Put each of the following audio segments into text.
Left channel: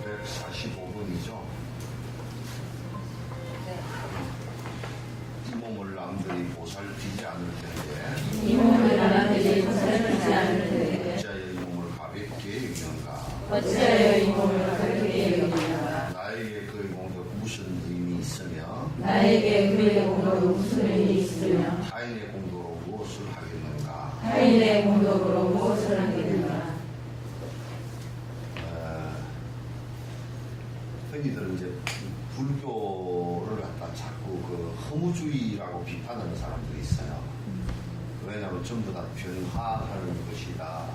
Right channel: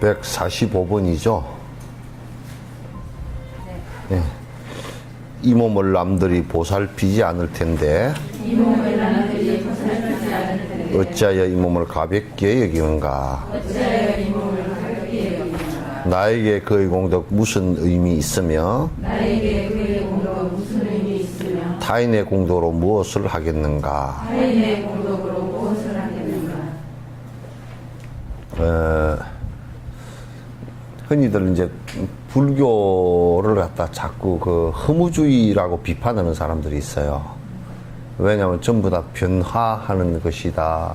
145번이죠. 네. 이 몸을 남들이 보살피지 않을 텐데 어찌하여 이 몸을 가볍게 여기는가? 나에게 그의 공덕 무슨 의미 있으며 타인의 공덕으로 무엇을 하겠는가? 흔히들 이제 불교를 갖다 자꾸 그 허무주의라고 비판하는 사람들이 있어요. 왜냐하면 전부 다 변화하는 것이다.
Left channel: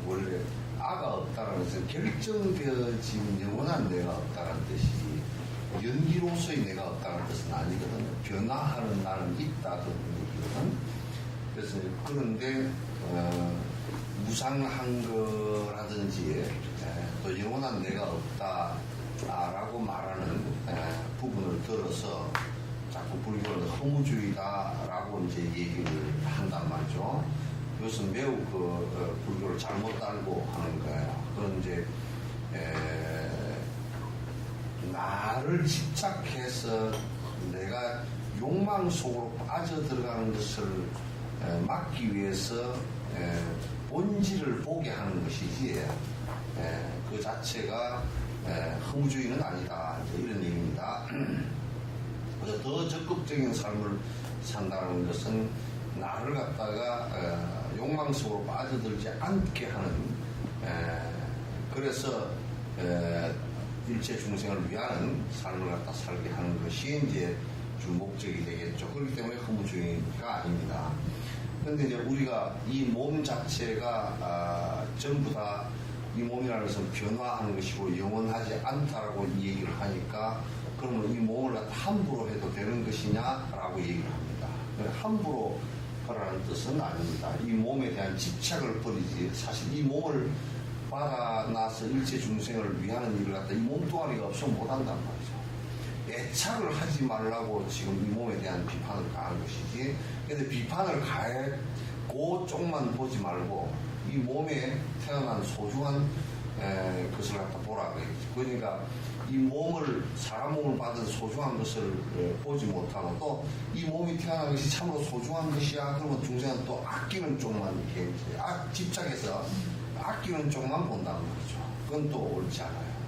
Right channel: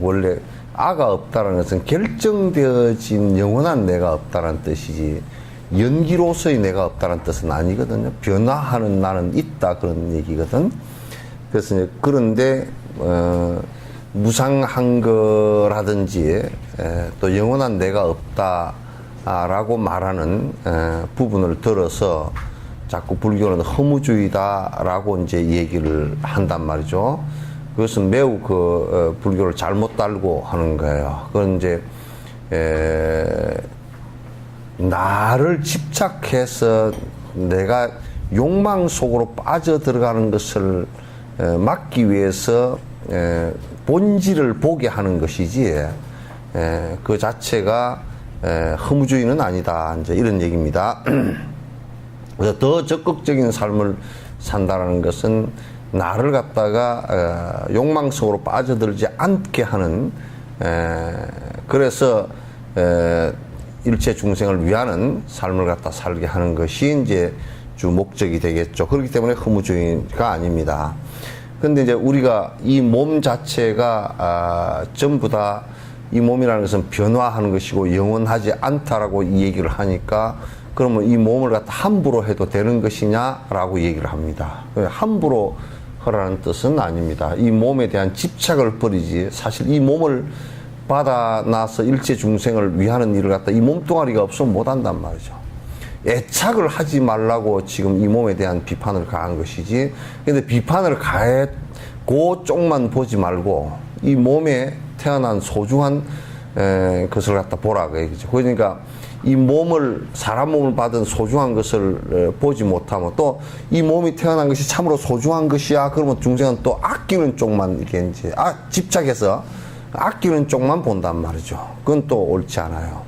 원래 아가 없다는 것은 결정되어진 영원한 내가 없다는 뜻이지 연기로서의 내가 없다는 뜻은 아니거든요. 변화하는 나는 있다 그런 얘기거든. 그래서 이제 그런데 무상한 거라든지 또 영원한 내가 없다라고 말하는 부분을 들어서 자꾸 불교는 허무주의다라고 이제 얘기를 한단 말이죠. 그것은 매우 불교를 잘못 달고 하는 거예요. 그건 이제 나를 집착해서 내가 욕망 속으로 빠져 들어가는 것을 막기 위해서 본질을 보게 하는 것이지 그 자체가 허무주의는 아니다. 이제 이런 얘기입니다. 그래서 더 적극적인 삶을 산다는 것은 나를 갖다가 욕망 속으로 빠져들지 않게 하는 그래서 일체 중생을 위하는 삶을 갖다 살게 하는 것이 이제 주 목적이 되겠죠. 그렇기 때문에 허무주의가 아닙니다. 근데 이제 우리가 이 몸 자체가 전부 다 이 몸이라는 것은 변화하는 것이고 영원하지 않다라고 이 얘기를 하니까 그러면 이 몸을 갖다 함부로 해도 되는 것이냐라고 얘기를 합니다. 함부로 하라는 뜻은 아닙니다. 이 몸에 대한 집착을 버리지 사실 이 몸을 받아놔서 일체 중생을 위하는 일을 갖다 이 몸뚱아리가 없으면 못한단 말이죠. 애착을 하지 말라고 지금 이 몸에 대한 비판을 가한 것이지. 근데 비판을 가했고 쪽만 보지 말고 이 몸에 태어난 소중한 것을 갖다 보라고 얘기죠. 그러니까 이 몸을 사람 몸을 받은 소중한 것을 보지 못하면 또 이 몸이 태어난 것이 참으로 소중한 것이야. 그러면 중생은 또 아끼는 쪽만 이렇게 이제 집착해서 아끼는 쪽만 본단 말이죠. 그건 또 옳지 않아요.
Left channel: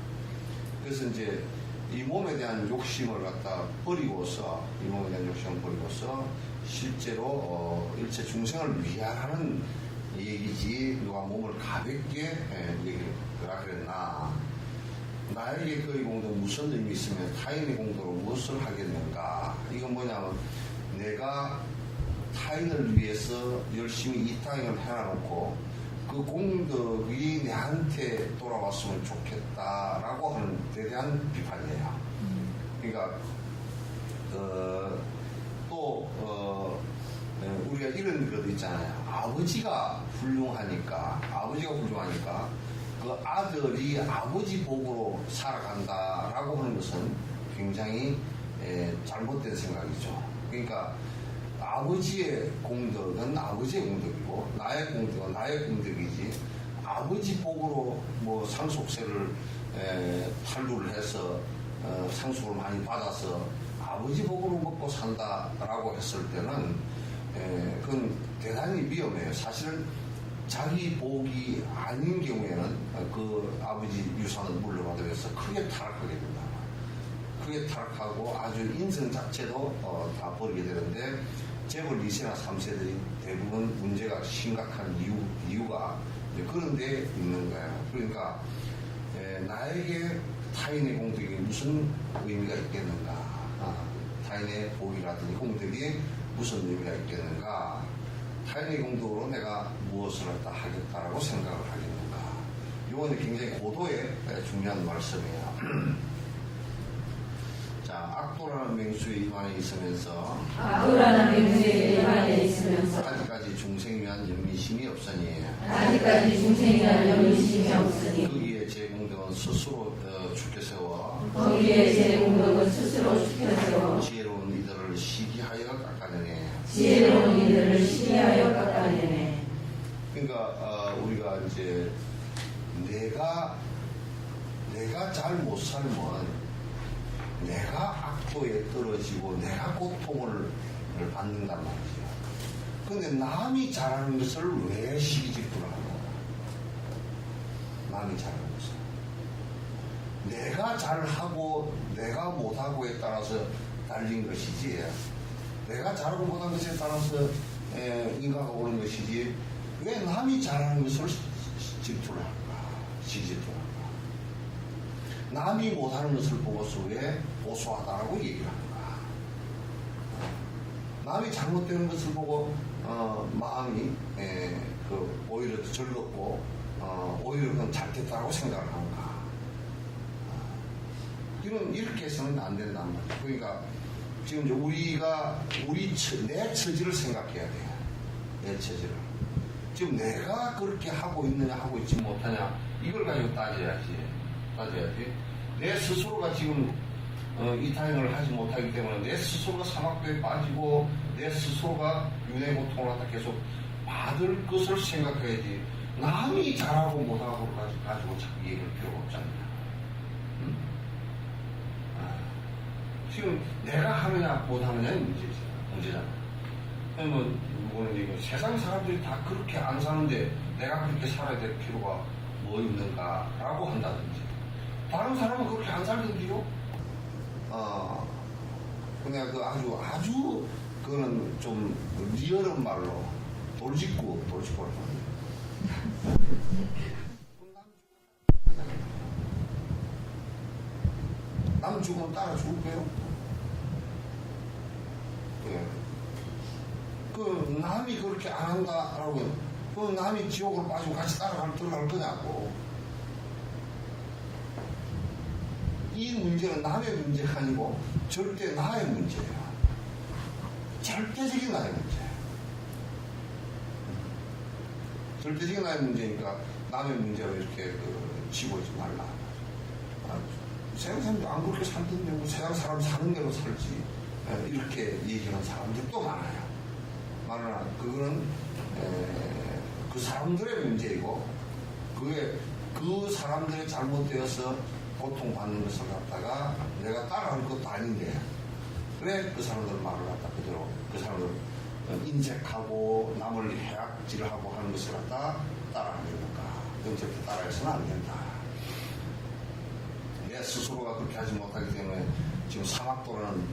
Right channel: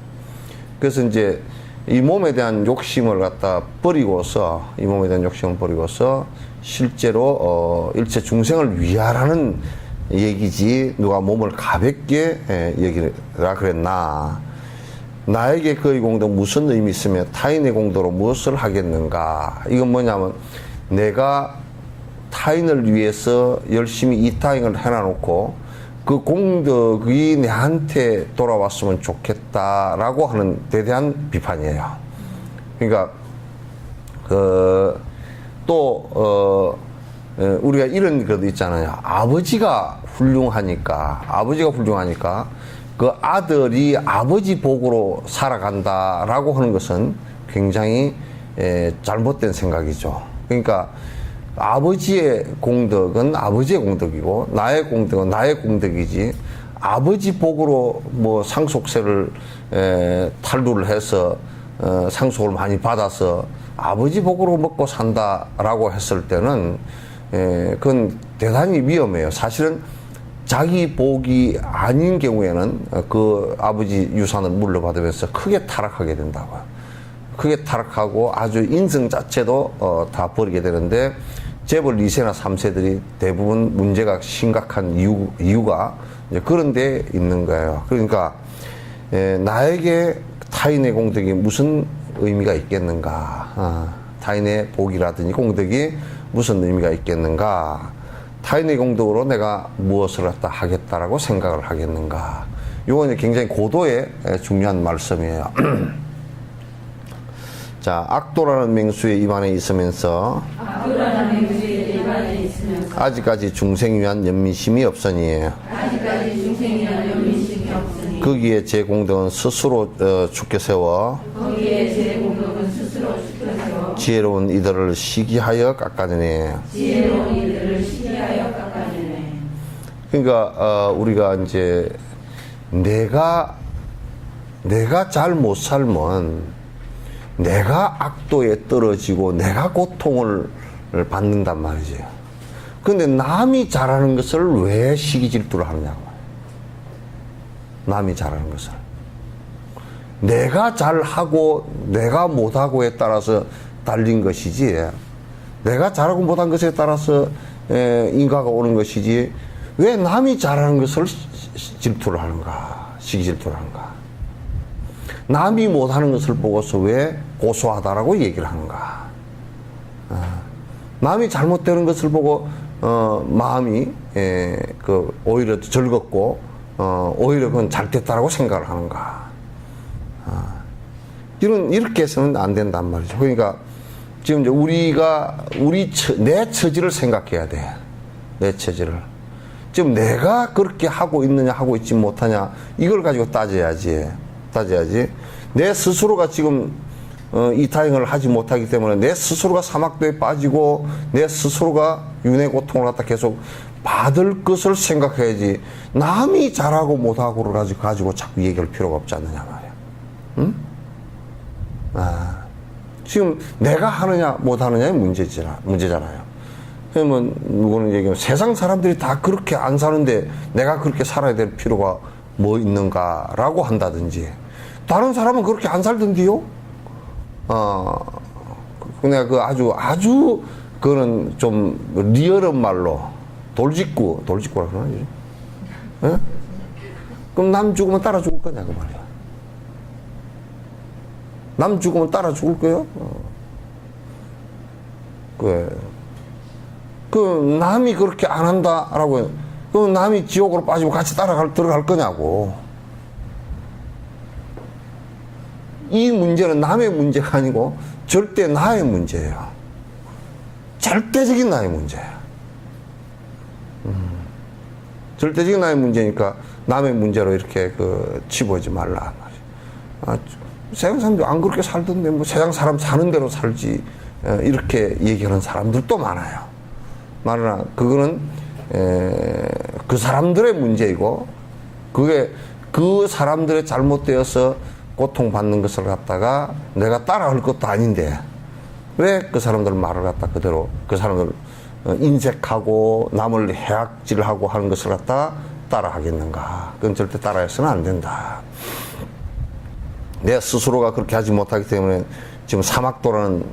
그래서 이제 이 몸에 대한 욕심을 갖다 버리고서 이 몸에 대한 욕심을 버리고서 실제로 일체 중생을 위하라는 얘기지 누가 몸을 가볍게 여기라 그랬나. 나에게 그의 공덕 무슨 의미 있으며 타인의 공덕으로 무엇을 하겠는가. 이건 뭐냐면 내가 타인을 위해서 열심히 이타행을 해놔놓고 그 공덕이 내한테 돌아왔으면 좋겠다라고 하는 데 대한 비판이에요. 그러니까 우리가 이런 것도 있잖아요. 아버지가 훌륭하니까 그 아들이 아버지 복으로 살아간다라고 하는 것은 굉장히 잘못된 생각이죠. 그러니까 아버지의 공덕은 아버지의 공덕이고 나의 공덕은 나의 공덕이지 아버지 복으로 뭐 상속세를 탈루를 해서 상속을 많이 받아서 아버지 복으로 먹고 산다라고 했을 때는 그건 대단히 위험해요. 사실은 자기 복이 아닌 경우에는 그 아버지 유산을 물려받으면서 크게 타락하게 된다고요. 크게 타락하고 아주 인성 자체도 다 버리게 되는데 재벌 2세나 3세들이 대부분 문제가 심각한 이유가 이제 그런 데 있는 거예요. 그러니까 나에게 타인의 공덕이 무슨 의미가 있겠는가. 타인의 복이라든지 공덕이 무슨 의미가 있겠는가. 타인의 공덕으로 내가 무엇을 갖다 하겠다라고 생각을 하겠는가. 이건 굉장히 고도의 중요한 말씀이에요. 자, 악도라는 맹수에 입안에 있으면서 아직까지 중생 위한 연민심이 없으니 거기에 제 공덕은 스스로 죽게 세워 지혜로운 이들을 시기하여 깎아내네. 그러니까 우리가 이제 내가 잘 못 살면 내가 악도에 떨어지고 내가 고통을 받는단 말이죠. 근데 남이 잘하는 것을 왜 시기 질투를 하느냐고. 남이 잘하는 것을. 내가 잘하고 내가 못하고에 따라서 달린 것이지, 내가 잘하고 못한 것에 따라서 인과가 오는 것이지, 왜 남이 잘하는 것을 질투를 하는가, 시기 질투를 하는가. 남이 못하는 것을 보고서 왜 고소하다라고 얘기를 하는가. 남이 잘못되는 것을 보고 마음이 오히려 즐겁고 오히려 그건 잘됐다라고 생각을 하는가. 이렇게 해서는 안 된단 말이죠. 그러니까 지금 이제 우리가 내 처지를 생각해야 돼. 내 처지를. 지금 내가 그렇게 하고 있느냐 하고 있지 못하냐 이걸 가지고 따져야지. 내 스스로가 지금 이 타행을 하지 못하기 때문에 내 스스로가 사막도에 빠지고 내 스스로가 윤회 고통을 갖다 계속 받을 것을 생각해야지, 남이 잘하고 못하고를 가지고 자꾸 얘기할 필요가 없지 않느냐 말이야. 응? 지금 내가 하느냐 못하느냐의 문제잖아요. 그러면 누구는 얘기하면 세상 사람들이 다 그렇게 안 사는데 내가 그렇게 살아야 될 필요가 뭐 있는가라고 한다든지, 다른 사람은 그렇게 안 살던데요? 내가 아주 그거는 좀 리얼한 말로 돌직구라 그러나? 예? 그럼 남 죽으면 따라 죽을 거냐 그 말이야. 남 죽으면 따라 죽을 거요? 그 남이 그렇게 안 한다라고, 그 남이 지옥으로 빠지고 같이 들어갈 거냐고. 이 문제는 남의 문제가 아니고 절대 나의 문제예요. 절대적인 나의 문제예요. 절대적인 나의 문제니까 남의 문제로 이렇게 치부하지 말라. 세상 사람들 안 그렇게 살던데 뭐 세상 사람 사는 대로 살지, 이렇게 얘기하는 사람들도 많아요. 말하나 그거는 그 사람들의 문제이고, 그게 그 사람들의 잘못되어서 고통받는 것을 갖다가 내가 따라할 것도 아닌데 왜 그 사람들 말을 갖다 그대로 그 사람들 인색하고 남을 해악질하고 하는 것을 갖다 따라하겠는가. 그건 절대 따라해서는 안 된다. 내 스스로가 그렇게 하지 못하기 때문에 지금 사막도라는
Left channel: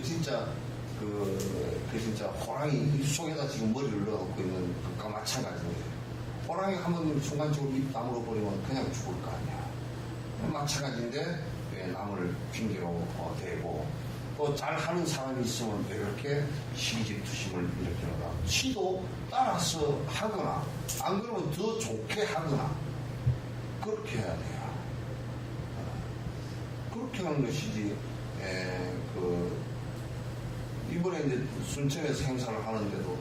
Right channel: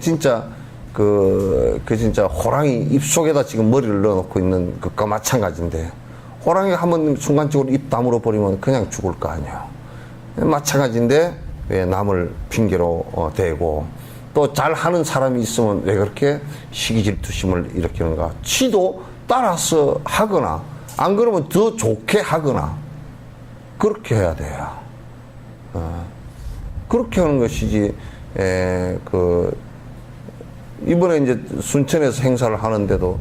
진짜 호랑이 입속에다 지금 머리를 넣어놓고 있는 것과 마찬가지인데, 호랑이가 한번 순간적으로 입 다물어 버리면 그냥 죽을 거 아니야. 마찬가지인데 왜 남을 핑계로 대고, 또 잘하는 사람이 있으면 왜 그렇게 시기질투심을 일으키는가. 지도 따라서 하거나 안 그러면 더 좋게 하거나 그렇게 해야 돼요. 그렇게 하는 것이지. 이번에 이제 순천에서 행사를 하는데도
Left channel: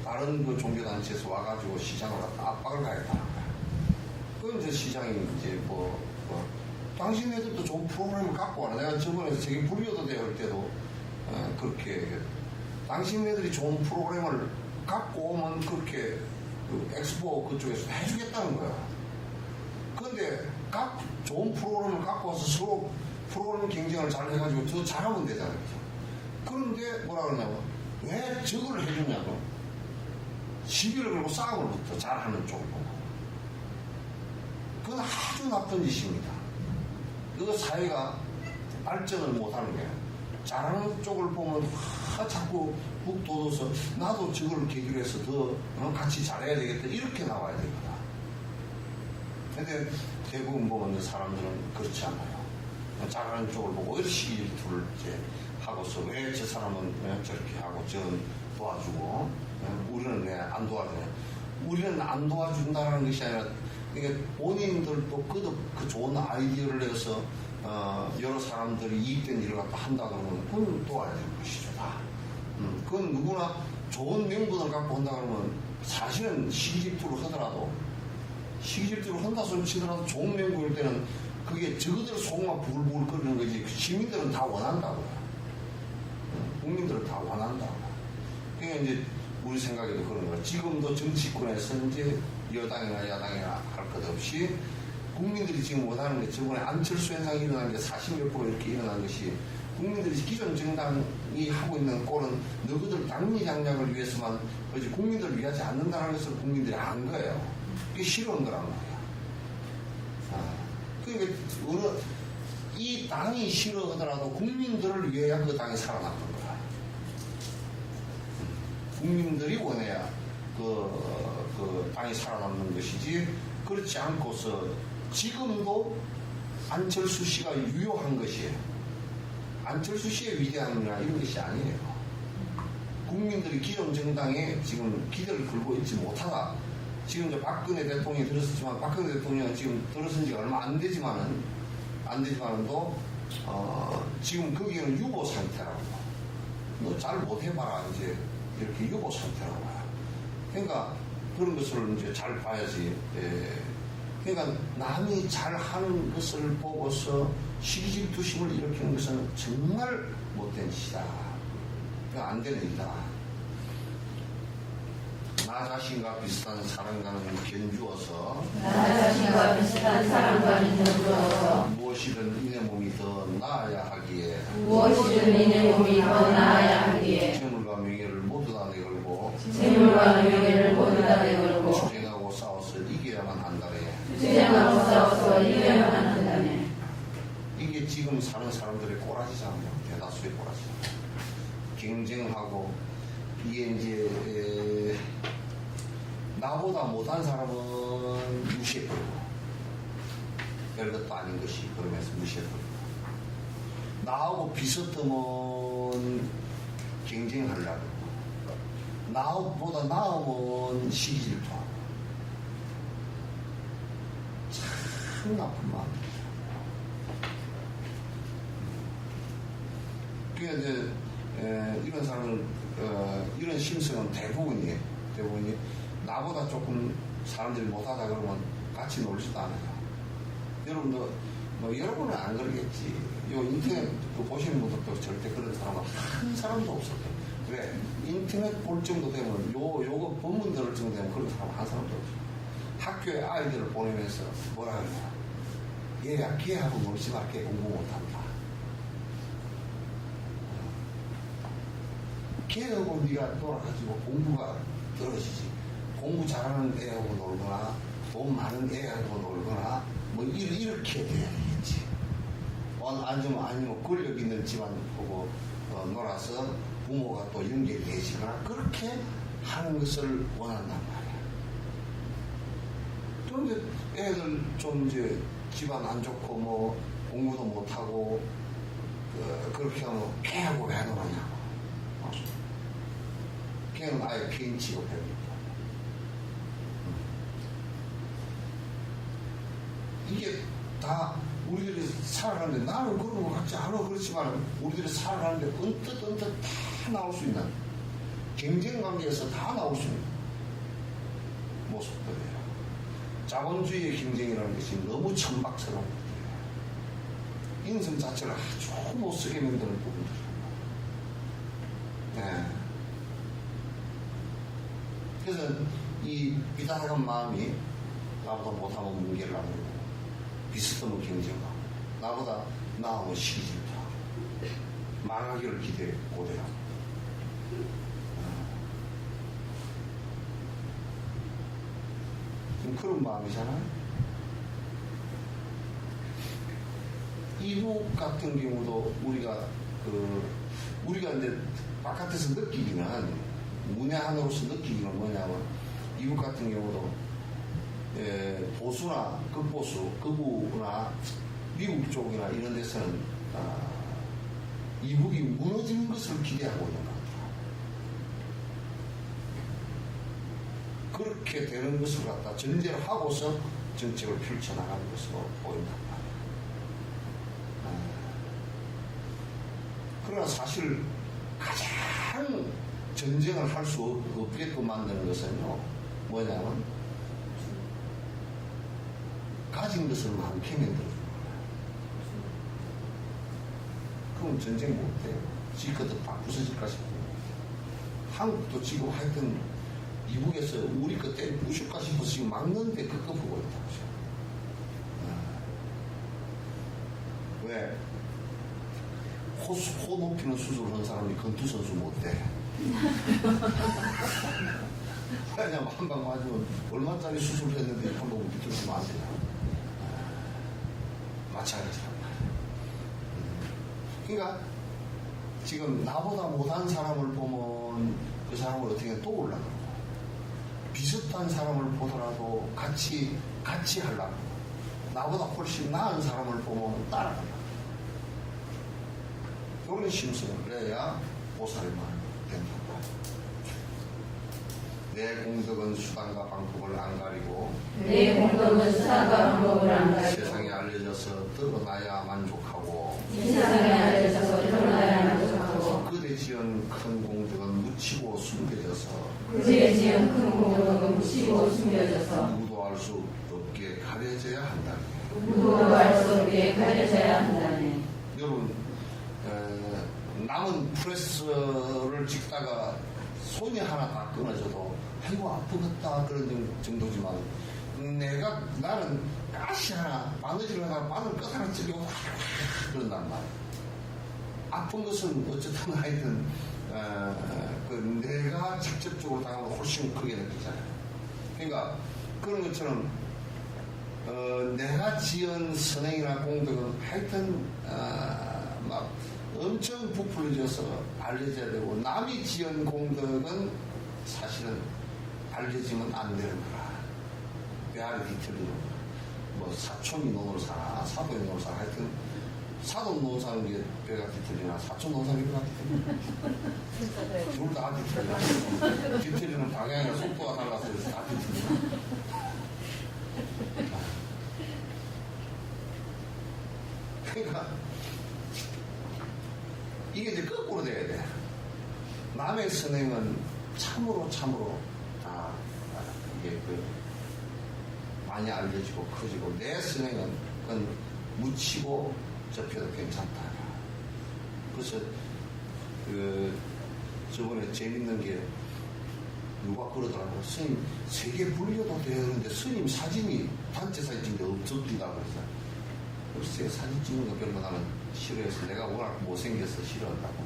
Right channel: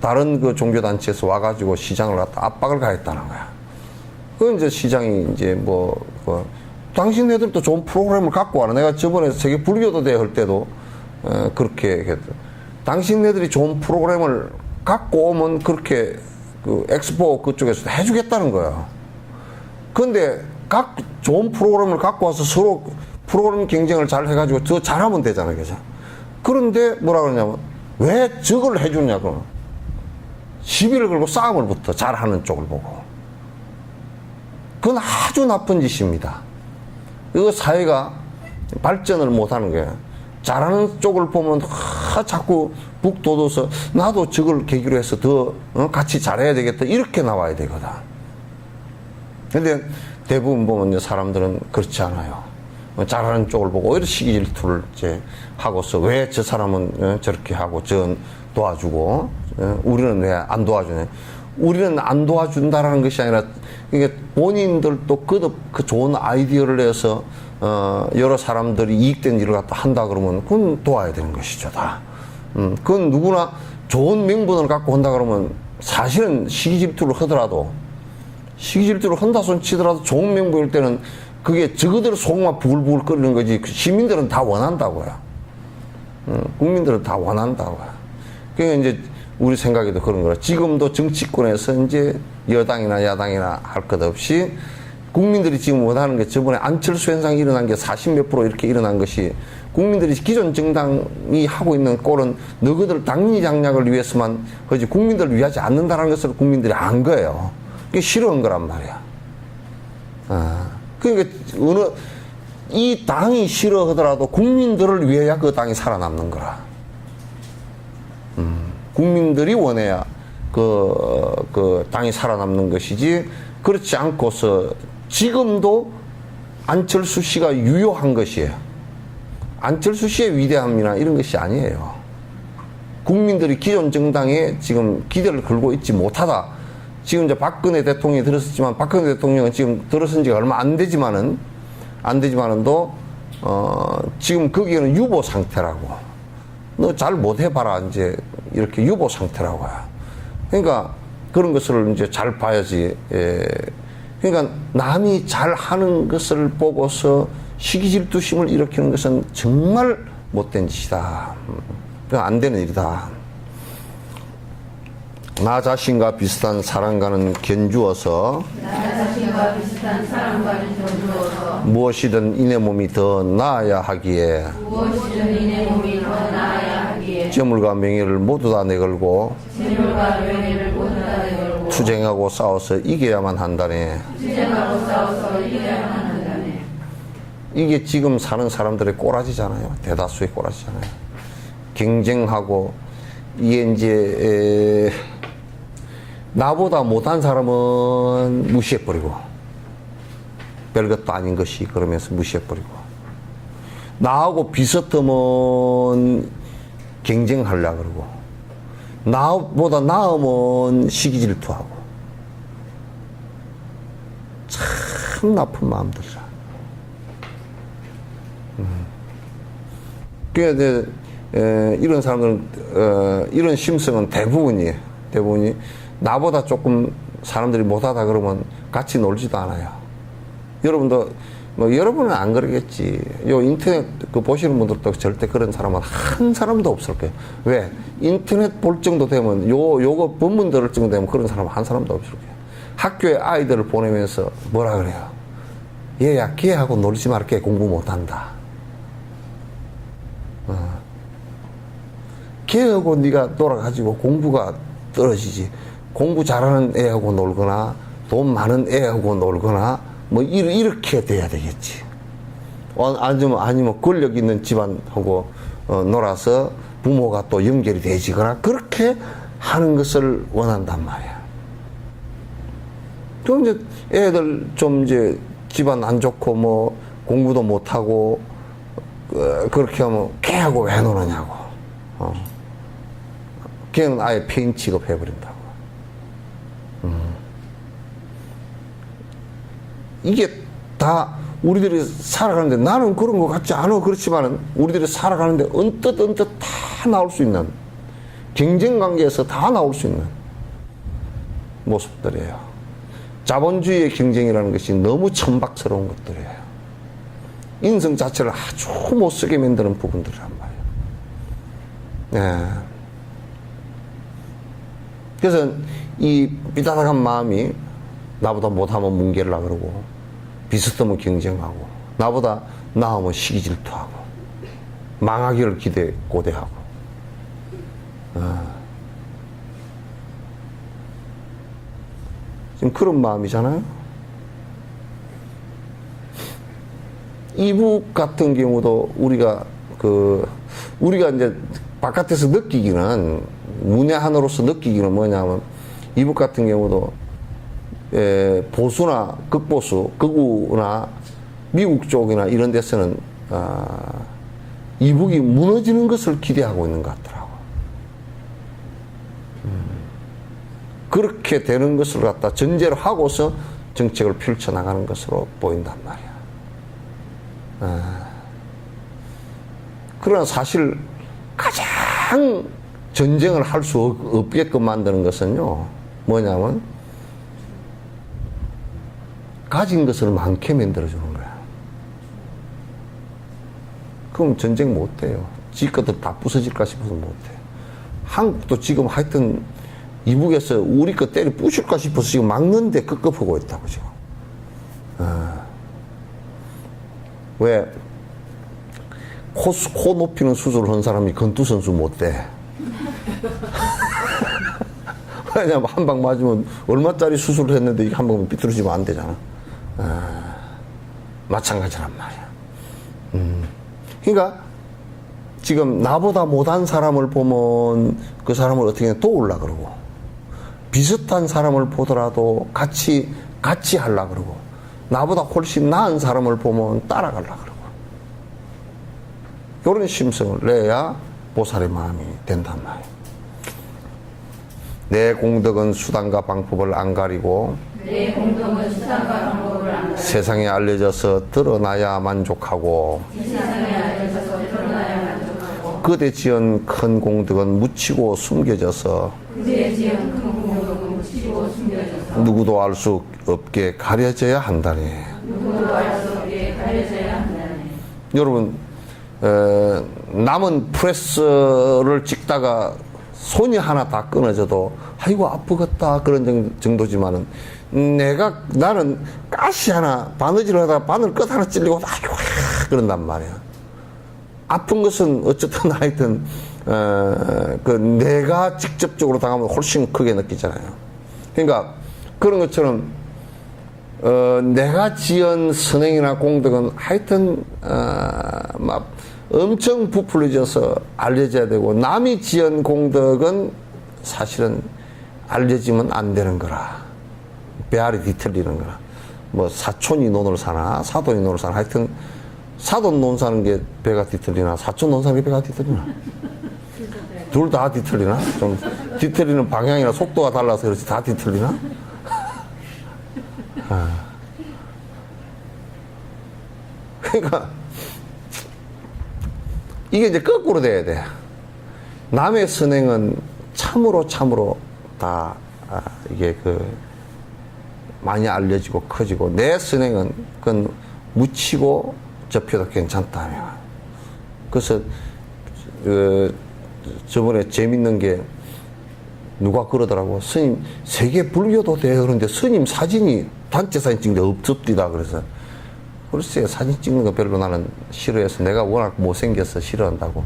다른 그 종교단체에서 와가지고 시장을 갖다 압박을 가했다는 거야. 그 이제 시장이 이제 당신네들도 좋은 프로그램을 갖고 와라. 내가 저번에 세계 불교도 대회 할 때도 그렇게 했거든. 당신네들이 좋은 프로그램을 갖고 오면 그렇게 엑스포 그쪽에서 해주겠다는 거야. 근데 각 좋은 프로그램을 갖고 와서 서로 프로그램 경쟁을 잘 해가지고 더 잘하면 되잖아요. 그죠? 그런데 뭐라 그러냐면 왜 저걸 해주냐고. 시비를 걸고 싸움을 붙어. 잘하는 쪽을 보고. 그건 아주 나쁜 짓입니다. 이거 사회가 발전을 못하는 거예요. 잘하는 쪽을 보면 자꾸 북돋워서 나도 저걸 계기로 해서 더 같이 잘해야 되겠다 이렇게 나와야 되거든. 근데 대부분 보면 사람들은 그렇지 않아요. 잘하는 쪽을 보고 오히려 시기 질투를 이제 하고서 왜 저 사람은 저렇게 하고 저 도와주고 우리는 왜 안 도와주냐. 우리는 안 도와준다라는 것이 아니라 이게 본인들도 그 좋은 아이디어를 내서 여러 사람들이 이익된 일을 갖다 한다 그러면 그건 도와야 되는 것이죠 다. 그건 누구나 좋은 명분을 갖고 한다 그러면 사실은 시기질투를 하더라도 시기질투를 한다 손 치더라도 좋은 명분일 때는 그게 저그대로 속만 부글부글 끓이는 거지. 시민들은 다 원한다고요. 국민들은 다 원한다고요. 그러니까 이제 우리 생각에도 그런 거라. 지금도 정치권에서 이제 여당이나 야당이나 할 것 없이 국민들이 지금 원하는 게 저번에 안철수 현상이 일어난 게 40몇 프로 이렇게 일어난 것이 국민들이 기존 정당이 하고 있는 꼴은 너희들 당리 장략을 위해서만 하지 국민들을 위하지 않는다는 것을 국민들이 안 거예요. 그게 싫어한 거란 말이야. 그러니까 이 당이 싫어하더라도 국민들을 위해야 그 당이 살아남는 거라. 국민들이 원해야 그 당이 살아남는 것이지 그렇지 않고서 지금도 안철수 씨가 유효한 것이에요. 안철수 씨의 위대함이나 이런 것이 아니에요. 국민들이 기존 정당에 지금 기대를 걸고 있지 못하다. 지금 이제 박근혜 대통령이 들었었지만 박근혜 대통령은 지금 들어선 지가 얼마 안 되지만은도 지금 거기에는 유보 상태라고. 너 잘 못해봐라 이제 이렇게 유보 상태라고요. 그러니까 그런 것을 이제 잘 봐야지. 예. 그러니까 남이 잘하는 것을 보고서 시기질투심을 일으키는 것은 정말 못된 짓이다. 안 되는 일이다. 나 자신과 비슷한 사랑과는 견주어서 무엇이든 이내 몸이 더 나아야 하기에 재물과 명예를 모두 다 내걸고 투쟁하고 싸워서 이겨야만 한다네. 이게 지금 사는 사람들의 꼬라지잖아요. 대다수의 꼬라지잖아요. 경쟁하고 이게 이제 나보다 못한 사람은 무시해버리고 별것도 아닌 것이 그러면서 무시해버리고 나하고 비슷하면 경쟁하려고 그러고 나보다 나으면 시기질투하고 참 나쁜 마음들이라. 그러니까 이런 사람들은 이런 심성은 대부분이 나보다 조금 사람들이 못하다 그러면 같이 놀지도 않아요. 여러분도 뭐 여러분은 안 그러겠지. 요 인터넷 그 보시는 분들도 절대 그런 사람은 한 사람도 없을 거예요. 왜? 인터넷 볼 정도 되면 요거 본문 들을 정도 되면 그런 사람 한 사람도 없을 거예요. 학교에 아이들을 보내면서 뭐라 그래요? 얘야 걔하고 놀지 마라. 걔 공부 못한다. 걔하고 네가 놀아가지고 공부가 떨어지지. 공부 잘하는 애하고 놀거나 돈 많은 애하고 놀거나 뭐 이렇게 돼야 되겠지. 아니면 권력 있는 집안하고 놀아서 부모가 또 연결이 되지거나 그렇게 하는 것을 원한단 말이야. 그럼 이제 애들 좀 이제 집안 안 좋고 뭐 공부도 못하고 그렇게 하면 걔하고 왜 노느냐고. 걔는 아예 폐인 취급해버린다고. 이게 다 우리들이 살아가는데 나는 그런 것 같지 않아. 그렇지만은 우리들이 살아가는데 언뜻 다 나올 수 있는 경쟁 관계에서 다 나올 수 있는 모습들이에요. 자본주의의 경쟁이라는 것이 너무 천박스러운 것들이에요. 인성 자체를 아주 못쓰게 만드는 부분들이란 말이에요. 네. 그래서 이 삐딱한 마음이 나보다 못하면 뭉개려고 그러고 비슷하면 경쟁하고 나보다 나으면 시기질투하고 망하기를 고대하고 지금 그런 마음이잖아요. 이북 같은 경우도 우리가 이제 바깥에서 느끼기는 문외한으로서 느끼기는 뭐냐면 이북 같은 경우도 보수나 극보수, 극우나 미국 쪽이나 이런 데서는 이북이 무너지는 것을 기대하고 있는 것 같더라고. 그렇게 되는 것을 갖다 전제로 하고서 정책을 펼쳐나가는 것으로 보인단 말이야. 그러나 사실 가장 전쟁을 할 수 없게끔 만드는 것은요, 뭐냐면 가진 것을 많게 만들어주는 거야. 그럼 전쟁 못 돼요. 지 것도 다 부서질까 싶어서 못 돼. 한국도 지금 하여튼 이북에서 우리 거 때려 부실까 싶어서 지금 막는데 급급하고 있다고 지금. 왜? 코 높이는 수술을 한 사람이 건투선수 못 돼. 왜냐면 한 방 맞으면 얼마짜리 수술을 했는데 한 방만 삐뚤어지면 안 되잖아. 마찬가지란 말이야. 그러니까 지금 나보다 못한 사람을 보면 그 사람을 어떻게 도우려 그러고, 비슷한 사람을 보더라도 같이 하려 그러고, 나보다 훨씬 나은 사람을 보면 따라가려 그러고, 이런 심성을 내야 보살의 마음이 된단 말이에요. 내 공덕은 수단과 방법을 안 가리고 내 공덕은 수단과 방법을 안 가리고 세상에 알려져서 드러나야 만족하고 세상에 알려져서 드러나야 만족하고 그대 지은 큰 공덕은 묻히고 숨겨져서 그대 지은 큰 공덕은 묻히고 숨겨져서 누구도 알 수 없게 가려져야 한다네. 누구도 알 수 없게 가려져야 한다네. 여러분, 남은 프레스를 찍다가 손이 하나 다 끊어져도 아이고 아프겠다 그런 정도지만은 나는 가시 하나 바느질을 하다가 바늘 끝 하나 찔리고 아이고 그런단 말이야. 아픈 것은 어쨌든 하여튼 그 내가 직접적으로 당하면 훨씬 크게 느끼잖아요. 그러니까 그런 것처럼 내가 지은 선행이나 공덕은 하여튼 막 엄청 부풀려져서 알려져야 되고, 남이 지은 공덕은 사실은 알려지면 안 되는 거라. 배알이 뒤틀리는 거라. 뭐 사촌이 논을 사나 사돈이 논을 사나, 하여튼 사돈 논 사는 게 배가 뒤틀리나 사촌 논 사는 게 배가 뒤틀리나 둘 다 뒤틀리나? 좀 뒤틀리는 방향이나 속도가 달라서 그렇지 다 뒤틀리나? 그러니까 이게 이제 거꾸로 돼야 돼. 남의 선행은 참으로 다 이게 많이 알려지고 커지고, 내 선행은 그건 묻히고 접혀도 괜찮다며. 그래서 저번에 재밌는 게 누가 그러더라고. 스님 세계 불교도 돼. 그런데 스님 사진이 단체 사진 찍는데 없습니다. 그래서 글쎄 사진 찍는 거 별로 나는 싫어해서, 내가 워낙 못생겨서 싫어한다고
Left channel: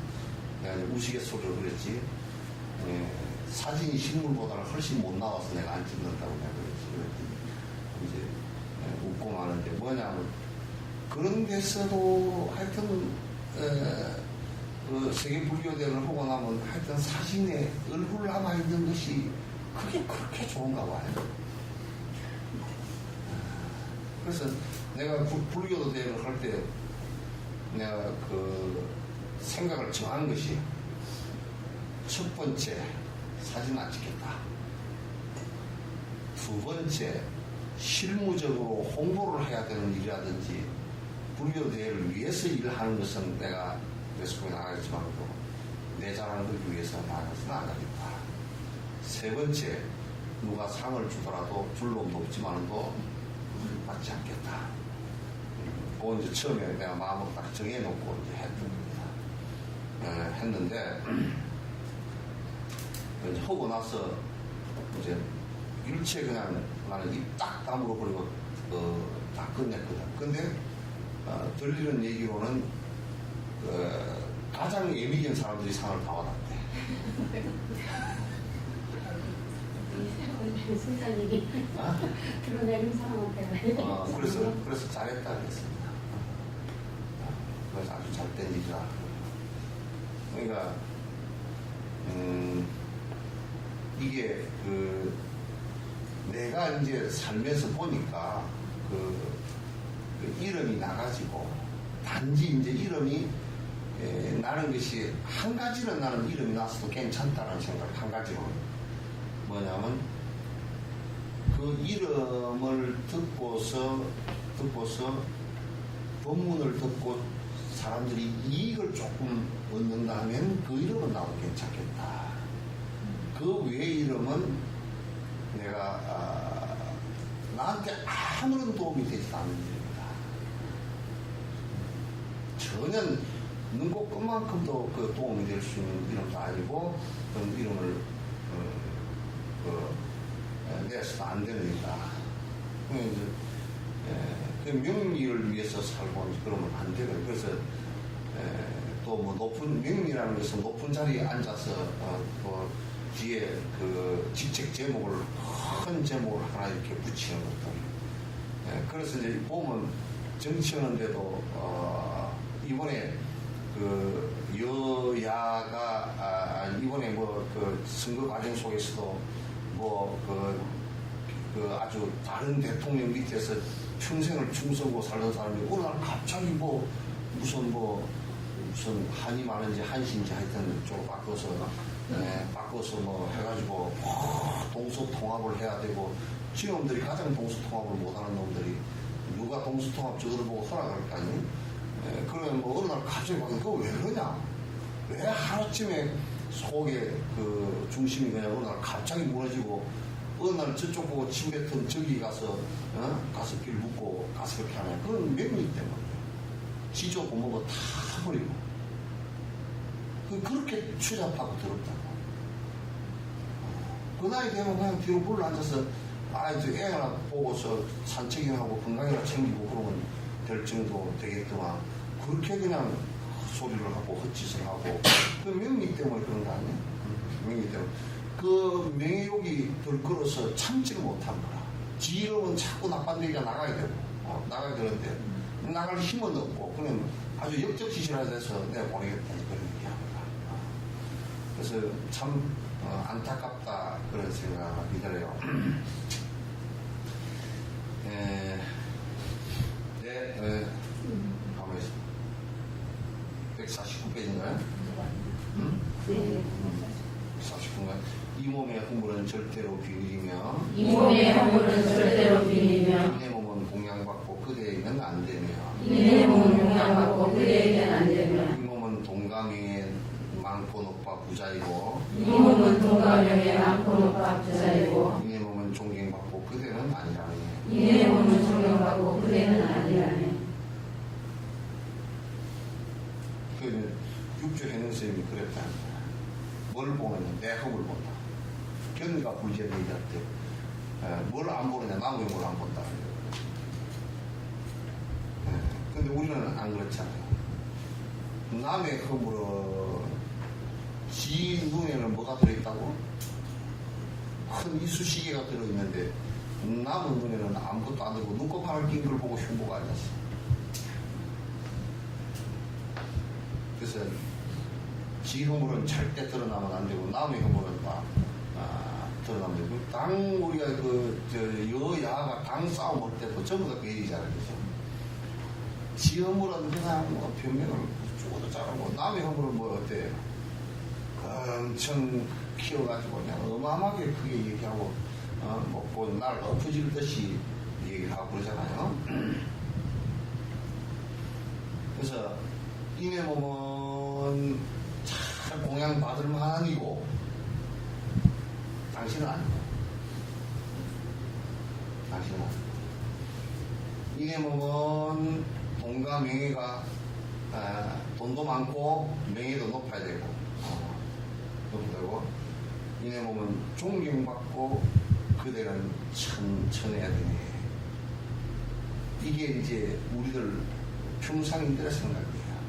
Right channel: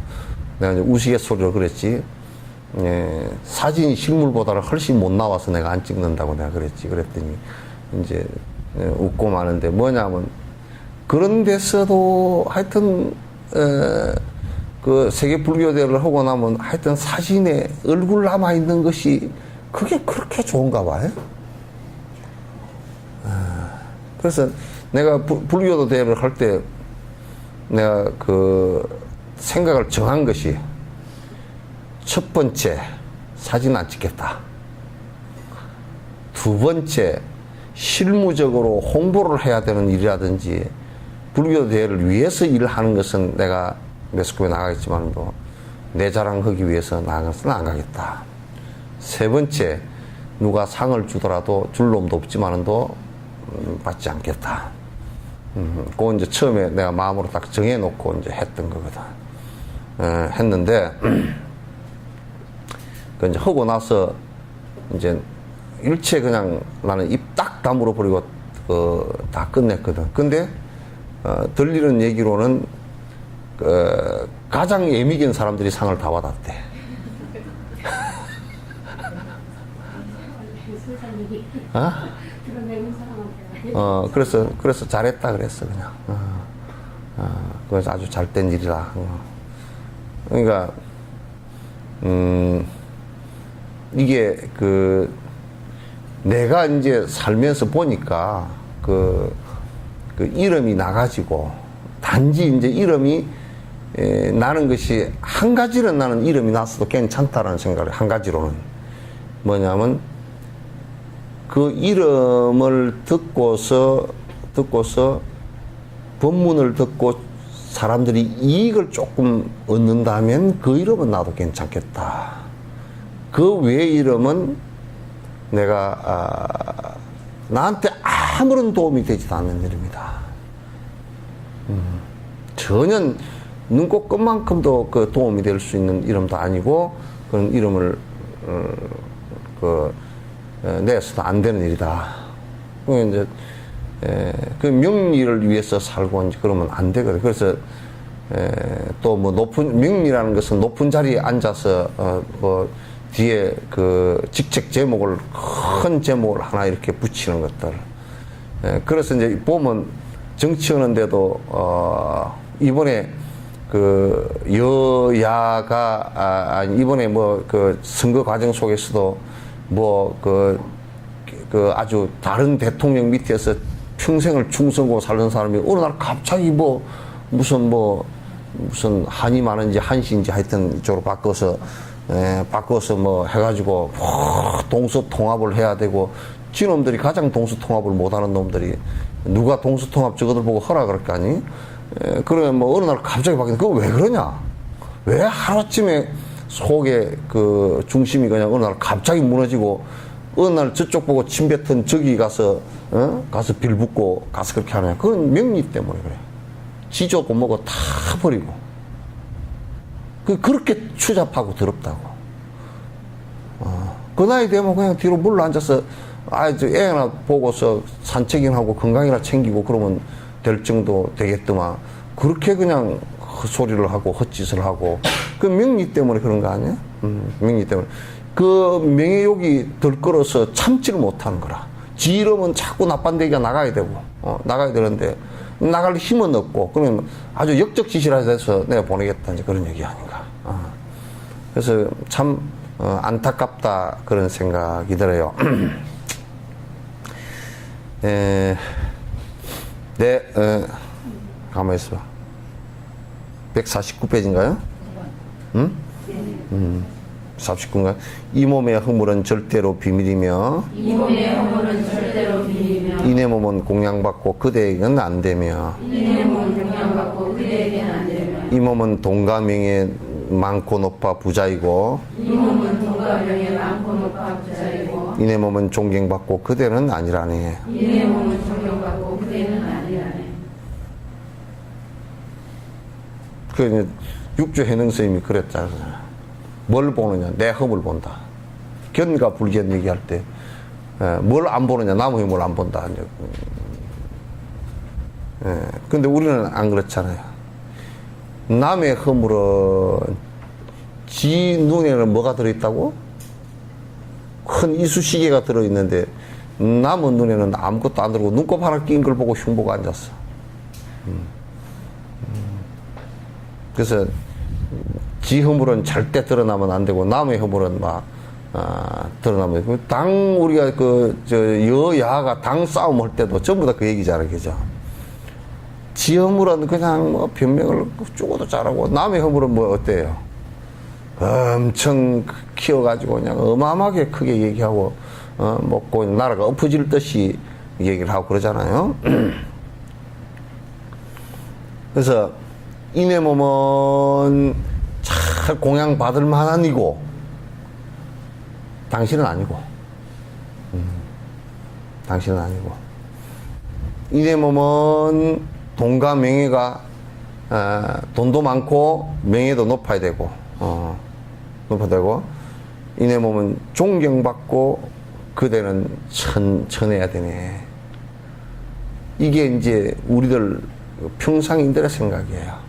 내가 이제 우스갯소리로 그랬지. 사진이 실물보다는 훨씬 못 나와서 내가 안 찍는다고 내가 그랬지. 그랬더니 이제 웃고 마는데, 뭐냐면 그런 데서도 하여튼 그 세계 불교대를 하고 나면 하여튼 사진에 얼굴 남아 있는 것이 그게 그렇게 좋은가 봐요. 그래서 내가 불교도 대회를 할 때 내가 그 생각을 정한 것이, 첫 번째 사진 안 찍겠다. 두 번째 실무적으로 홍보를 해야 되는 일이라든지 불교 대회를 위해서 일하는 것은 내가 매스컴에 나가겠지만도 내 자랑하기 위해서 나가서는 안 가겠다. 세 번째, 누가 상을 주더라도 줄 놈도 없지만도 받지 않겠다. 그거 이제 처음에 내가 마음으로 딱 정해놓고 이제 했던 거거든. 했는데, 그 이제 하고 나서 이제 일체 그냥 나는 입 딱 다물어 버리고 다 끝냈거든. 근데 들리는 얘기로는 가장 예민한 사람들이 상을 다 받았대. 그래서 잘했다 그랬어 그냥. 그래서 아주 잘된 일이라. 그러니까 이게 내가 이제 살면서 보니까 그 이름이 나가지고, 단지 이제 이름이 나는 것이 한 가지는, 나는 이름이 났어도 괜찮다라는 생각을, 한 가지로는 뭐냐면 그 이름을 듣고서 법문을 듣고 사람들이 이익을 조금 얻는다면 그 이름은 나도 괜찮겠다. 그 외의 이름은 내가 나한테 아무런 도움이 되지도 않는 이름이다. 전혀 눈꽃 끝만큼도 그 도움이 될 수 있는 이름도 아니고, 그런 이름을 내서는 안 되는 일이다. 이제 그 명리를 위해서 살고 이제 그러면 안 되거든. 그래서 또 뭐 높은 명리라는 것은 높은 자리에 앉아서 뭐 뒤에 그 직책 제목을 큰 제목을 하나 이렇게 붙이는 것들. 그래서 이제 보면 정치하는데도 이번에 그 여야가 이번에 뭐 그 선거 과정 속에서도 뭐 그 아주 다른 대통령 밑에서 평생을 충성하고 살던 사람이 어느 날 갑자기 뭐 무슨 한이 많은지 한시인지 하여튼 이쪽으로 바꿔서 뭐 해가지고 동서통합을 해야 되고 지놈들이 가장 동서통합을 못하는 놈들이 누가 동서통합 저거들 보고 허락을 할 거 아니? 그러면 뭐 어느 날 갑자기 바뀌는 그거 왜 그러냐? 왜 하루아침에 속에 그 중심이 그냥 어느 날 갑자기 무너지고 어느 날 저쪽 보고 침 뱉은 저기 가서 가서 빌붙고 가서 그렇게 하느냐? 그건 명리 때문에 그래. 지조 고모고 다 버리고 그렇게 추잡하고 더럽다고. 그 나이 되면 그냥 뒤로 물러 앉아서 애 하나 보고서 산책이나 하고 건강이나 챙기고 그러면 될 정도 되겠더만 그렇게 그냥 헛소리를 하고 헛짓을 하고 그 명리 때문에 그런 거 아니야? 명리 때문에 그 명예욕이 들끓어서 참지를 못하는 거라. 지 이름은 자꾸 나쁜 데가 나가야 되고 나가야 되는데 나갈 힘은 없고 그러면 아주 역적지시라 해서 내가 보내겠다 이제 그런 얘기 아닌가. 그래서 참 안타깝다 그런 생각이 들어요. 가만히 있어봐. 149페이지인가요? 응? 49인가요? 이 몸의 허물은 절대로 비밀이며 이 몸의 허물은 절대로 비밀이며 이내 몸은 공양받고 그대에게는 안 되며 이내 몸은 공양받고 그대에게는 안 되며 이 몸은 돈과 명예 많고 높아 부자이고 이 몸은 돈과 명예 많고 높아 부자이고 이내 몸은 존경받고 그대는 아니라니. 이내 몸은 존경받고 그대는 아니라니. 그 육조 해능 스님이 그랬잖아요. 뭘 보느냐? 내 험을 본다. 견과 불견 얘기할 때 뭘 안 보느냐? 남의 뭘 안 본다. 근데 우리는 안 그렇잖아요. 남의 허물은 지 눈에는 뭐가 들어있다고? 큰 이쑤시개가 들어있는데 남의 눈에는 아무것도 안 들어오고 눈곱 하나 낀 걸 보고 흉보고 앉았어. 그래서 지 허물은 절대 드러나면 안 되고 남의 허물은 막 드러나면 당 우리가 여야가 당 싸움 할 때도 전부 다 그 얘기잖아요, 그죠? 지 허물은 그냥 뭐 변명을 죽어도 잘하고 남의 허물은 뭐 어때요? 엄청 키워가지고 그냥 어마어마하게 크게 얘기하고 먹고 나라가 엎어질 듯이 얘기를 하고 그러잖아요. 그래서 이내 몸은 잘 공양받을 만한 이고 당신은 아니고 당신은 아니고 이내 몸은 돈과 명예가 돈도 많고 명예도 높아야 되고 높아야 되고 이내 몸은 존경받고 그대는 천해야 되네. 이게 이제 우리들 평상인들의 생각이에요.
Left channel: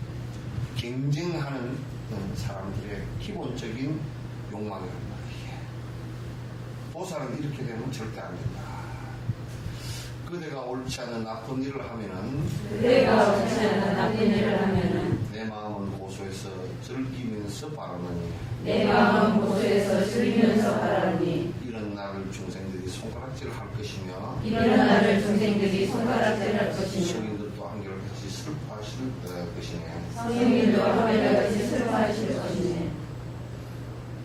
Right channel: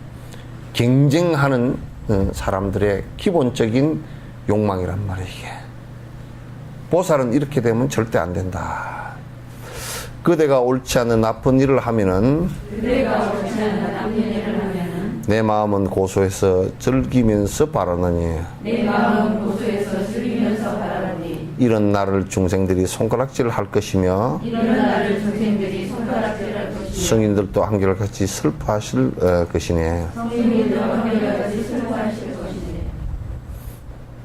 경쟁하는 사람들의 기본적인 욕망이란 말이에요. 이게. 보살은 이렇게 되면 절대 안 된다. 그대가 옳지 않은 나쁜 일을 하면은 그대가 옳지 않은 나쁜 일을 하면은 내 마음은 고소해서 즐기면서 바라느니 내 마음 고소해서 즐기면서 바라니 이런 나를 중생들이 손가락질 할 것이며 이런 나를 중생들이 손가락질할 것이며 성인들도 한결같이 슬퍼하실 것이네. 성인들도 한결같이 슬퍼하실 것이네.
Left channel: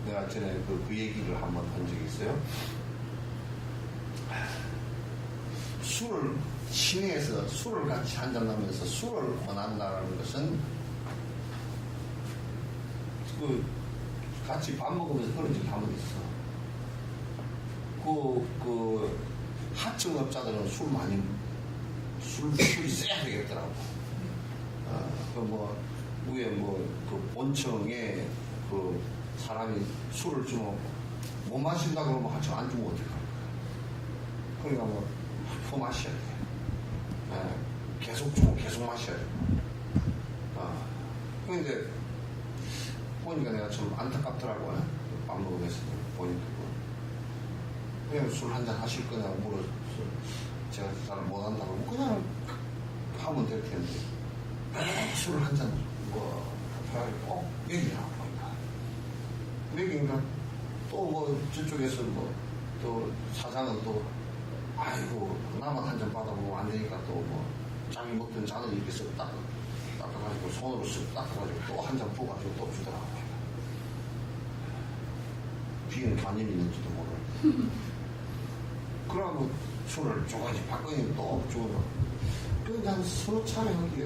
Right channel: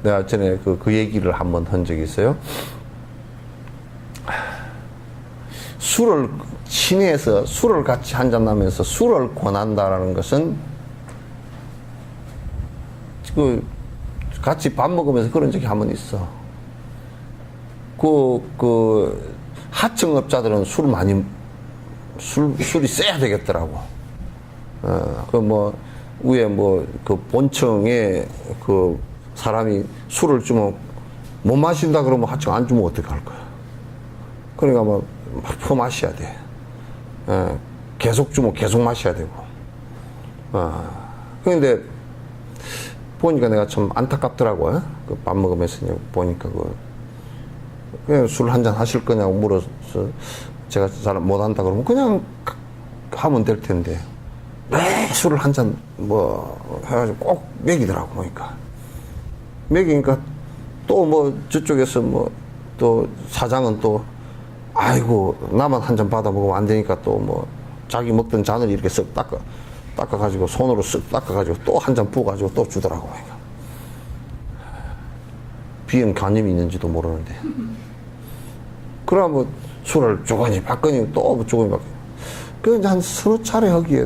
내가 전에 그 얘기를 한번 한 적이 있어요. 술을 친해서 술을 같이 한잔하면서 술을 권한다라는 것은 그 같이 밥 먹으면서 그런 적이 한 번 있어. 그 하청업자들은 술이 세야 되겠더라고. 그 뭐 위에 뭐 그 본청에 그 사람이 술을 주면 못 마신다 그러면 하청 안 주면 어떻게 할 거야? 그러니까 뭐 퍼마셔야 돼. 계속 주면 계속 마셔야 되고. 그런데 보니까 내가 참 안타깝더라고요. 그 밥 먹으면서 보니까 그냥 술 한잔 하실 거냐고 물어서 제가 잘 못한다 그러면 그냥 하면 될 텐데 왜 술을 한잔 뭐 해가지고 꼭 먹이더라고 보니까. 먹이니까 또 뭐 저쪽에서 뭐 또 사장은 또 아이고 나만 한 잔 받아 먹으면 안 되니까 또 뭐 자기 먹던 잔을 이렇게 쓱 닦아가지고 손으로 쓱 닦아가지고 또 한 잔 부어가지고 또 주더라고 보니까. 비염 간염이 있는지도 모르는데. 그럼 뭐 술을 조금이 받거니 또 조금이 받거니. 그래서 한 서너 차례 하기에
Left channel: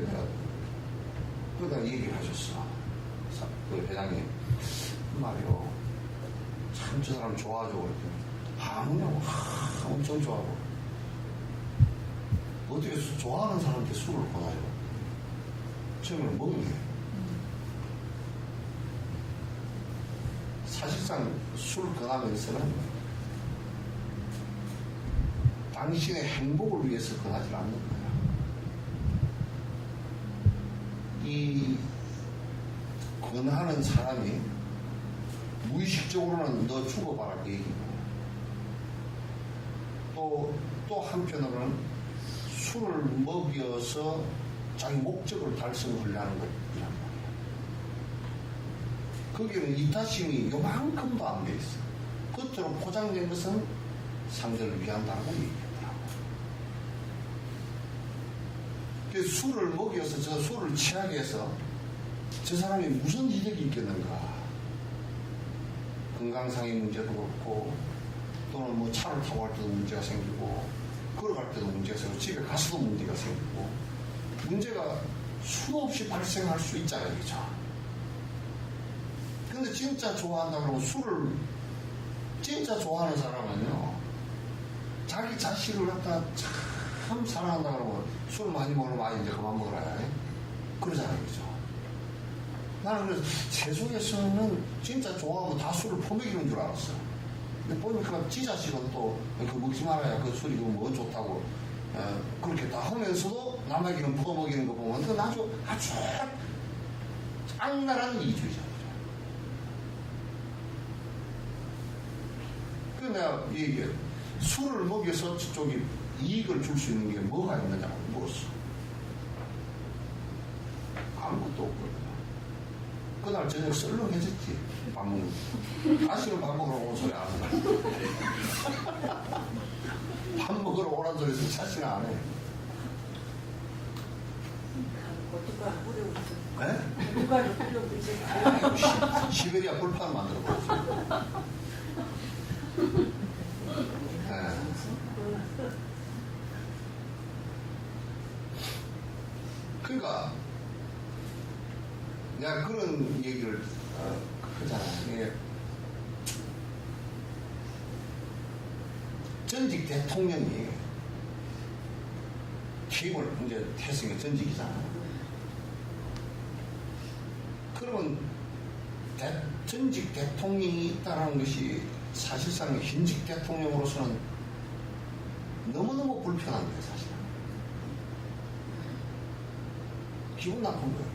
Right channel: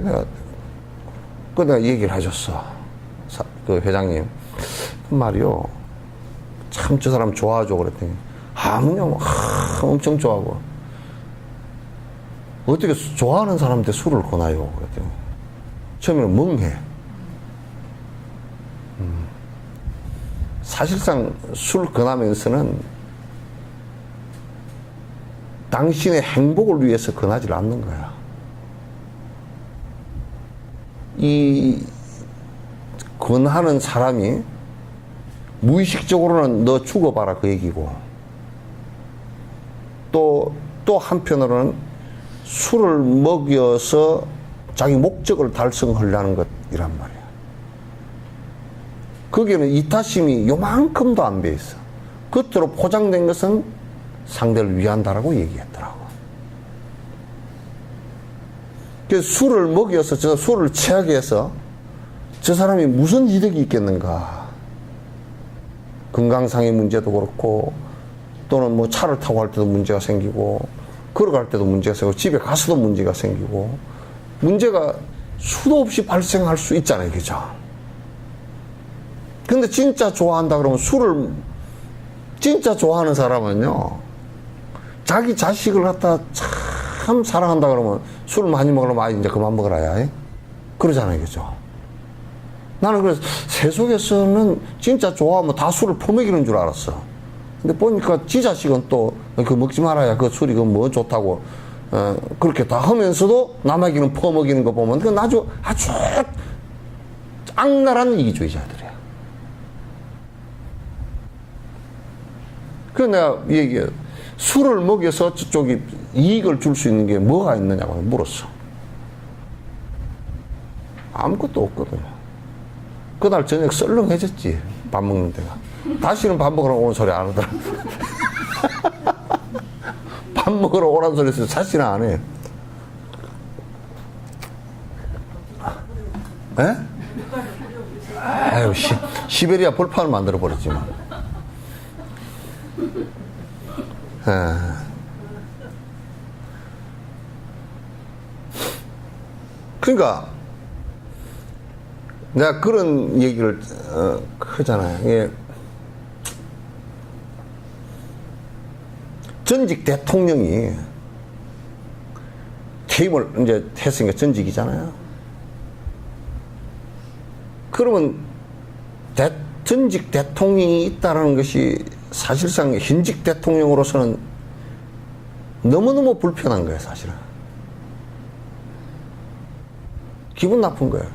내가 얘기를 해줬어. 그 회장님. 말이요. 참 저 사람 좋아하죠. 그랬더니. 그냥 엄청 좋아하고. 어떻게 좋아하는 사람한테 술을 권하요? 그랬더니. 처음에는 멍해. 사실상 술 권하면서는 당신의 행복을 위해서 권하지 않는 거야. 이 권하는 사람이 무의식적으로는 너 죽어봐라 그 얘기고, 또 한편으로는 술을 먹여서 자기 목적을 달성하려는 것이란 말이야. 거기에는 이타심이 요만큼도 안 배 있어. 겉으로 포장된 것은 상대를 위한다라고 얘기했더라고. 그래서 술을 먹여서 저 술을 취하게 해서 저 사람이 무슨 이득이 있겠는가. 건강상의 문제도 그렇고, 또는 뭐 차를 타고 갈 때도 문제가 생기고, 걸어갈 때도 문제가 생기고, 집에 가서도 문제가 생기고, 문제가 수도 없이 발생할 수 있잖아요. 그죠? 근데 진짜 좋아한다 그러면 술을, 진짜 좋아하는 사람은요, 자기 자식을 갖다 참 사랑한다 그러면 술을 많이 먹으면 이제 그만 먹으라야. 그러잖아요. 그죠? 나는 그래서 세속에서는 진짜 좋아하면 다 술을 퍼먹이는 줄 알았어. 근데 보니까 지 자식은 또 그 먹지 말아야 그 술이 그 뭐 좋다고 그렇게 다 하면서도 남에게는 퍼먹이는 거 보면 그건 아주 악랄한 이기주의자들이야. 그래서 내가 얘기해. 술을 먹여서 저쪽이 이익을 줄 수 있는 게 뭐가 있느냐고 물었어. 아무것도 없거든. 그날 저녁 썰렁해졌지. 밥 먹는 데가. 다시는 밥 먹으러 오는 소리 안 하더라. 밥 먹으러 오라는 소리 해서 다시는 안 해. 에? 아유, 시베리아 벌판을 만들어버렸지. 그러니까 내가 그런 얘기를 하잖아요. 예. 전직 대통령이 퇴임을 이제 했으니까 전직이잖아요. 그러면 전직 대통령이 있다는 것이 사실상 현직 대통령으로서는 너무너무 불편한 거예요, 사실은. 기분 나쁜 거예요.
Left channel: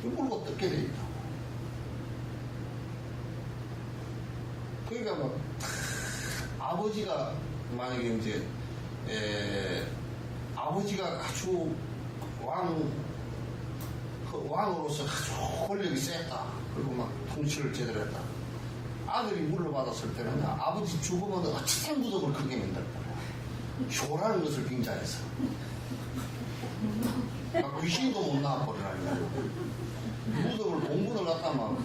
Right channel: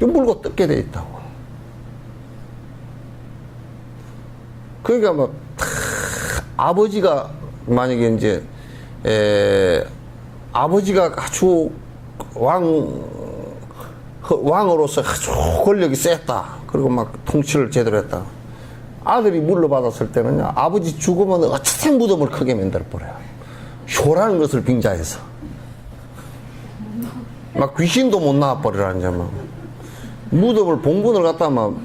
물고 뜯게 돼 있다고. 그러니까 막 아버지가 만약에 이제 아버지가 아주 왕으로서 아주 권력이 셌다. 그리고 막 통치를 제대로 했다. 아들이 물러받았을 때는요, 아버지 죽으면 어쨌든 무덤을 크게 만들어버려요. 효라는 것을 빙자해서. 막 귀신도 못 나와버리라는 점. 무덤을 봉분을 갖다 막,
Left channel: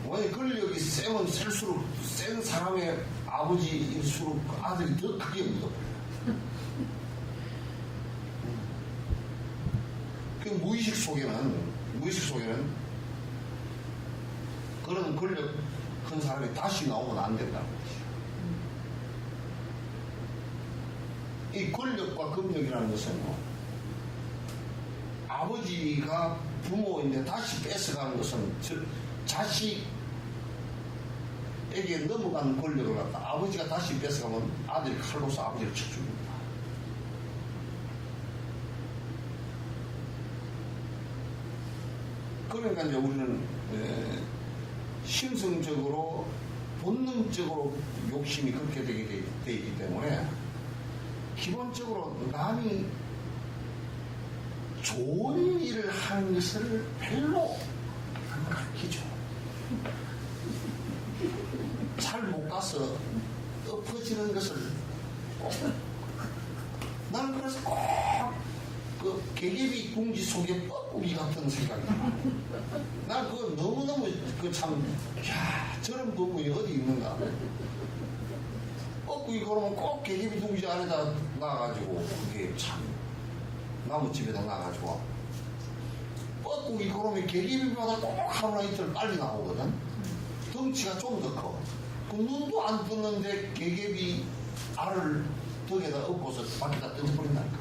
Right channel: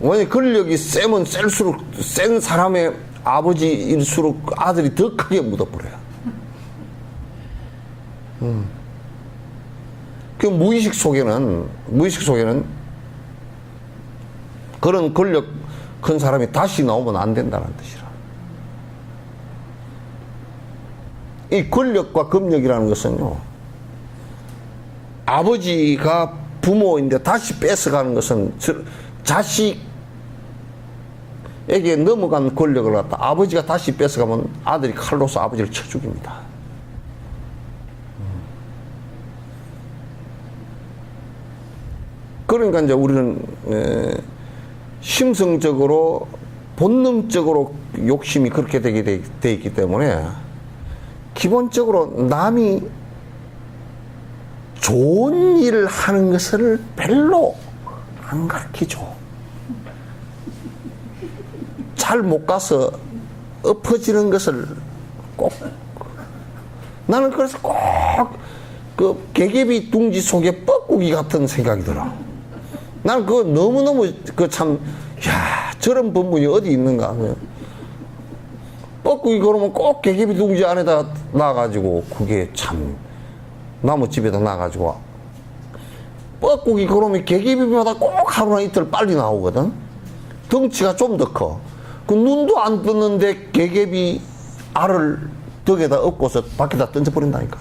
왜냐 권력이 세면 셀수록 센 사람의 아버지일수록 아들이 더 크게 묻어버려요. 그 무의식 속에는 그런 권력 큰 사람이 다시 나오면 안 된다는 뜻이라. 이 권력과 금력이라는 것은요, 아버지가 부모인데 다시 뺏어가는 것은 자식에게 넘어간 권력을 갖다 아버지가 다시 뺏어가면 아들이 칼로서 아버지를 쳐 죽입니다. 그러니까 이제 우리는 심성적으로 본능적으로 욕심이 그렇게 되게 돼 있기 때문에 기본적으로 남이 좋은 일을 하는 것을 별로 안 가르치죠. 잘 못 가서 엎어지는 것을 꼭 나는 그래서 꼭 그 개개비 둥지 속에 뻐꾸기 같은 생각이 들어. 나는 그거 너무너무 그 참, 야, 저런 본분이 어디 있는가. 뻐꾸기 그러면 꼭 개개비 둥지 안에다 놔가지고, 그게 참, 나무집에다 놔가지고, 뻐꾸기 그러면 개개비마다 꼭 하루나 이틀 빨리 나오거든. 덩치가 좀 더 커. 그 눈도 안 떴는데 개개비 알을 덕에다 엎고서 밖에다 던져버린다니까.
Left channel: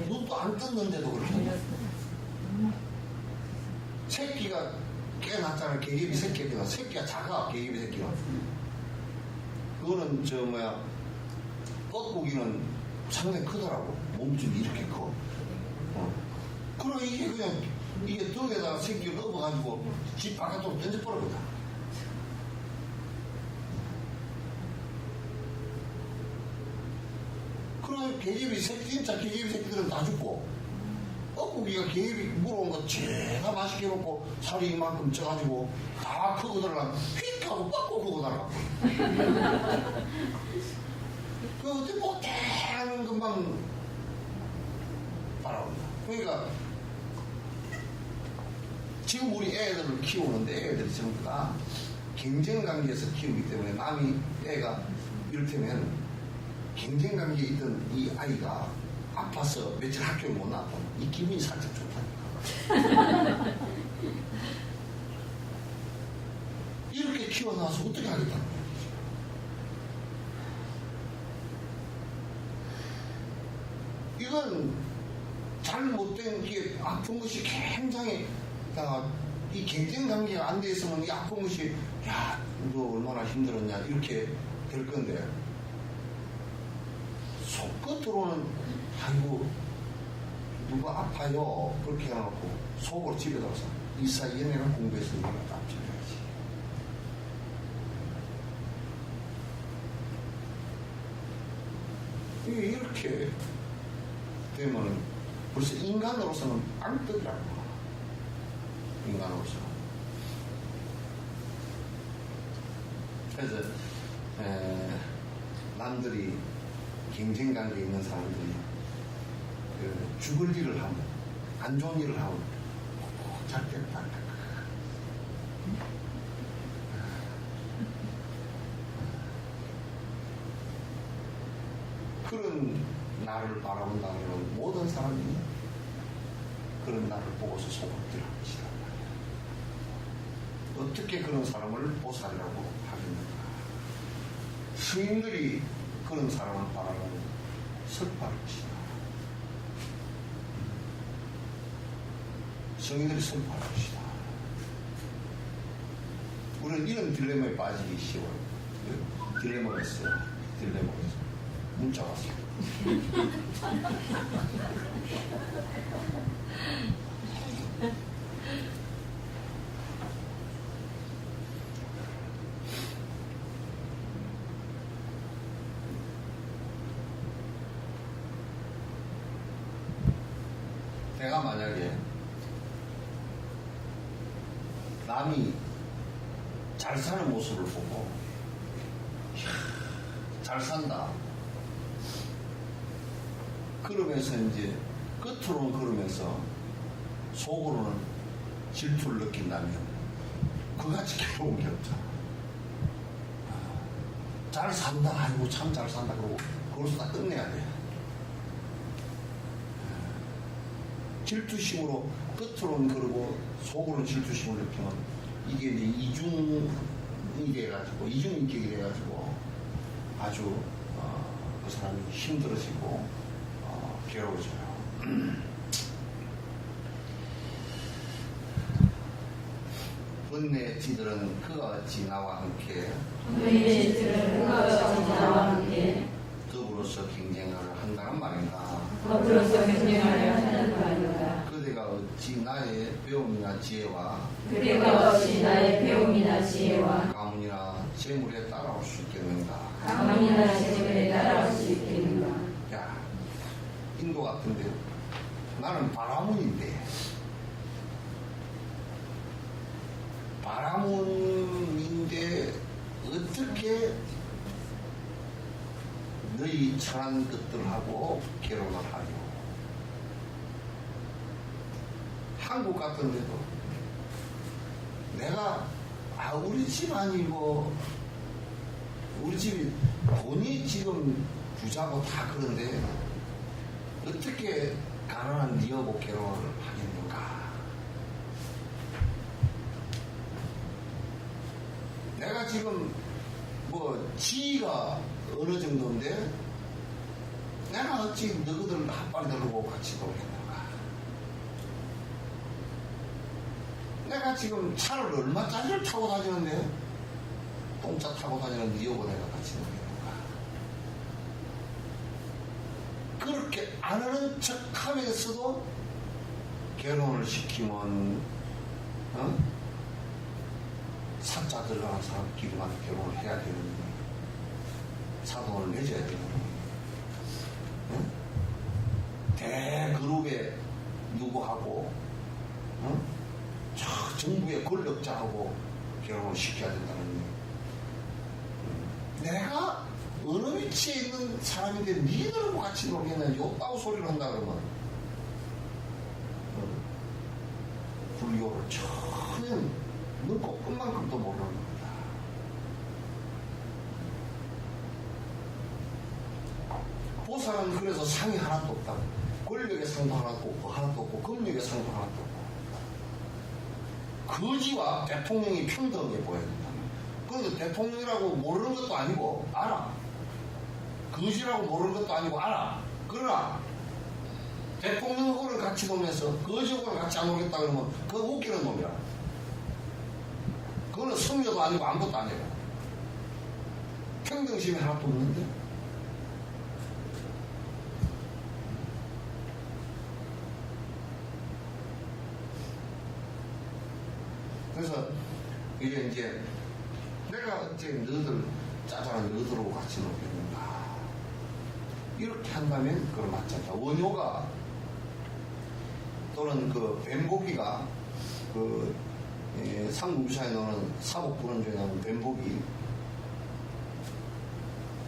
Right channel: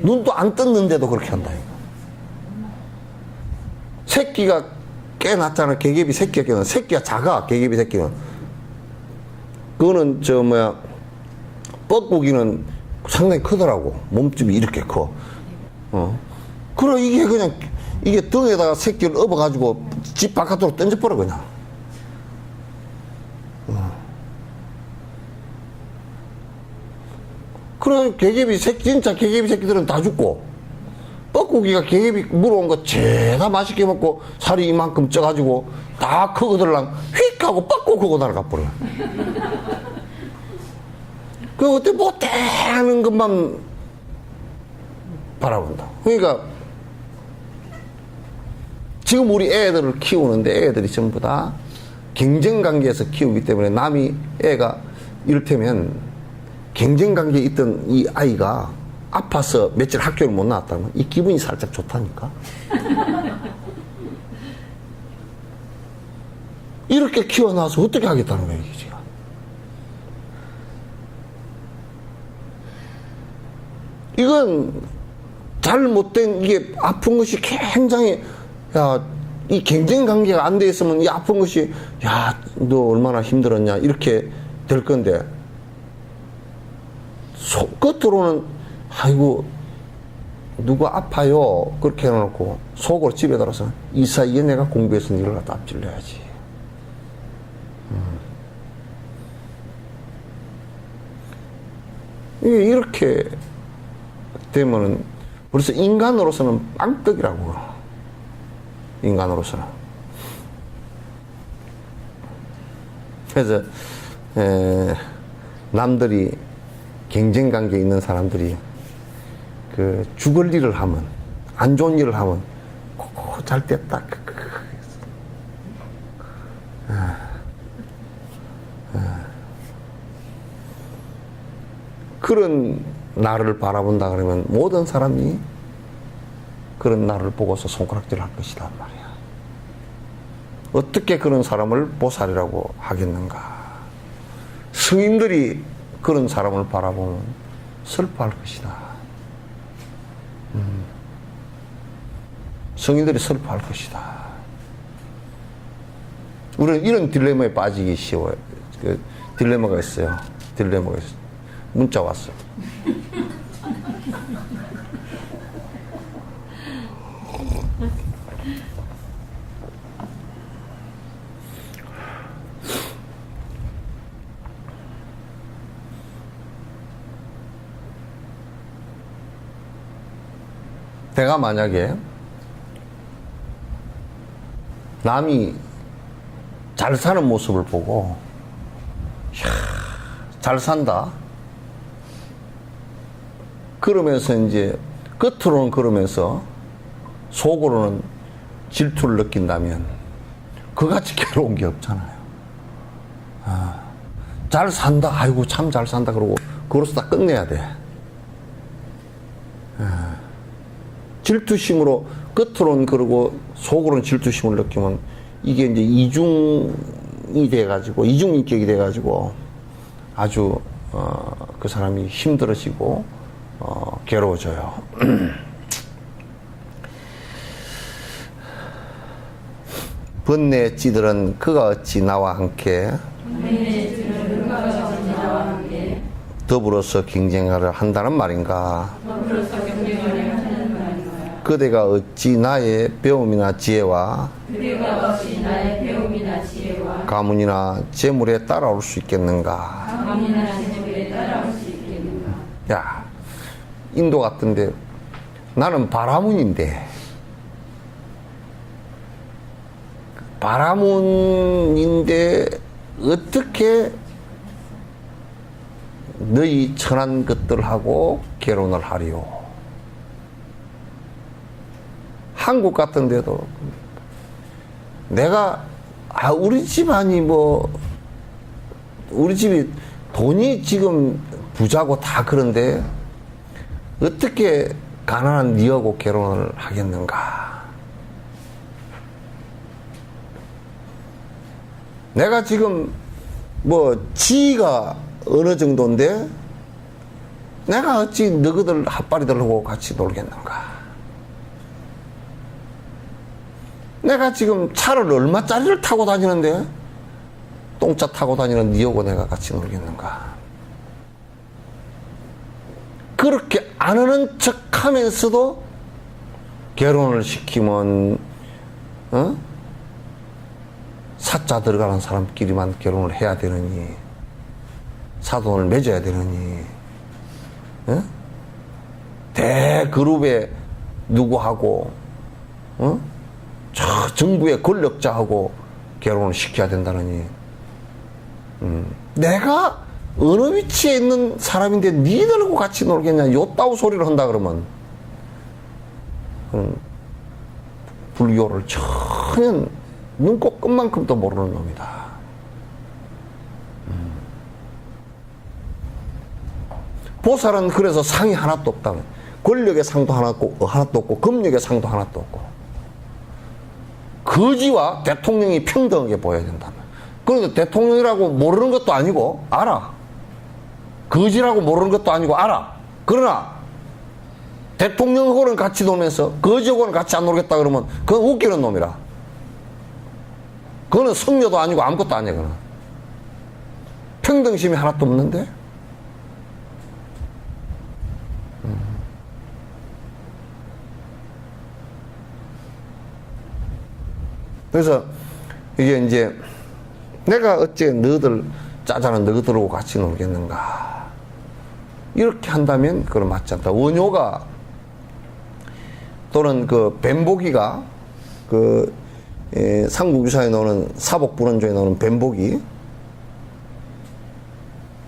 눈도 안 떴는데도 그렇게 한다. 새끼가 꽤 낳잖아. 개개비 새끼가 새끼가 작아. 개개비 새끼는. 그거는 뻐꾸기는 상당히 크더라고. 몸집이 이렇게 커. 그래 이게 그냥 이게 등에다가 새끼를 업어가지고 집 바깥으로 던져버려 그냥. 그래 개개비 새끼 진짜 개개비 새끼들은 다 죽고. 뻐꾸기가 개개비 물어온 거 죄다 맛있게 먹고 살이 이만큼 쪄가지고 다 크거들랑 휙 하고 뻐꾸 크고 날아가버려. 그 어때 못하는 것만 바라본다. 그러니까 지금 우리 애들을 키우는데 애들이 전부 다 경쟁관계에서 키우기 때문에 남이 애가 이를테면 경쟁관계에 있던 이 아이가 아파서 며칠 학교를 못 나왔다면 이 기분이 살짝 좋다니까. 이렇게 키워놔서 어떻게 하겠다는 거예요, 이게 지금. 이건 잘못된 이게 아픈 것이 굉장히 이 경쟁 관계가 안 돼 있으면 이 아픈 것이 너 얼마나 힘들었냐 이렇게 될 건데 끝으로는 아이고 누가 아파요 그렇게 해놓고 속으로 집에 들어서 이 사이에 내가 공부해서 이걸 갖다 앞질러야지. 이게 이렇게 되면은 그래서 인간으로서는 빵떡이라고. 인간으로서는. 그래서 남들이 경쟁관계에 있는 사람들이 그 죽을 일을 하면 안 좋은 일을 하면 잘 됐다 그런 나를 바라본다 그러면 모든 사람이 그런 나를 보고서 손가락질 할 것이란 말이야. 어떻게 그런 사람을 보살이라고 하겠는가. 스님들이 그런 사람을 바라보면 슬퍼할 것이다. 성인들이 슬퍼할 것이다. 우리는 이런 딜레마에 빠지기 쉬워요. 그 딜레마가 있어요. 딜레마가 있어요. 문자 왔어요. 내가 만약에 남이 잘 사는 모습을 보고 잘 산다 그러면서 이제 겉으로는 그러면서 속으로는 질투를 느낀다면 그같이 괴로운 게 없잖아요. 잘 산다 아이고 참 잘 산다 그러고 그것을 다 끝내야 돼. 질투심으로 겉으로는 그러고 속으로는 질투심을 느끼면 이게 이제 이중이 돼가지고 이중인격이 돼가지고 아주 그 사람이 힘들어지고 괴로워져요. 번뇌의 찌들은 그가 어찌 나와 함께 더불어서 경쟁을 한다는 말인가? 그대가 어찌 나의 배움이나 지혜와 가문이나 재물에 따라올 수 있겠는가? 야, 인도 같은데 나는 바라문인데 어떻게 너희 천한 것들하고 결혼을 하리요? 한국 같은데도 내가 우리 집안이 우리 집이 돈이 지금 부자고 다 그런데 어떻게 가난한 니하고 결혼을 하겠는가? 내가 지금 지위가 어느 정도인데 내가 어찌 너희들 핫바리들하고 같이 놀겠는가? 내가 지금 차를 얼마짜리를 타고 다니는데 똥차 타고 다니는 니하고 내가 같이 놀겠는가? 그렇게 안 하는 척 하면서도 결혼을 시키면 사자 들어가는 사람끼리만 결혼을 해야 되느니 사돈을 맺어야 되느니 대그룹에 누구하고 저 정부의 권력자하고 결혼을 시켜야 된다느니 내가 어느 위치에 있는 사람인데 니들하고 같이 놀겠냐 요따구 소리를 한다 그러면 불교를 전혀 눈곱 끝만큼도 모르는 놈이다. 보살은 그래서 상이 하나도 없다. 권력의 상도 하나도 없고 금력의 상도 하나도 없고 거지와 대통령이 평등하게 보여야 된다. 그런데 대통령이라고 모르는 것도 아니고 알아. 거지라고 모르는 것도 아니고 알아. 그러나 대통령하고는 같이 놀면서 거지하고는 같이 안 놀겠다 그러면 그건 웃기는 놈이라. 그거는 성녀도 아니고 아무것도 아니야. 그건 평등심이 하나도 없는데 그래서 이게 이제 내가 어째 너희들 짜자는 너희들하고 같이 놀겠는가 이렇게 한다면 그건 맞지 않다. 원효가 또는 그 뱀보기가 삼국유사에 나오는 사복불원조에 나오는 뱀보기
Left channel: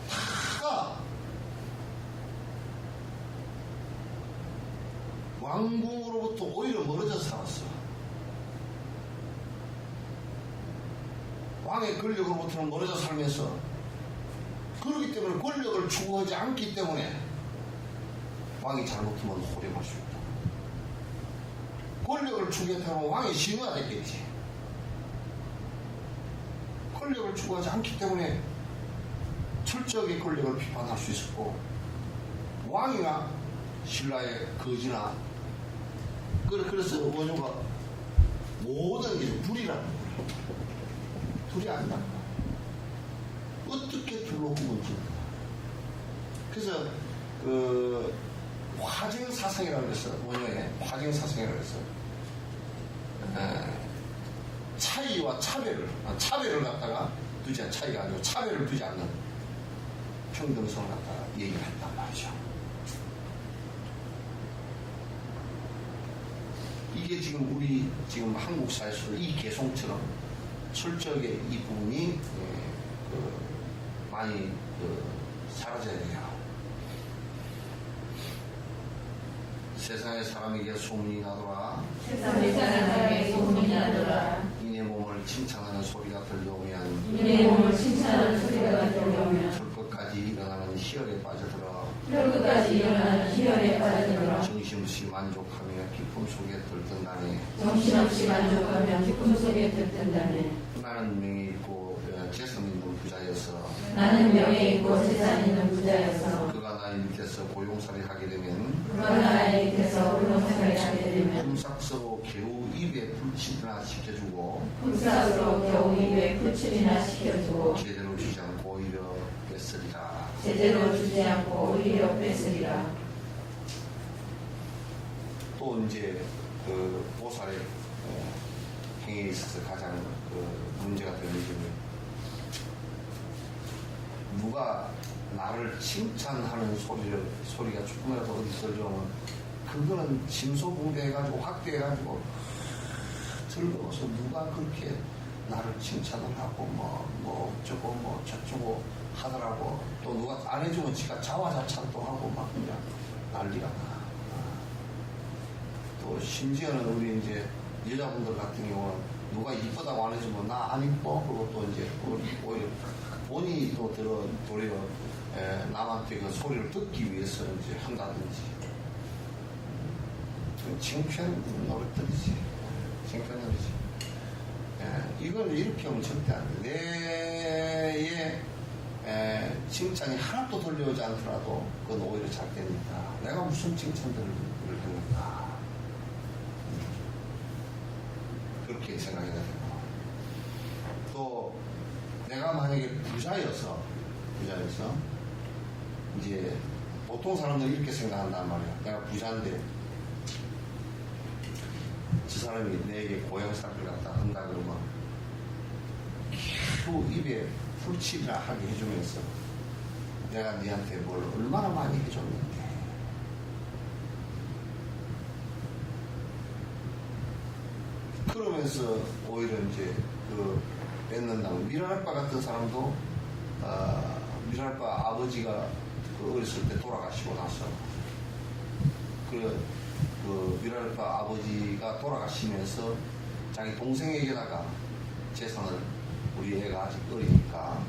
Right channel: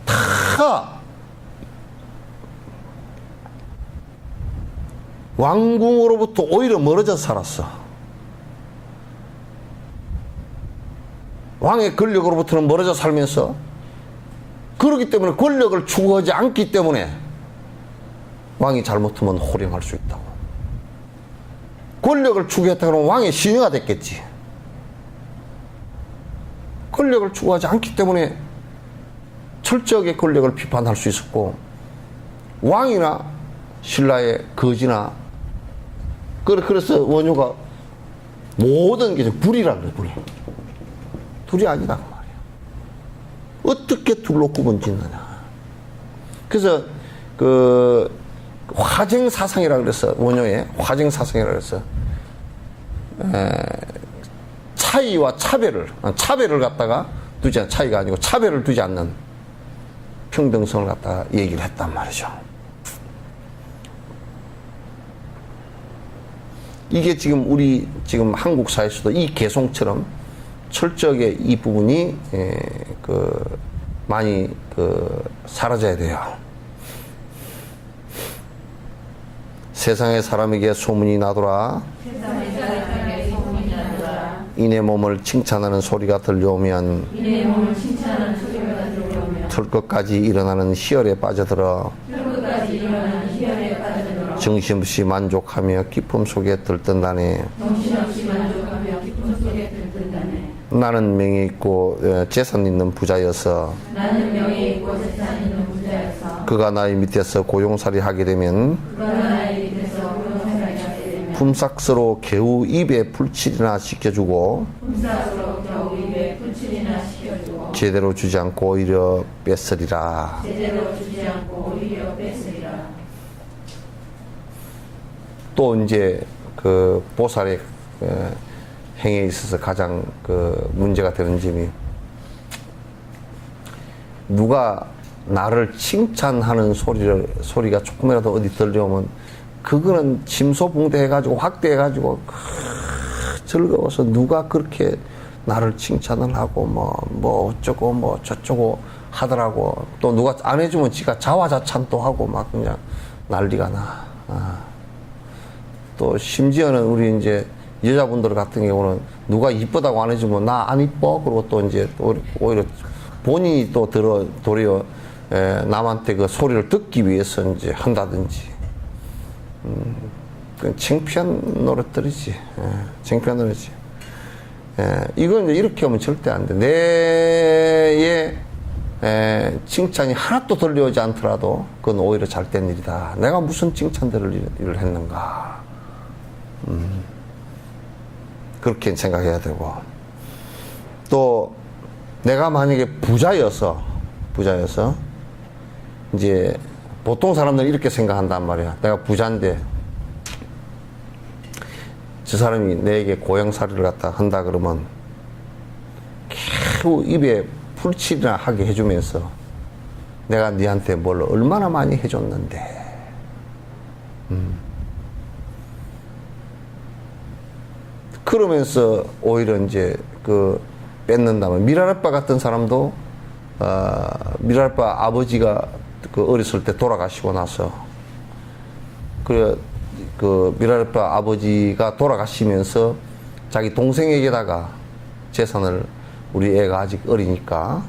다 왕궁으로부터 오히려 멀어져서 살았어. 왕의 권력으로부터는 멀어져 살면서 그렇기 때문에 권력을 추구하지 않기 때문에 왕이 잘못하면 호령할 수 있다고. 권력을 추구했다 그러면 왕의 신하가 됐겠지. 권력을 추구하지 않기 때문에 철저하게 권력을 비판할 수 있었고 왕이나 신라의 거지나 그래서 원효가 모든 게 불이라는 거예요. 불. 둘이 아니다 그 말이야. 어떻게 둘로 구분짓느냐. 그래서 그 화쟁사상이라 그랬어. 원효의 화쟁사상이라 그랬어. 차이와 차별을 갖다가 두지 않는, 차이가 아니고 차별을 두지 않는 평등성을 갖다가 얘기를 했단 말이죠. 이게 지금 우리 지금 한국 사회에서도 이 개송처럼 철저하게 이 부분이 많이 사라져야 돼요. 세상의 사람에게 소문이 나더라. 이내 몸을 칭찬하는 소리가 들려오면 털끝까지 일어나는 희열에 빠져들어 정신없이 만족하며 기쁨 속에 들뜬다네. 나는 명예 있고 재산 있는 부자여서 그가 나의 밑에서 고용살이 하게 되면 품삯으로 겨우 입에 풀칠이나 시켜주고 품삯으로 겨우 입에 풀칠이나 시켜주고 제대로 주지 않고 오히려 뺏으리라. 제대로 주지 않고 오히려 뺏으리라. 또 이제 그 보살의 행위에 있어서 가장 그 문제가 되는 점이 누가 나를 칭찬하는 소리가 조금이라도 어디 들려오면 그거는 침소봉대해가지고 확대해가지고 즐거워서 누가 그렇게 나를 칭찬을 하고 뭐 어쩌고 뭐 저쩌고 하더라고. 또 누가 안 해주면 지가 자화자찬도 하고 막 그냥 난리가 나. 또 심지어는 우리 이제 여자분들 같은 경우는 누가 이쁘다고 안 해주면 나 안 이뻐. 그리고 또 이제 오히려 본인이 또 도리어 남한테 그 소리를 듣기 위해서 이제 한다든지. 그 창피한 노릇들이지. 창피한 노릇이지. 이건 이제 이렇게 하면 절대 안 돼. 내의 칭찬이 하나도 들려오지 않더라도 그건 오히려 잘된 일이다. 내가 무슨 칭찬들을 일을 했는가. 그렇게 생각해야 되고. 또 내가 만약에 부자여서 이제 보통 사람들은 이렇게 생각한단 말이야. 내가 부자인데 저 사람이 내게 고향살이를 갖다 한다 그러면 겨우 입에 풀칠이나 하게 해주면서 내가 니한테 뭘 얼마나 많이 해줬는데 그러면서 오히려 이제 그 뺏는다면 미랄아빠 같은 사람도 미랄아빠 아버지가 그 어렸을 때 돌아가시고 나서 그 미랄아빠 아버지가 돌아가시면서 자기 동생에게다가 재산을 우리 애가 아직 어리니까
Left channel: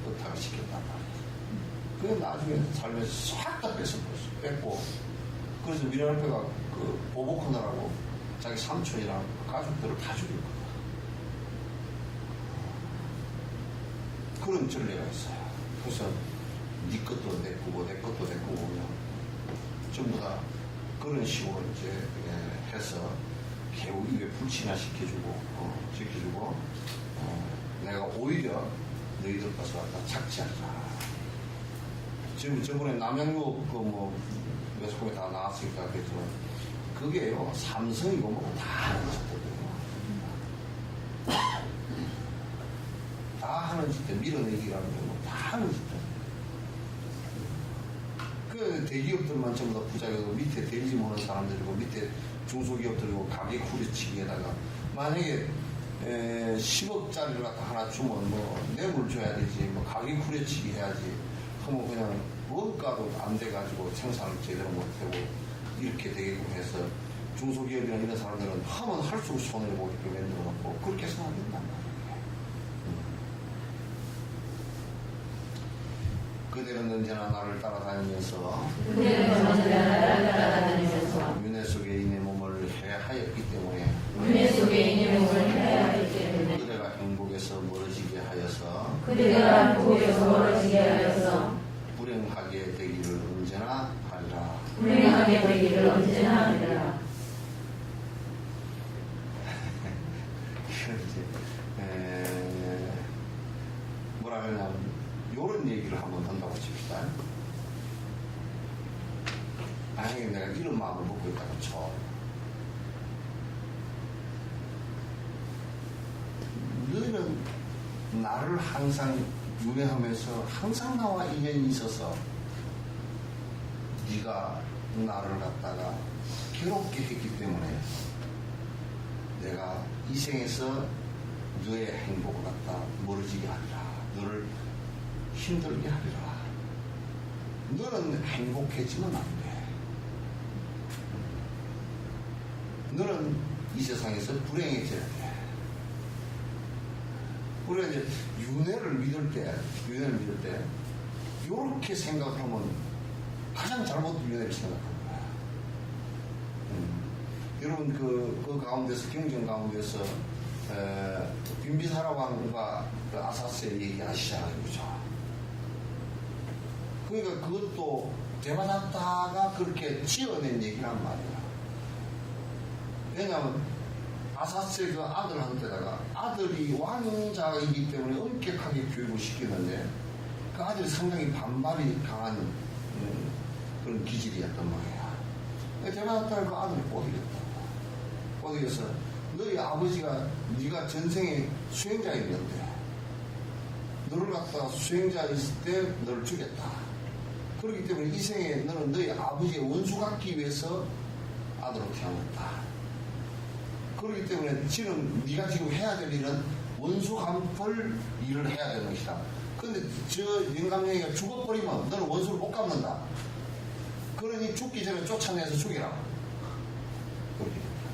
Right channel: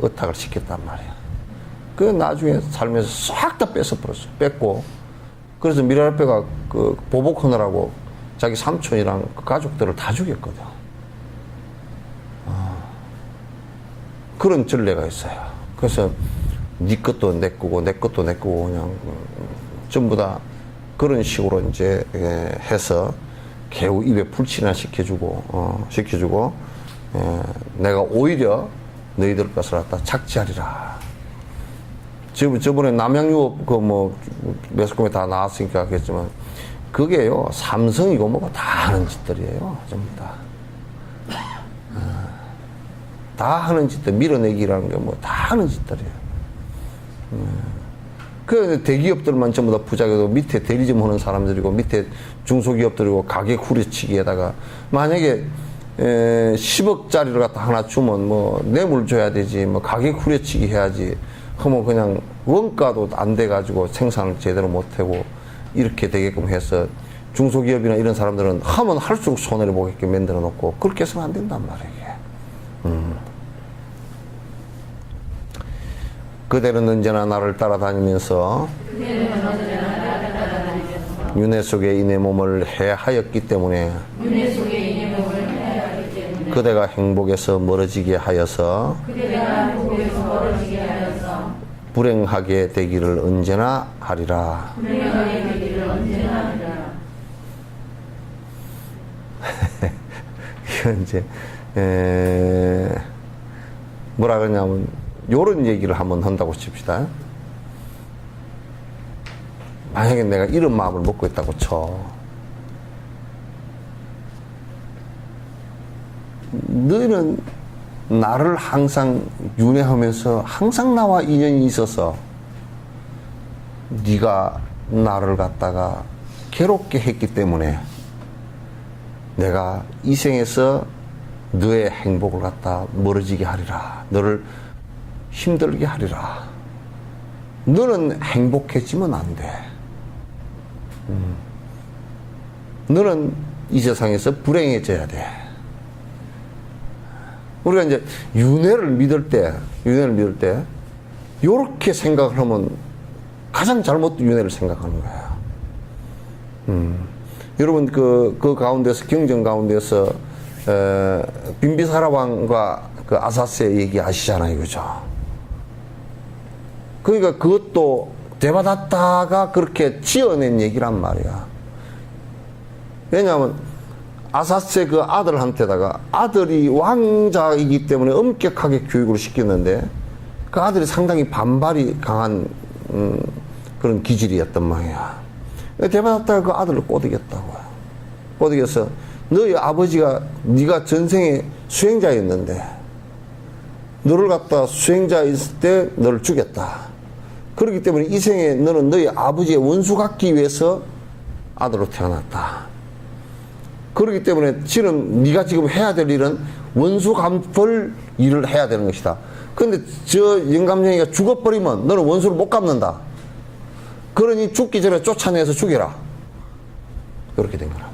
의탁을 시켰단 말이야. 그 나중에 살면서 싹 다 뺏어버렸어. 뺏고 그래서 미랄아빠가 그 보복하느라고 자기 삼촌이랑 그 가족들을 다 죽였거든. 그런 전례가 있어요. 그래서 네 것도 내 거고 내 것도 내 거고 그냥 전부 다 그런 식으로 이제 해서 겨우 입에 풀칠이나 시켜주고 내가 오히려 너희들 것을 갖다 착취하리라. 저번에 남양유업 그 뭐 매스컴에 다 나왔으니까 그랬지만 그게요 삼성이고 뭐고 다 하는 짓들이에요. 전부 다. 다 하는 짓들, 밀어내기라는 게 뭐 다 하는 짓들이에요. 그 대기업들만 전부 다 부자고 밑에 대리점 하는 사람들이고 밑에 중소기업들이고 가격 후려치기에다가 만약에 10억짜리를 갖다 하나 주면 뭐 뇌물 줘야 되지 뭐 가격 후려치기 해야지 하면 그냥 원가도 안 돼가지고 생산을 제대로 못하고 이렇게 되게끔 해서 중소기업이나 이런 사람들은 하면 할수록 손해를 보게끔 만들어 놓고 그렇게 해서는 안 된단 말이에요. 그대는 언제나 나를 따라다니면서 윤회 속에 이내 몸을 해하였기 때문에 그대가 행복에서 멀어지게 하여서 불행하게 되기를 언제나 하리라. 이건 이제 뭐라 그러냐면 요런 얘기를 한번 한다고 칩시다. 만약에 내가 이런 마음을 먹고 있다고 쳐. 너희는 나를 항상 윤회하면서 항상 나와 인연이 있어서 네가 나를 갖다가 괴롭게 했기 때문에 내가 이 생에서 너의 행복을 갖다 멀어지게 하리라. 너를 힘들게 하리라. 너는 행복해지면 안 돼. 너는 이 세상에서 불행해져야 돼. 우리가 이제 윤회를 믿을 때, 요렇게 생각을 하면 가장 잘못된 윤회를 생각하는 거야. 여러분, 그 가운데서, 경전 가운데서, 빈비사라 왕과 그 아사스의 얘기 아시잖아요. 그죠? 그러니까 그것도 되받았다가 그렇게 지어낸 얘기란 말이야. 왜냐하면 아사세 그 아들한테다가 아들이 왕자이기 때문에 엄격하게 교육을 시켰는데 그 아들이 상당히 반발이 강한 그런 기질이었단 말이야. 대받았다가 그 아들을 꼬드겼다고. 꼬드겨서 너희 아버지가 네가 전생에 수행자였는데 너를 갖다 수행자 있을 때 너를 죽였다. 그렇기 때문에 이 생에 너는 너희 아버지의 원수 갖기 위해서 아들로 태어났다. 그렇기 때문에 지금 네가 지금 해야 될 일은 원수 갚을 일을 해야 되는 것이다. 근데 저 영감쟁이가 죽어버리면 너는 원수를 못 갚는다. 그러니 죽기 전에 쫓아내서 죽여라. 그렇게 된 거라.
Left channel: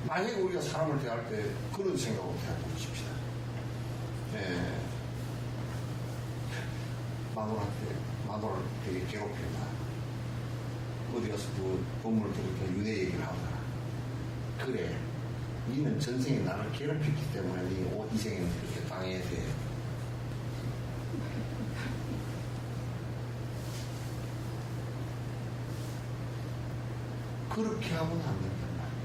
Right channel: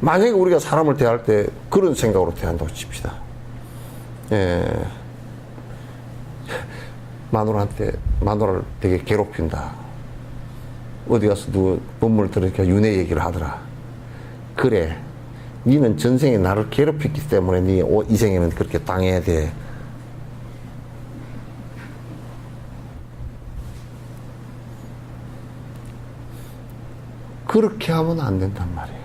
만약에 우리가 사람을 대할 때 그런 생각으로 대한다고 칩시다. 예. 마누라를 되게 괴롭힌다. 어디 가서 누구 법문을 들으니까 윤회 얘기를 하더라. 그래. 니는 전생에 나를 괴롭혔기 때문에 니 이 생에는 그렇게 당해야 돼. 그렇게 하면 안 된단 말이야.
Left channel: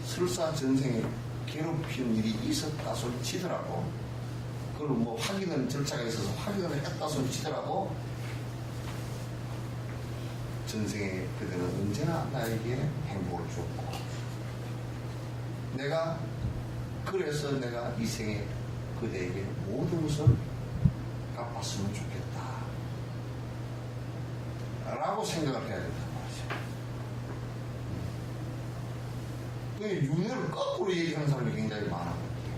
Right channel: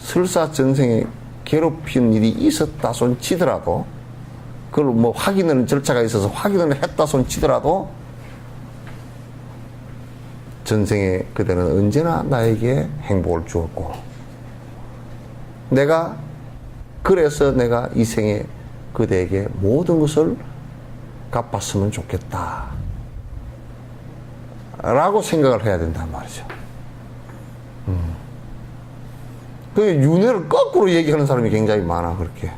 설사 전생에 괴롭힌 일이 있었다 손 치더라도 그걸 뭐 확인하는 절차가 있어서 확인을 했다 손 치더라도 전생에 그대는 언제나 나에게 행복을 주었고 그래서 내가 이 생에 그대에게 모든 것을 갚았으면 좋겠다 라고 생각을 해야 된단 말이죠. 그 윤회를 거꾸로 얘기하는 사람이 굉장히 많아. 그렇게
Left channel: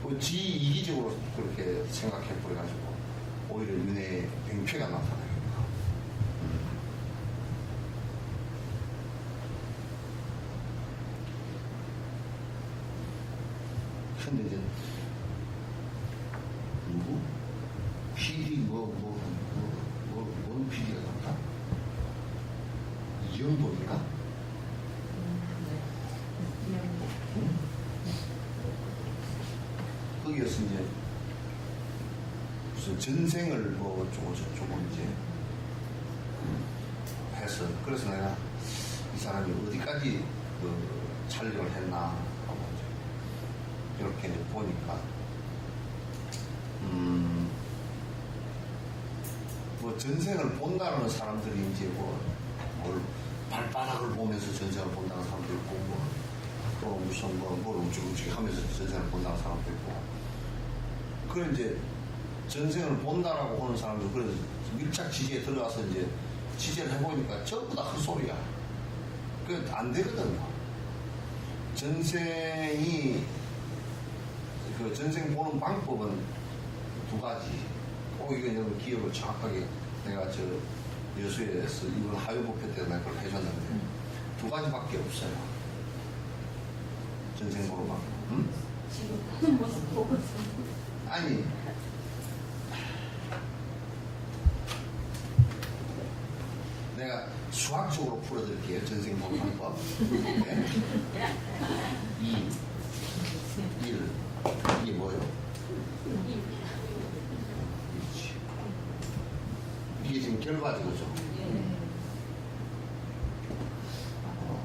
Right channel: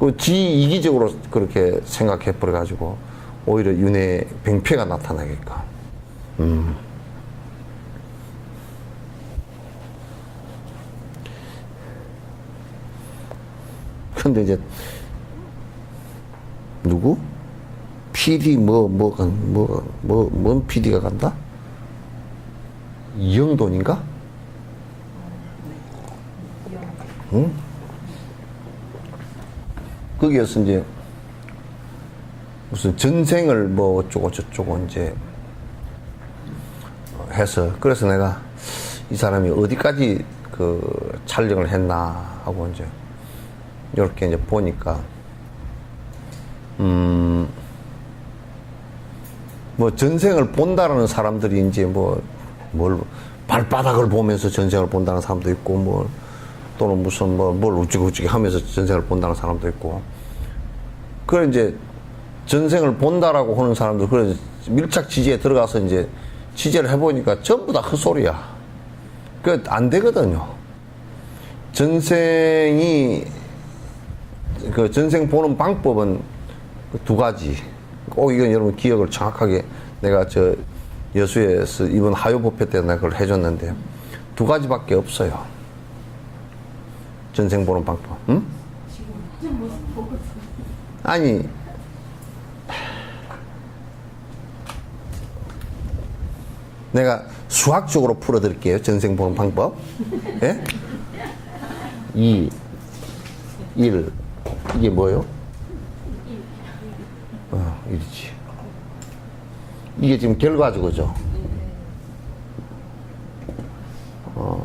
그 이기적으로 그렇게 생각해 버려 가지고 오히려 윤회 병폐가 나타나게까. 근데 이제 누구? PD 뭔 PD가 간다? 이영돈인가? 응? 거기에서 이제 무슨 전생을 뭐 어쩌고 저쩌고 이제 해서 그래서 내가 이 사람이 어디까지 그 촬영을 했나 하고 이제 이렇게 이제 보니까 뭐 전생을 본다라는 사람들이 이제 뭘 발바닥을 보면서 전생을 본다는 사람도 있고 뭐 또는 무슨 뭘 우찌우찌 하면서 전생을 본다는 사람도 있고 그래 이제 전생을 본다라고 하는 사람들 그래 밀착 취재에 들어가서 이제 취재를 해보니까 전부 다 헛소리야. 그 안 되거든요. 전생 보는 방법은 두 가지. 꼭 이건 여러분 기억을 정확하게 내가 저 여수에서 이번 하요법회 때 내가 그걸 해줬는데 두 가지밖에 없어요. 전생 보는 방법. 응? 아니 내가 수학적으로 풀어드릴게요. 전생 보는 방법. 예? 2, 1 이게 뭐예요? 1이지. 이게 지금 결과죠, 그죠?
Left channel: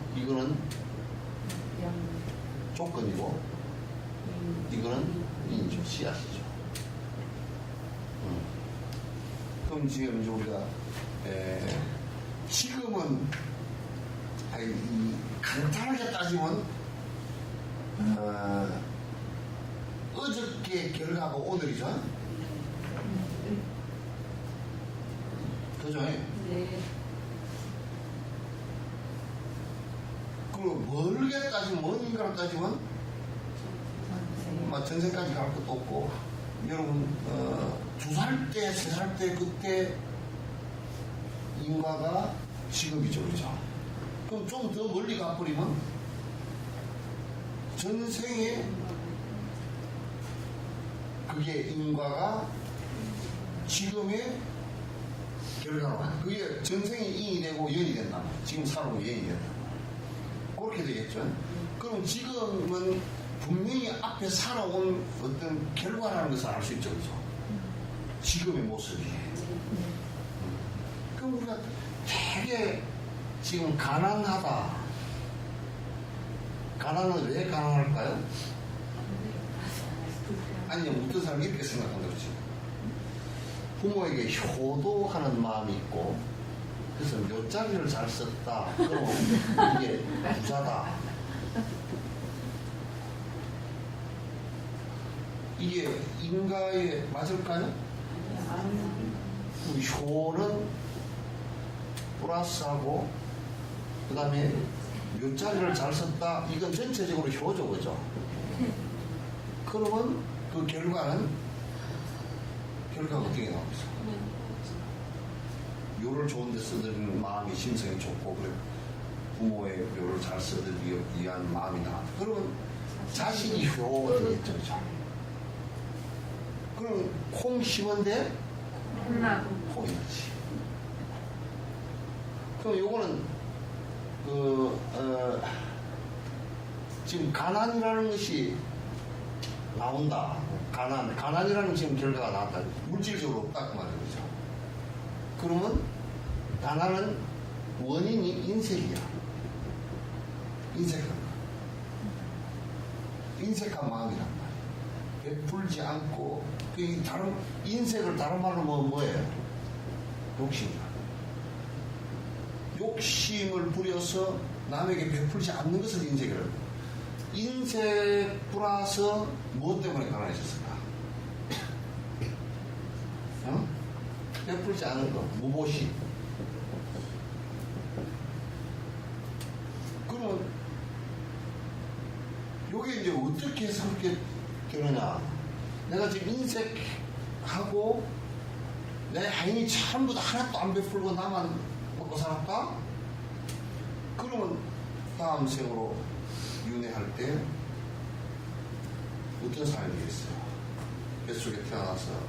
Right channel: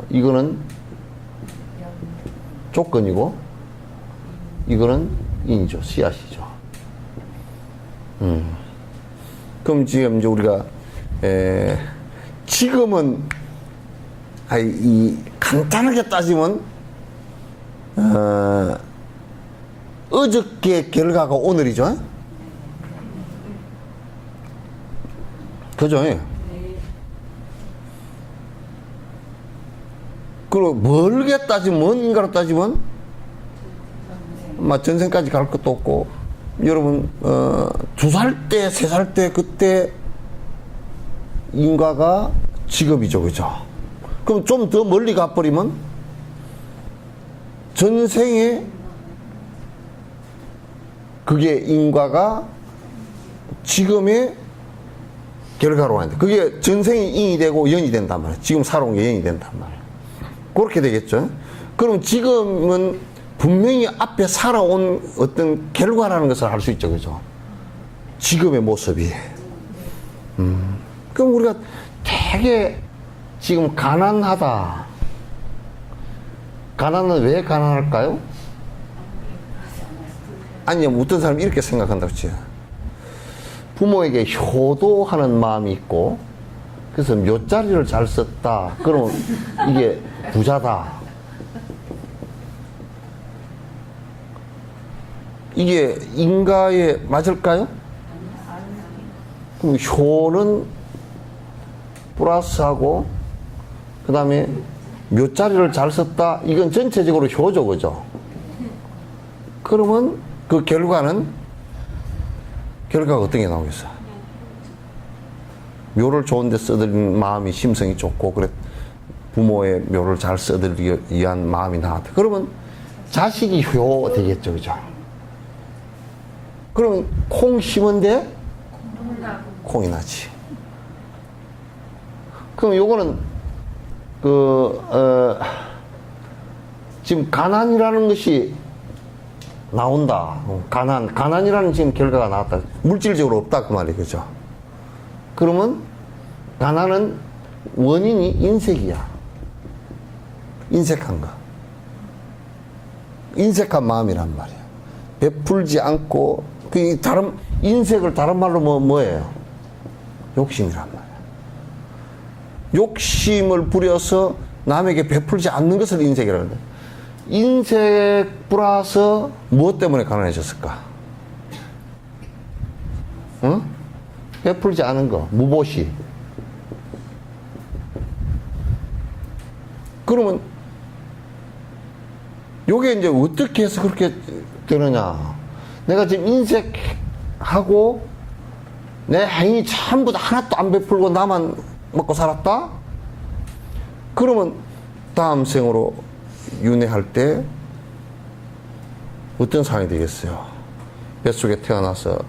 이거는 조건이고 이거는 인이죠, 씨앗이죠. 그럼 지금 이제 우리가 지금은 간단하게 따지면 어저께 결과가 오늘이죠. 그죠? 네. 그리고 멀게 따지면 뭔가로 따지면 막 전생까지 갈 것도 없고 여러분 2살 때, 3살 때 그때 인과가 직업이죠, 그죠? 그럼 좀 더 멀리 가버리면 전생에 그게 인과가 지금의 결과로 한다. 그게 전생이 인이 되고 연이 된단 말이에요. 지금 살아온 게 연이 된단 말이에요. 그렇게 되겠죠. 그럼 지금은 분명히 앞에 살아온 어떤 결과라는 것을 알 수 있죠, 그죠? 지금의 모습이. 그럼 우리가 되게 지금 가난하다. 가난은 왜 가난할까요? 아니, 어떤 사람이 이렇게 생각한다고 치요. 부모에게 효도하는 마음이 있고, 그래서 묘자리를 잘 썼다. 그럼 이게 부자다. 이게 인가에 맞을까요? 그럼 효는 플러스하고, 그 다음에 묘자리를 잘 썼다. 이건 전체적으로 효죠, 그죠? 그러면 그 결과가 어떤 게 나오겠어? 묘를 좋은데 써드리는 마음이 심성이 좋고, 그래 부모의 묘를 잘 써드리기 위한 마음이 나왔다. 그러면 자식이 효 되겠죠, 그죠? 그러면 콩 심은데 콩이 나지. 그럼 요거는 지금 가난이라는 것이 나온다. 가난이라는 지금 결과가 나왔다. 물질적으로 없다 그 말이 그죠? 그러면 가난은 원인이 인색이야. 인색한 거. 인색한 마음이란 말이야. 베풀지 않고 그 다른 인색을 다른 말로 뭐예요? 욕심이란 말이야. 욕심을 부려서 남에게 베풀지 않는 것을 인색이라는 거야. 인색 플러스 무엇 때문에 가난해졌을까? 응? 베풀지 않은 거, 무보시. 그러면 요게 이제 어떻게 해서 그렇게 되느냐? 내가 지금 인색하고 내 행위 전부 다 하나도 안 베풀고 나만 먹고 살았다? 그러면 다음 생으로 윤회할 때 어떤 상황이 되겠어요? 뱃속에 태어나서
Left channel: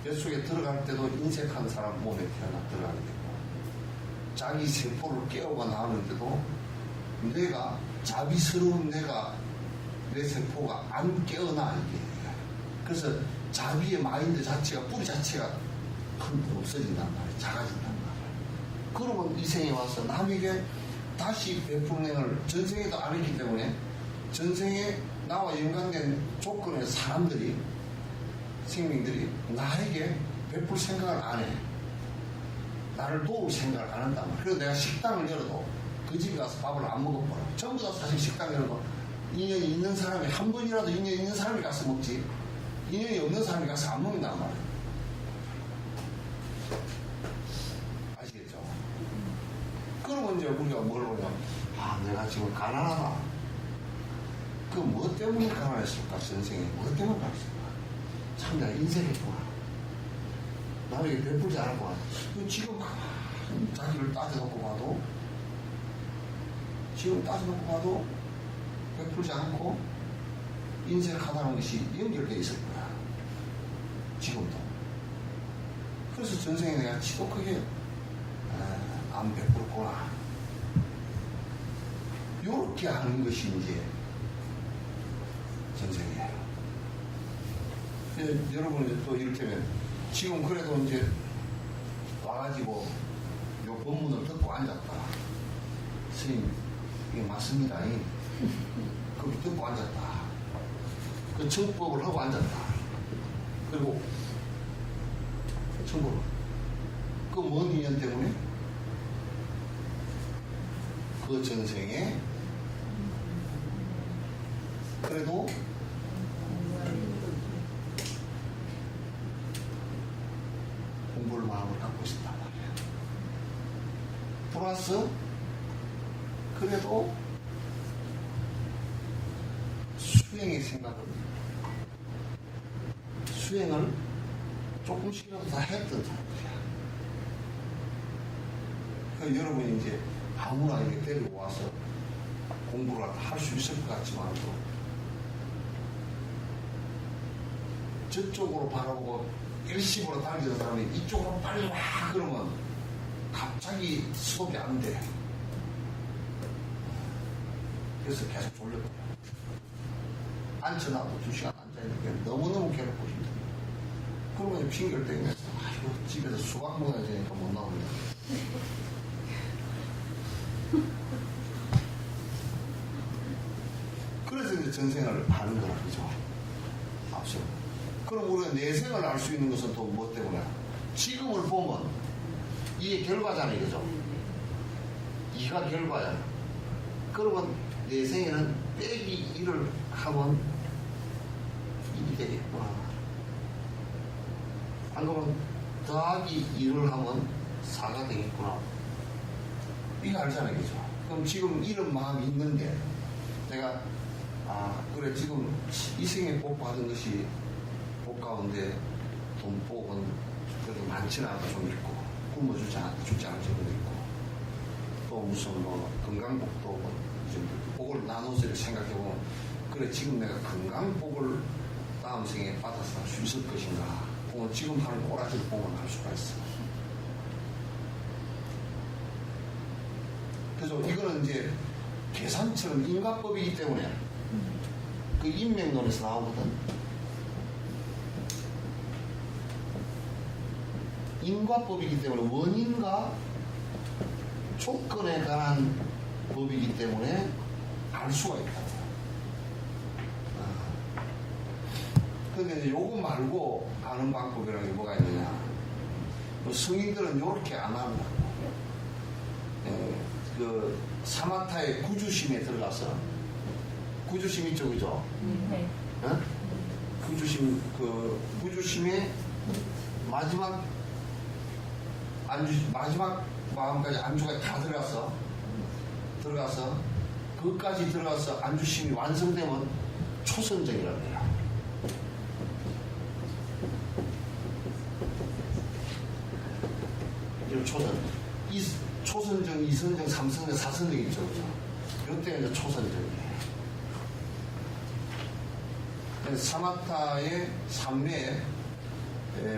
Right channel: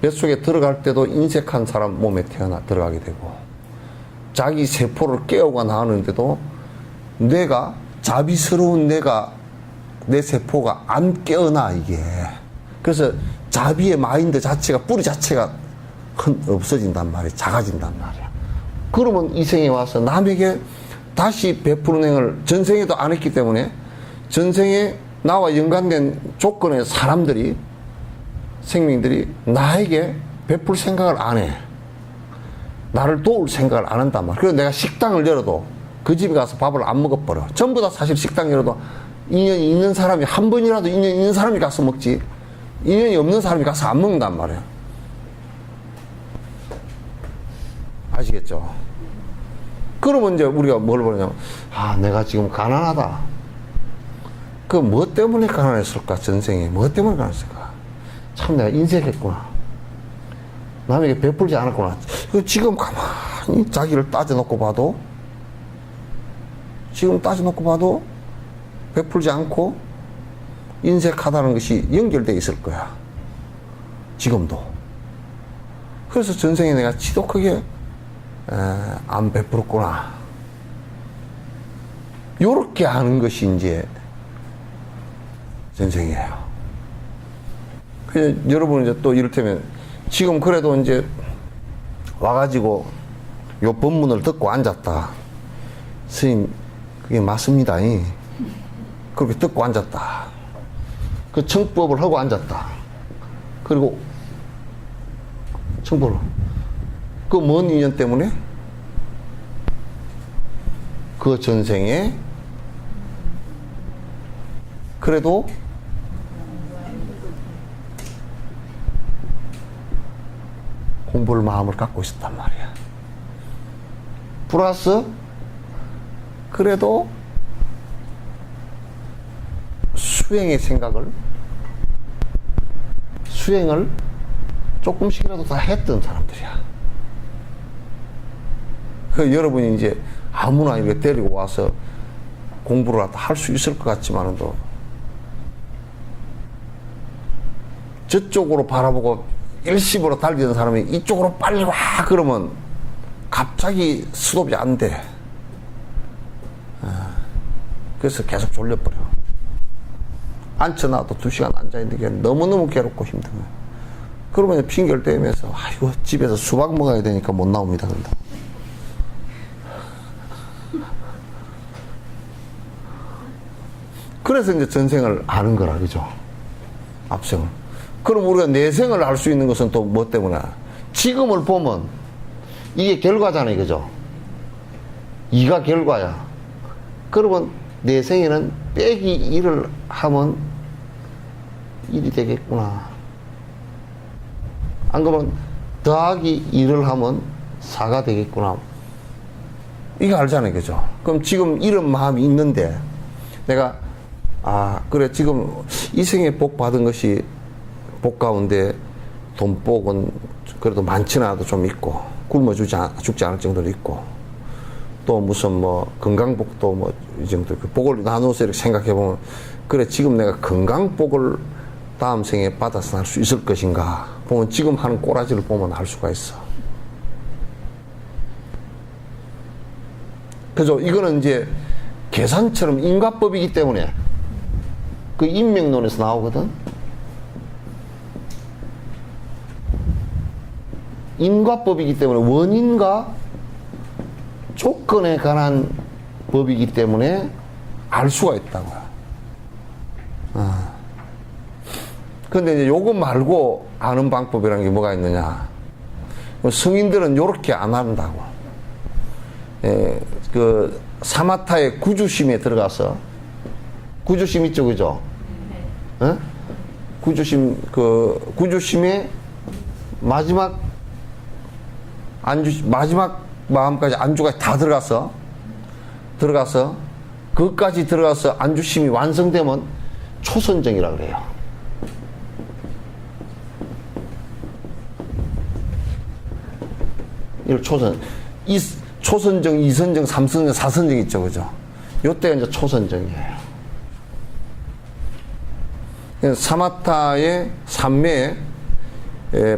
뱃속에 들어갈 때도 인색한 사람 몸에 들어가게 되고, 자기 세포를 깨우고 나오는데도 뇌가, 자비스러운 뇌가, 내 세포가 안 깨어나, 이게. 그래서 자비의 마인드 자체가, 뿌리 자체가 없어진단 말이야. 작아진단 말이야. 그러면 이 생에 와서 남에게 다시 베푸는 행을 전생에도 안 했기 때문에, 전생에 나와 연관된 조건의 사람들이, 생명들이 나에게 베풀 생각을 안 해. 나를 도울 생각을 안 한단 말이야. 그래서 내가 식당을 열어도 그 집에 가서 밥을 안 먹어버려. 전부 다 사실 식당 열어도 인연이 있는 사람이, 한 번이라도 인연이 있는 사람이 가서 먹지, 인연이 없는 사람이 가서 안 먹는단 말이야. 아시겠죠? 그러면 이제 우리가 뭘 보냐면, 내가 지금 가난하다. 그 뭐 때문에 가난했을까? 전생에 뭐 때문에 가난했을까? 참 내가 인색했구나. 남에게 베풀지 않았구나. 지금 가만히 자기를 따져놓고 봐도, 베풀지 않고 인색하다는 것이 연결되어 있을 거야. 지금도. 그래서 전생에 내가 지독하게 안 베풀었구나. 요렇게 하는 것이 이제 전생이에요. 그래서 여러분 이제 또 이를테면 지금 그래도 이제 와가지고 요 법문을 듣고 앉았다. 스님, 그게 맞습니다. 그렇게 듣고 앉았다. 그 청법을 하고 앉았다. 그리고 청법을. 그 먼 인연 때문에 그 전생에 그래도 공부를 마음을 갖고 있었단 말이야. 플러스 그래도 수행의 생각을, 수행을 조금씩이라도 다 했던 사람들이야. 그 여러분이 이제 아무나 이렇게 데리고 와서 공부를 할 수 있을 것 같지만도 저쪽으로 바라보고 일심으로 달리는 사람이 이쪽으로 빨리 와 그러면 갑자기 스톱이 안 돼. 그래서 계속 졸려버려. 앉혀놔도 2시간 앉아있는 게 너무너무 괴롭고 힘든 거야. 그러면 핑계를 대면서 아이고 집에서 수박 먹어야 되니까 못 나옵니다. 근데. 그래서 이제 전생을 아는 거라 그죠? 앞생을. 그럼 우리가 내생을 알 수 있는 것은 또 뭐 때문에? 지금을 보면 이게 결과잖아요, 그죠? 이가 결과야. 그러면 내생에는 빼기 1을 하면 1이 되겠구나. 안 그러면 더하기 1을 하면 4가 되겠구나. 이거 알잖아요, 그죠? 그럼 지금 이런 마음이 있는데 내가 그래 지금 이 생에 복 받은 것이 복 가운데 돈복은 그래도 많지는 않아도 좀 있고 굶어 죽지 않을 정도로 있고 또 무슨 뭐 건강복도 뭐 이 정도 그 복을 나눠서 이렇게 생각해 보면 그래 지금 내가 건강복을 다음 생에 받아서 할 수 있을 것인가 보면 지금 하는 꼬라지를 보면 알 수가 있어. 그죠? 이거는 이제 계산처럼 인과법이기 때문에 그 인명론에서 나오거든. 인과법이기 때문에 원인과 조건에 관한 법이기 때문에 알 수가 있다고요. 근데 이제 요거 말고 아는 방법이라는 게 뭐가 있느냐. 성인들은 요렇게 안 한다고. 그 사마타의 구주심에 들어가서 구주심 있죠, 그죠? 네. 구주심의 마지막 마지막 마음까지 안주까지 다 들어가서 그것까지 들어가서 안주심이 완성되면 초선정이라고 그래요. 이걸 초선정, 이선정, 삼선정, 사선정 있죠, 그죠? 요때가 이제 초선정이에요. 사마타의 삼매에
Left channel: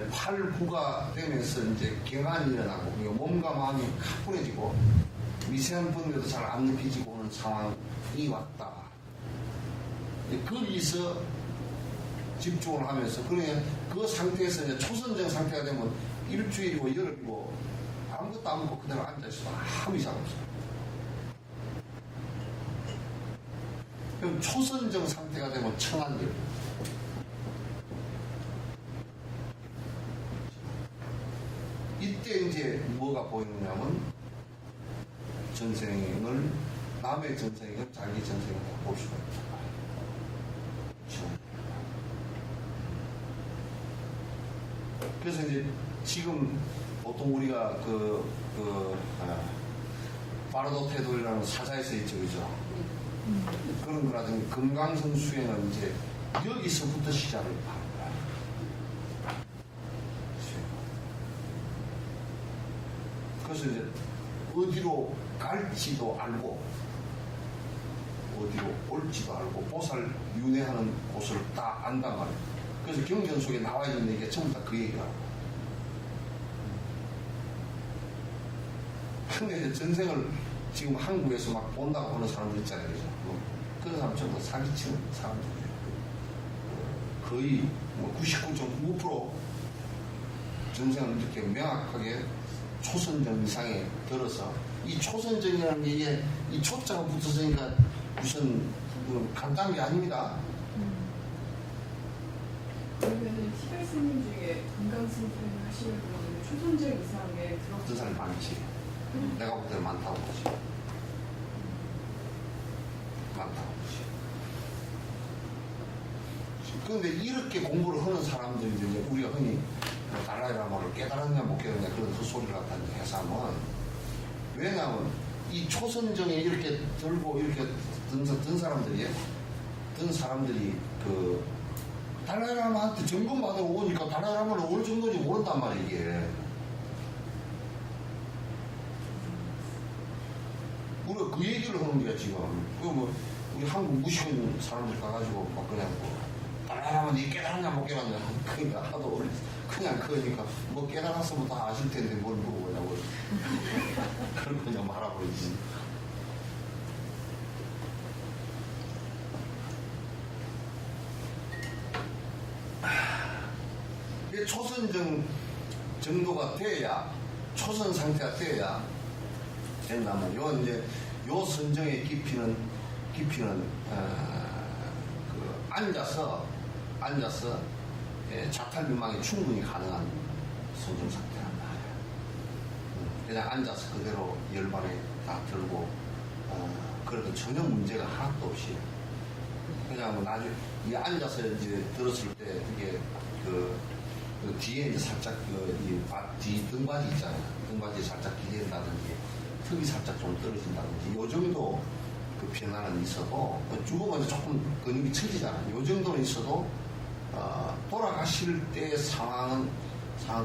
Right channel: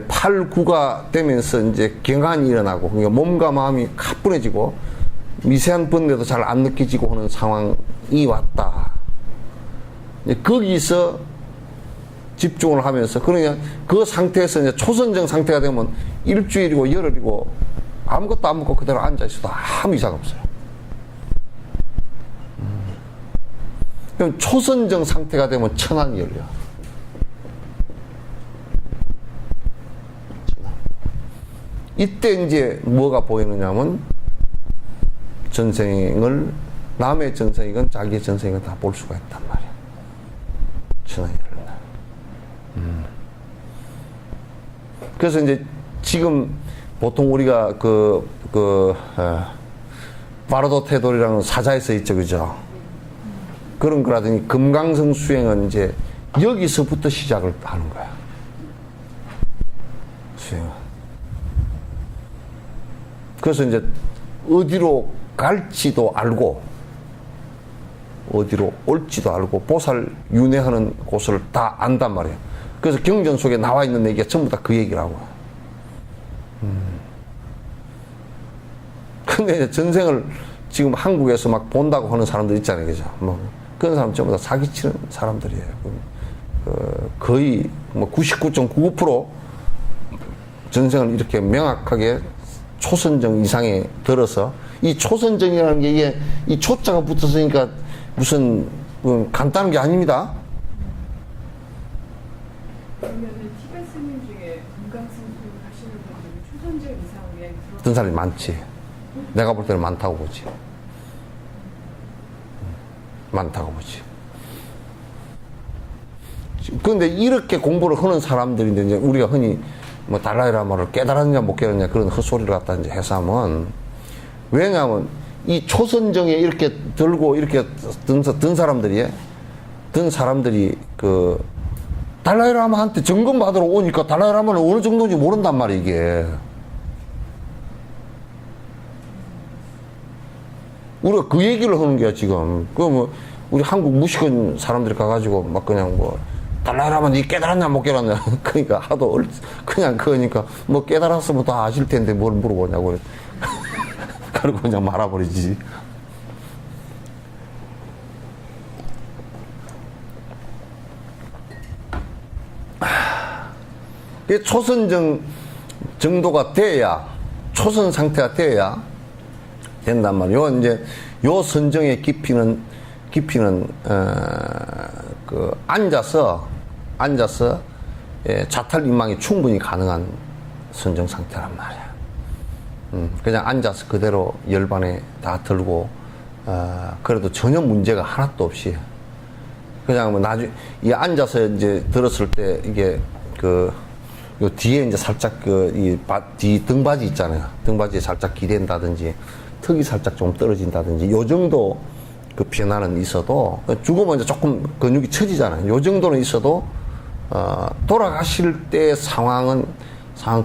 8, 9가 되면서 이제 경한이 일어나고, 그러니까 몸과 마음이 가뿐해지고, 미세한 번뇌도 잘 안 느껴지고 하는 상황이 왔다. 거기서 집중을 하면서, 그러냐, 그 상태에서 이제 초선정 상태가 되면 일주일이고 열흘이고 아무것도 안 먹고 그대로 앉아있어도 아무 이상 없어요. 그럼 초선정 상태가 되면 천안이 열려. 이때 이제 뭐가 보이느냐면 전생을 남의 전생이건 자기의 전생이건 다 볼 수가 있단 말이에요. 천안이 열린다. 그래서 이제 지금 보통 우리가 바로도 태돌이라는 사자에서 있죠, 그죠? 그런 거라더니 금강성 수행은 이제 여기서부터 시작을 하는 거야. 수행은. 그래서 이제 어디로 갈지도 알고, 어디로 올지도 알고, 보살 윤회하는 곳을 다 안단 말이에요. 그래서 경전 속에 나와 있는 얘기가 전부 다 그 얘기라고. 근데 전생을 지금 한국에서 막 본다고 하는 사람들 있잖아요, 그죠? 뭐 그런 사람 전부 다 사기치는 사람들이에요. 거의 뭐 99.99% 전생을 이렇게 명확하게 초선정 이상에 들어서, 이 초선정이라는 게 이게 이 초자가 붙었으니까 무슨 간단한 게 아닙니다. 그러면은 티베트 스님 중에 금강승 수행 하시는 분들이 초선정 이상에 어떤 사람이 많지. 내가 볼 때는 많다고 보지. 많다고 보지. 그런데 이렇게 공부를 하는 사람들인데, 이제 우리가 흔히 뭐 달라이라마를 깨달았냐 못 깨달았냐 그런 헛소리를 갖다 이제 해서 하면, 왜냐하면 이 초선정에 이렇게 들고 이렇게 든 사람들이 그 달라이라마한테 점검 받으러 오니까 달라이라마는 어느 정도인지 모른단 말이에요, 이게. 우리가 그 얘기를 하는 거야, 지금. 뭐, 우리 한국 무식한 사람들이 가가지고 막 그냥 뭐, 달라이라마 니 깨달았냐 못 깨달았냐. 그러니까 하도 그냥 그러니까 뭐 깨달았으면 다 아실 텐데 뭘 물어보냐고. 그러고 그냥 말아버리지. 이 초선정 정도가 돼야, 초선 상태가 돼야 된단 말이에요. 요 이제 요 선정의 깊이는 앉아서 예, 자탈 임망이 충분히 가능한 선정 상태란 말이야. 그냥 앉아서 그대로 열반에 다 들고, 그래도 전혀 문제가 하나도 없이, 그냥 뭐 이 앉아서 이제 들었을 때 이게 요 뒤에 이제 살짝 뒤 등받이 있잖아요. 등받이에 살짝 기댄다든지, 턱이 살짝 좀 떨어진다든지, 요 정도 그 변화는 있어도, 죽으면 이제 조금 근육이 처지잖아요. 요 정도는 있어도, 돌아가실 때 상황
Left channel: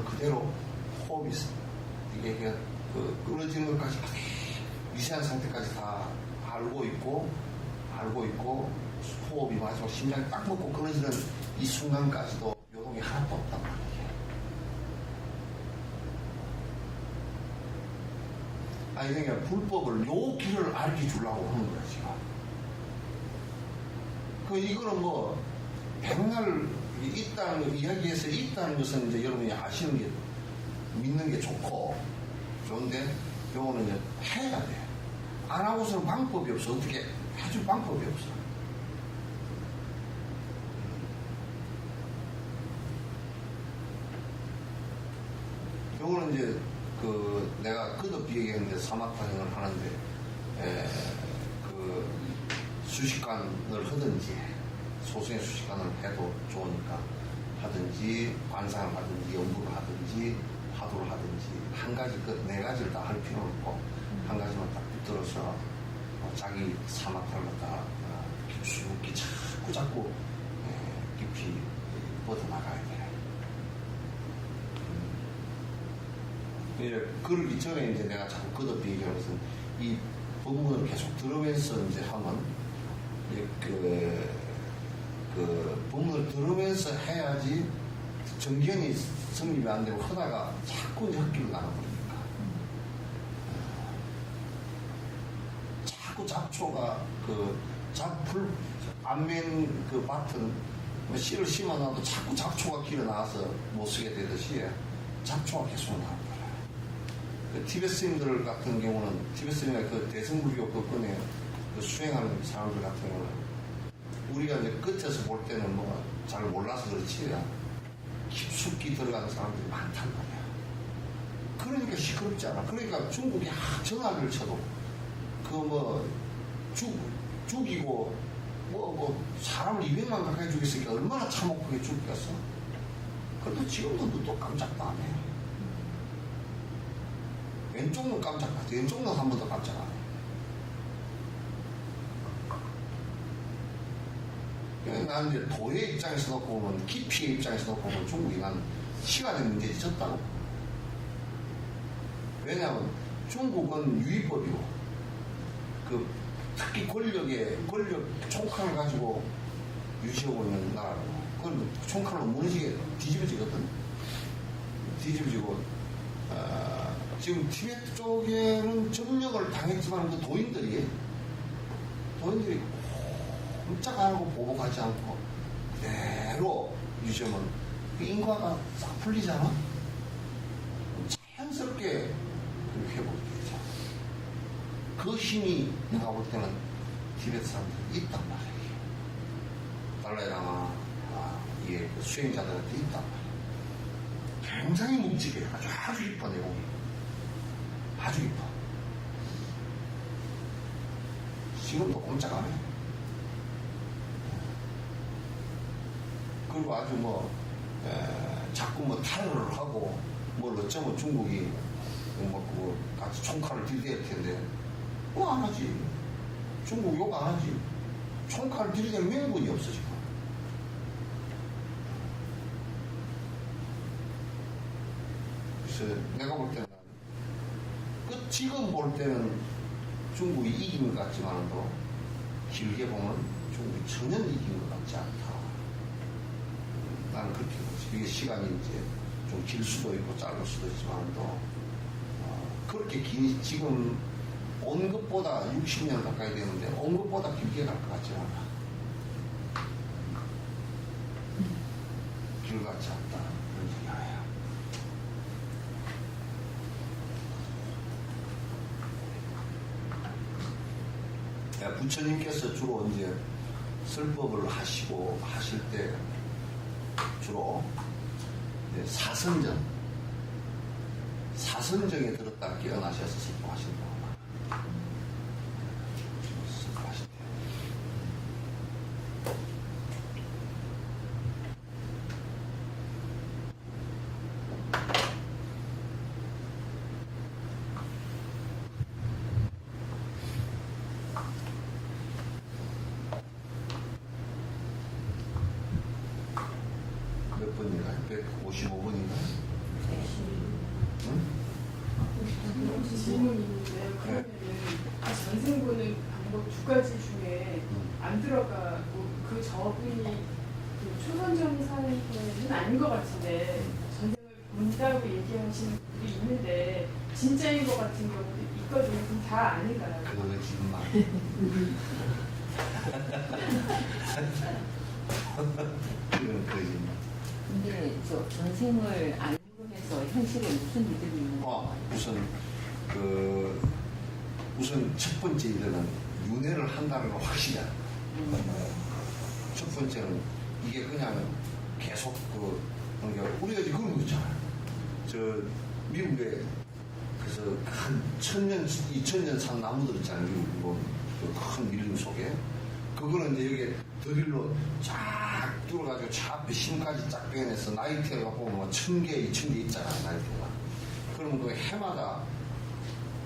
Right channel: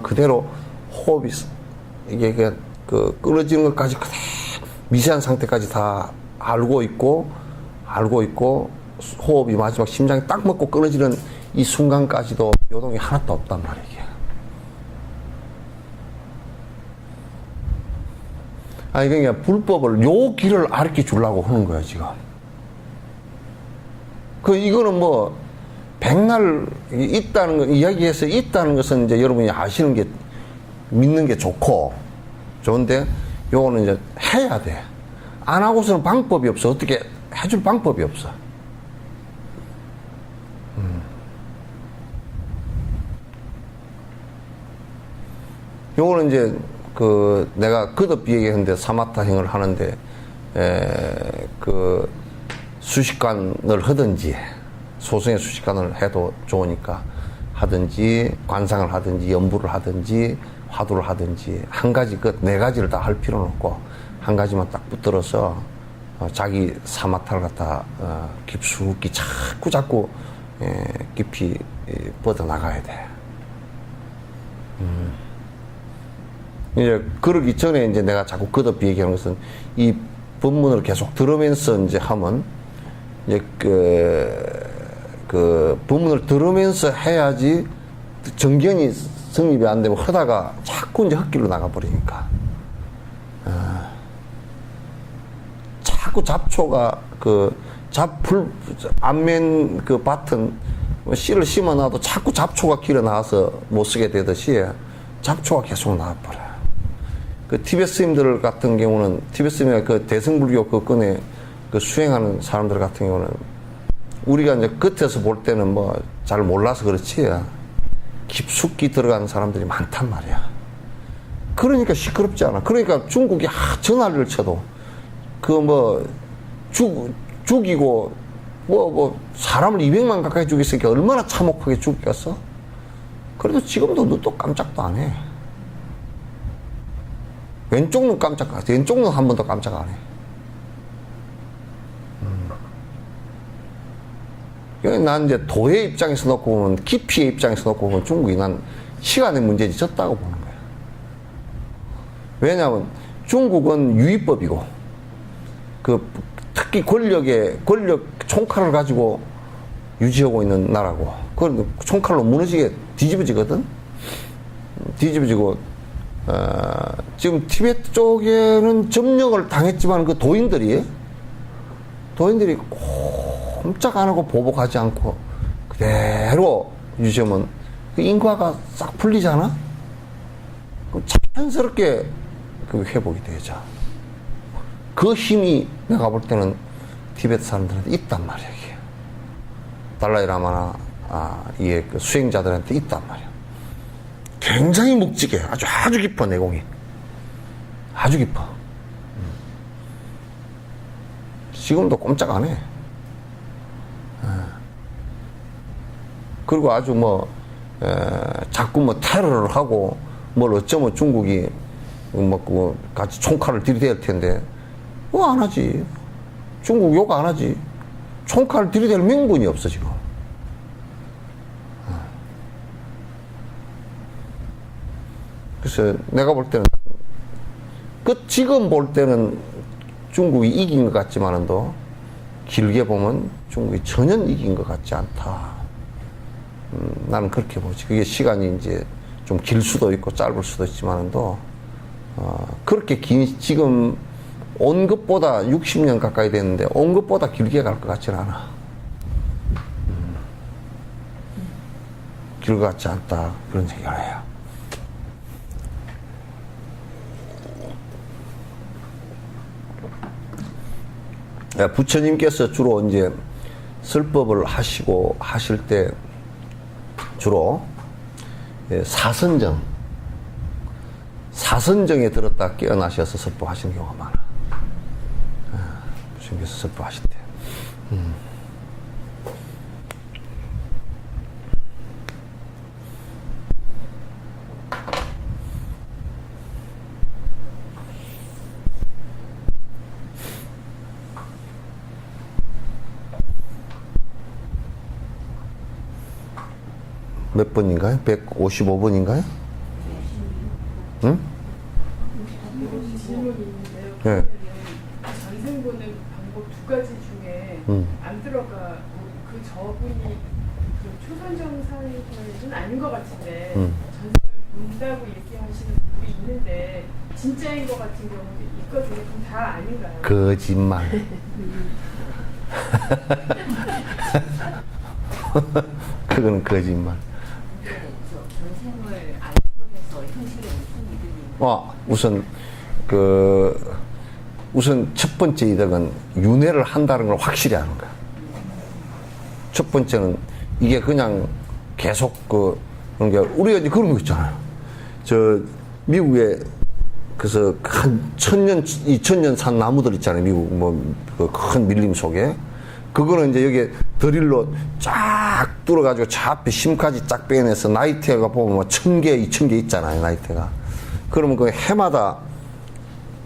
그대로 호흡이, 이게 끊어지는 것까지 그대로 미세한 상태까지 다 알고 있고, 호흡이 마지막 심장이 딱 먹고 끊어지는 이 순간까지도 요동이 하나도 없단 말이에요. 아니, 그러니까 불법을 요 길을 가르쳐 주려고 하는 거야, 지금. 이거는 뭐, 백날 있다는 거, 이야기해서 있다는 것은 이제 여러분이 아시는 게, 믿는 게 좋은데, 요거는 이제 해야 돼. 안 하고서는 방법이 없어. 어떻게 해줄 방법이 없어. 요거는 이제 내가 거듭 얘기했는데 사마타행을 하는데 수식관을 하든지 소승의 수식관을 해도 좋으니까 하든지 관상을 하든지 연부를 하든지 화두를 하든지 한 가지 네 가지를 다 할 필요는 없고 한 가지만 딱 붙들어서 자기 사마타를 갖다 깊숙이 자꾸 깊이 뻗어나가야 돼. 이제 그러기 전에 이제 내가 자꾸 거듭 얘기하는 것은 이 법문을 계속 들으면서 이제 하면 이제 그 법문을 들으면서 해야지 정견이 성립이 안 되면 하다가 자꾸 이제 헛길로 나가버리니까. 자꾸 잡초가 안면 밭은 씨를 심어놔도 자꾸 잡초가 길어 나와서 못 쓰게 되듯이 잡초가 계속 나와버려요. 티베트 스님들 같은 경우는, 티베트 스님이 대승불교 끈에 수행하는 사람들 같은 경우는, 우리가 이제 겉에서 볼 때는 뭐 잘 몰라서 그렇지, 깊숙이 들어가는 사람들이 많단 말이야. 그러니까 시끄럽지 않아. 그러니까 중국이 전화를 쳐도, 죽이고, 사람을 200만 가까이 죽였으니까 얼마나 참혹하게 죽였어? 그래도 지금도 눈도 깜짝도 안 해. 왼쪽 눈 왼쪽 눈 한 번도 깜짝 안 해. 난 이제 도의 입장에서 놓고 보면, 깊이의 입장에서 놓고 보면 중국이 난 시간의 문제지 졌다고 보는 거야. 왜냐하면 중국은 유의법이고, 특히 권력 총칼을 가지고 유지하고 있는 나라고, 그걸 총칼로 무너지게 뒤집어지거든? 뒤집어지고, 지금 티베트 쪽에는 점령을 당했지만 도인들이 꼼짝 안 하고 보복하지 않고 그대로 유지하면 인과가 싹 풀리잖아? 그럼 자연스럽게 회복이 되죠. 그 힘이 내가 볼 때는 티베트 사람들한테 있단 말이야, 이게. 달라이라마나, 이게 수행자들한테 있단 말이야. 굉장히 묵직해. 아주 깊어, 내공이. 아주 깊어. 지금도 꼼짝 안 해. 그리고 아주 자꾸 테러를 하고, 어쩌면 중국이 같이 총칼을 들이댈 텐데, 안 하지. 중국 욕 안 하지. 총칼을 들이댈 명분이 없어, 지금. 그래서 내가 볼 때는, 지금 볼 때는 중국이 이긴 것 같지만도, 길게 보면 중국이 전혀 이긴 것 같지 않다. 나는 그렇게 보지. 그게 시간이 이제 좀 길 수도 있고 짧을 수도 있지만도, 그렇게 지금 온 것보다 60년 가까이 됐는데, 온 것보다 길게 갈 것 같지는 않아. 길 같지 않다. 그런 얘기를 해요. 부처님께서 주로 이제 설법을 하실 때 주로 사선정에 들었다 깨어나셔서 설법하시는 경우가 많아요. 부처님께서 설법하실 때. 몇 번인가요? 155번인가요? 응? 질문이 있는데요. 네. 그러면은 그 전생 보는 방법 두 가지 중에 안 들어가 그 저분이 그 초선정 사이에는 아닌 것 같은데 전생을 본다고 얘기하시는 분들이 있는데 진짜인 것 같은 경우도 있거든요. 그럼 다 아닌가요? 거짓말. 그건 거짓말. 근데 저 전생을 안으로 해서 현실에 무슨 이득이 있는 우선 첫 번째 이득은 윤회를 한다는 걸 확실히 아는 거야. 첫 번째는 이게 그냥 계속 그런 게 우리가 이제 그런 거 있잖아요. 저 미국에 그래서 한 1000년, 2000년 산 나무들 있잖아요. 미국 그 큰 밀림 속에. 그거는 이제 여기에 드릴로 쫙 뚫어가지고 저 앞에 심까지 쫙 빼내서 나이테가 보면 1000개, 2000개 있잖아요. 나이테가. 그러면 그 해마다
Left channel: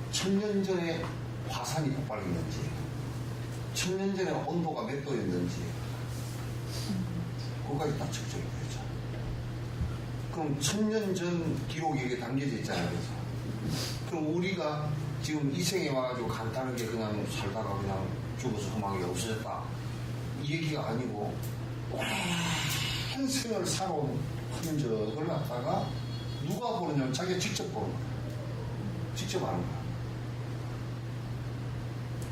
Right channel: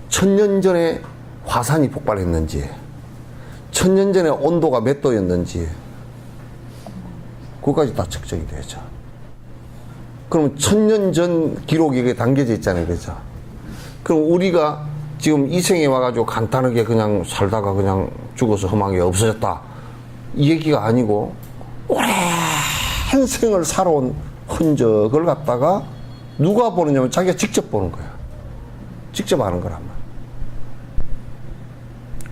1000년 전에 화산이 폭발했는지, 1000년 전에 온도가 몇 도였는지, 그거까지 다 측정이 되죠. 그럼 1000년 전 기록이 이게 담겨져 있잖아요. 그죠? 그럼 우리가 지금 이 생에 와가지고 간단하게 그냥 살다가 그냥 죽어서 험하게 없어졌다. 이 얘기가 아니고, 오랜 생을 살아온 흔적을 갖다가 누가 보느냐면 자기가 직접 보는 거야. 직접 아는 거란 말이야.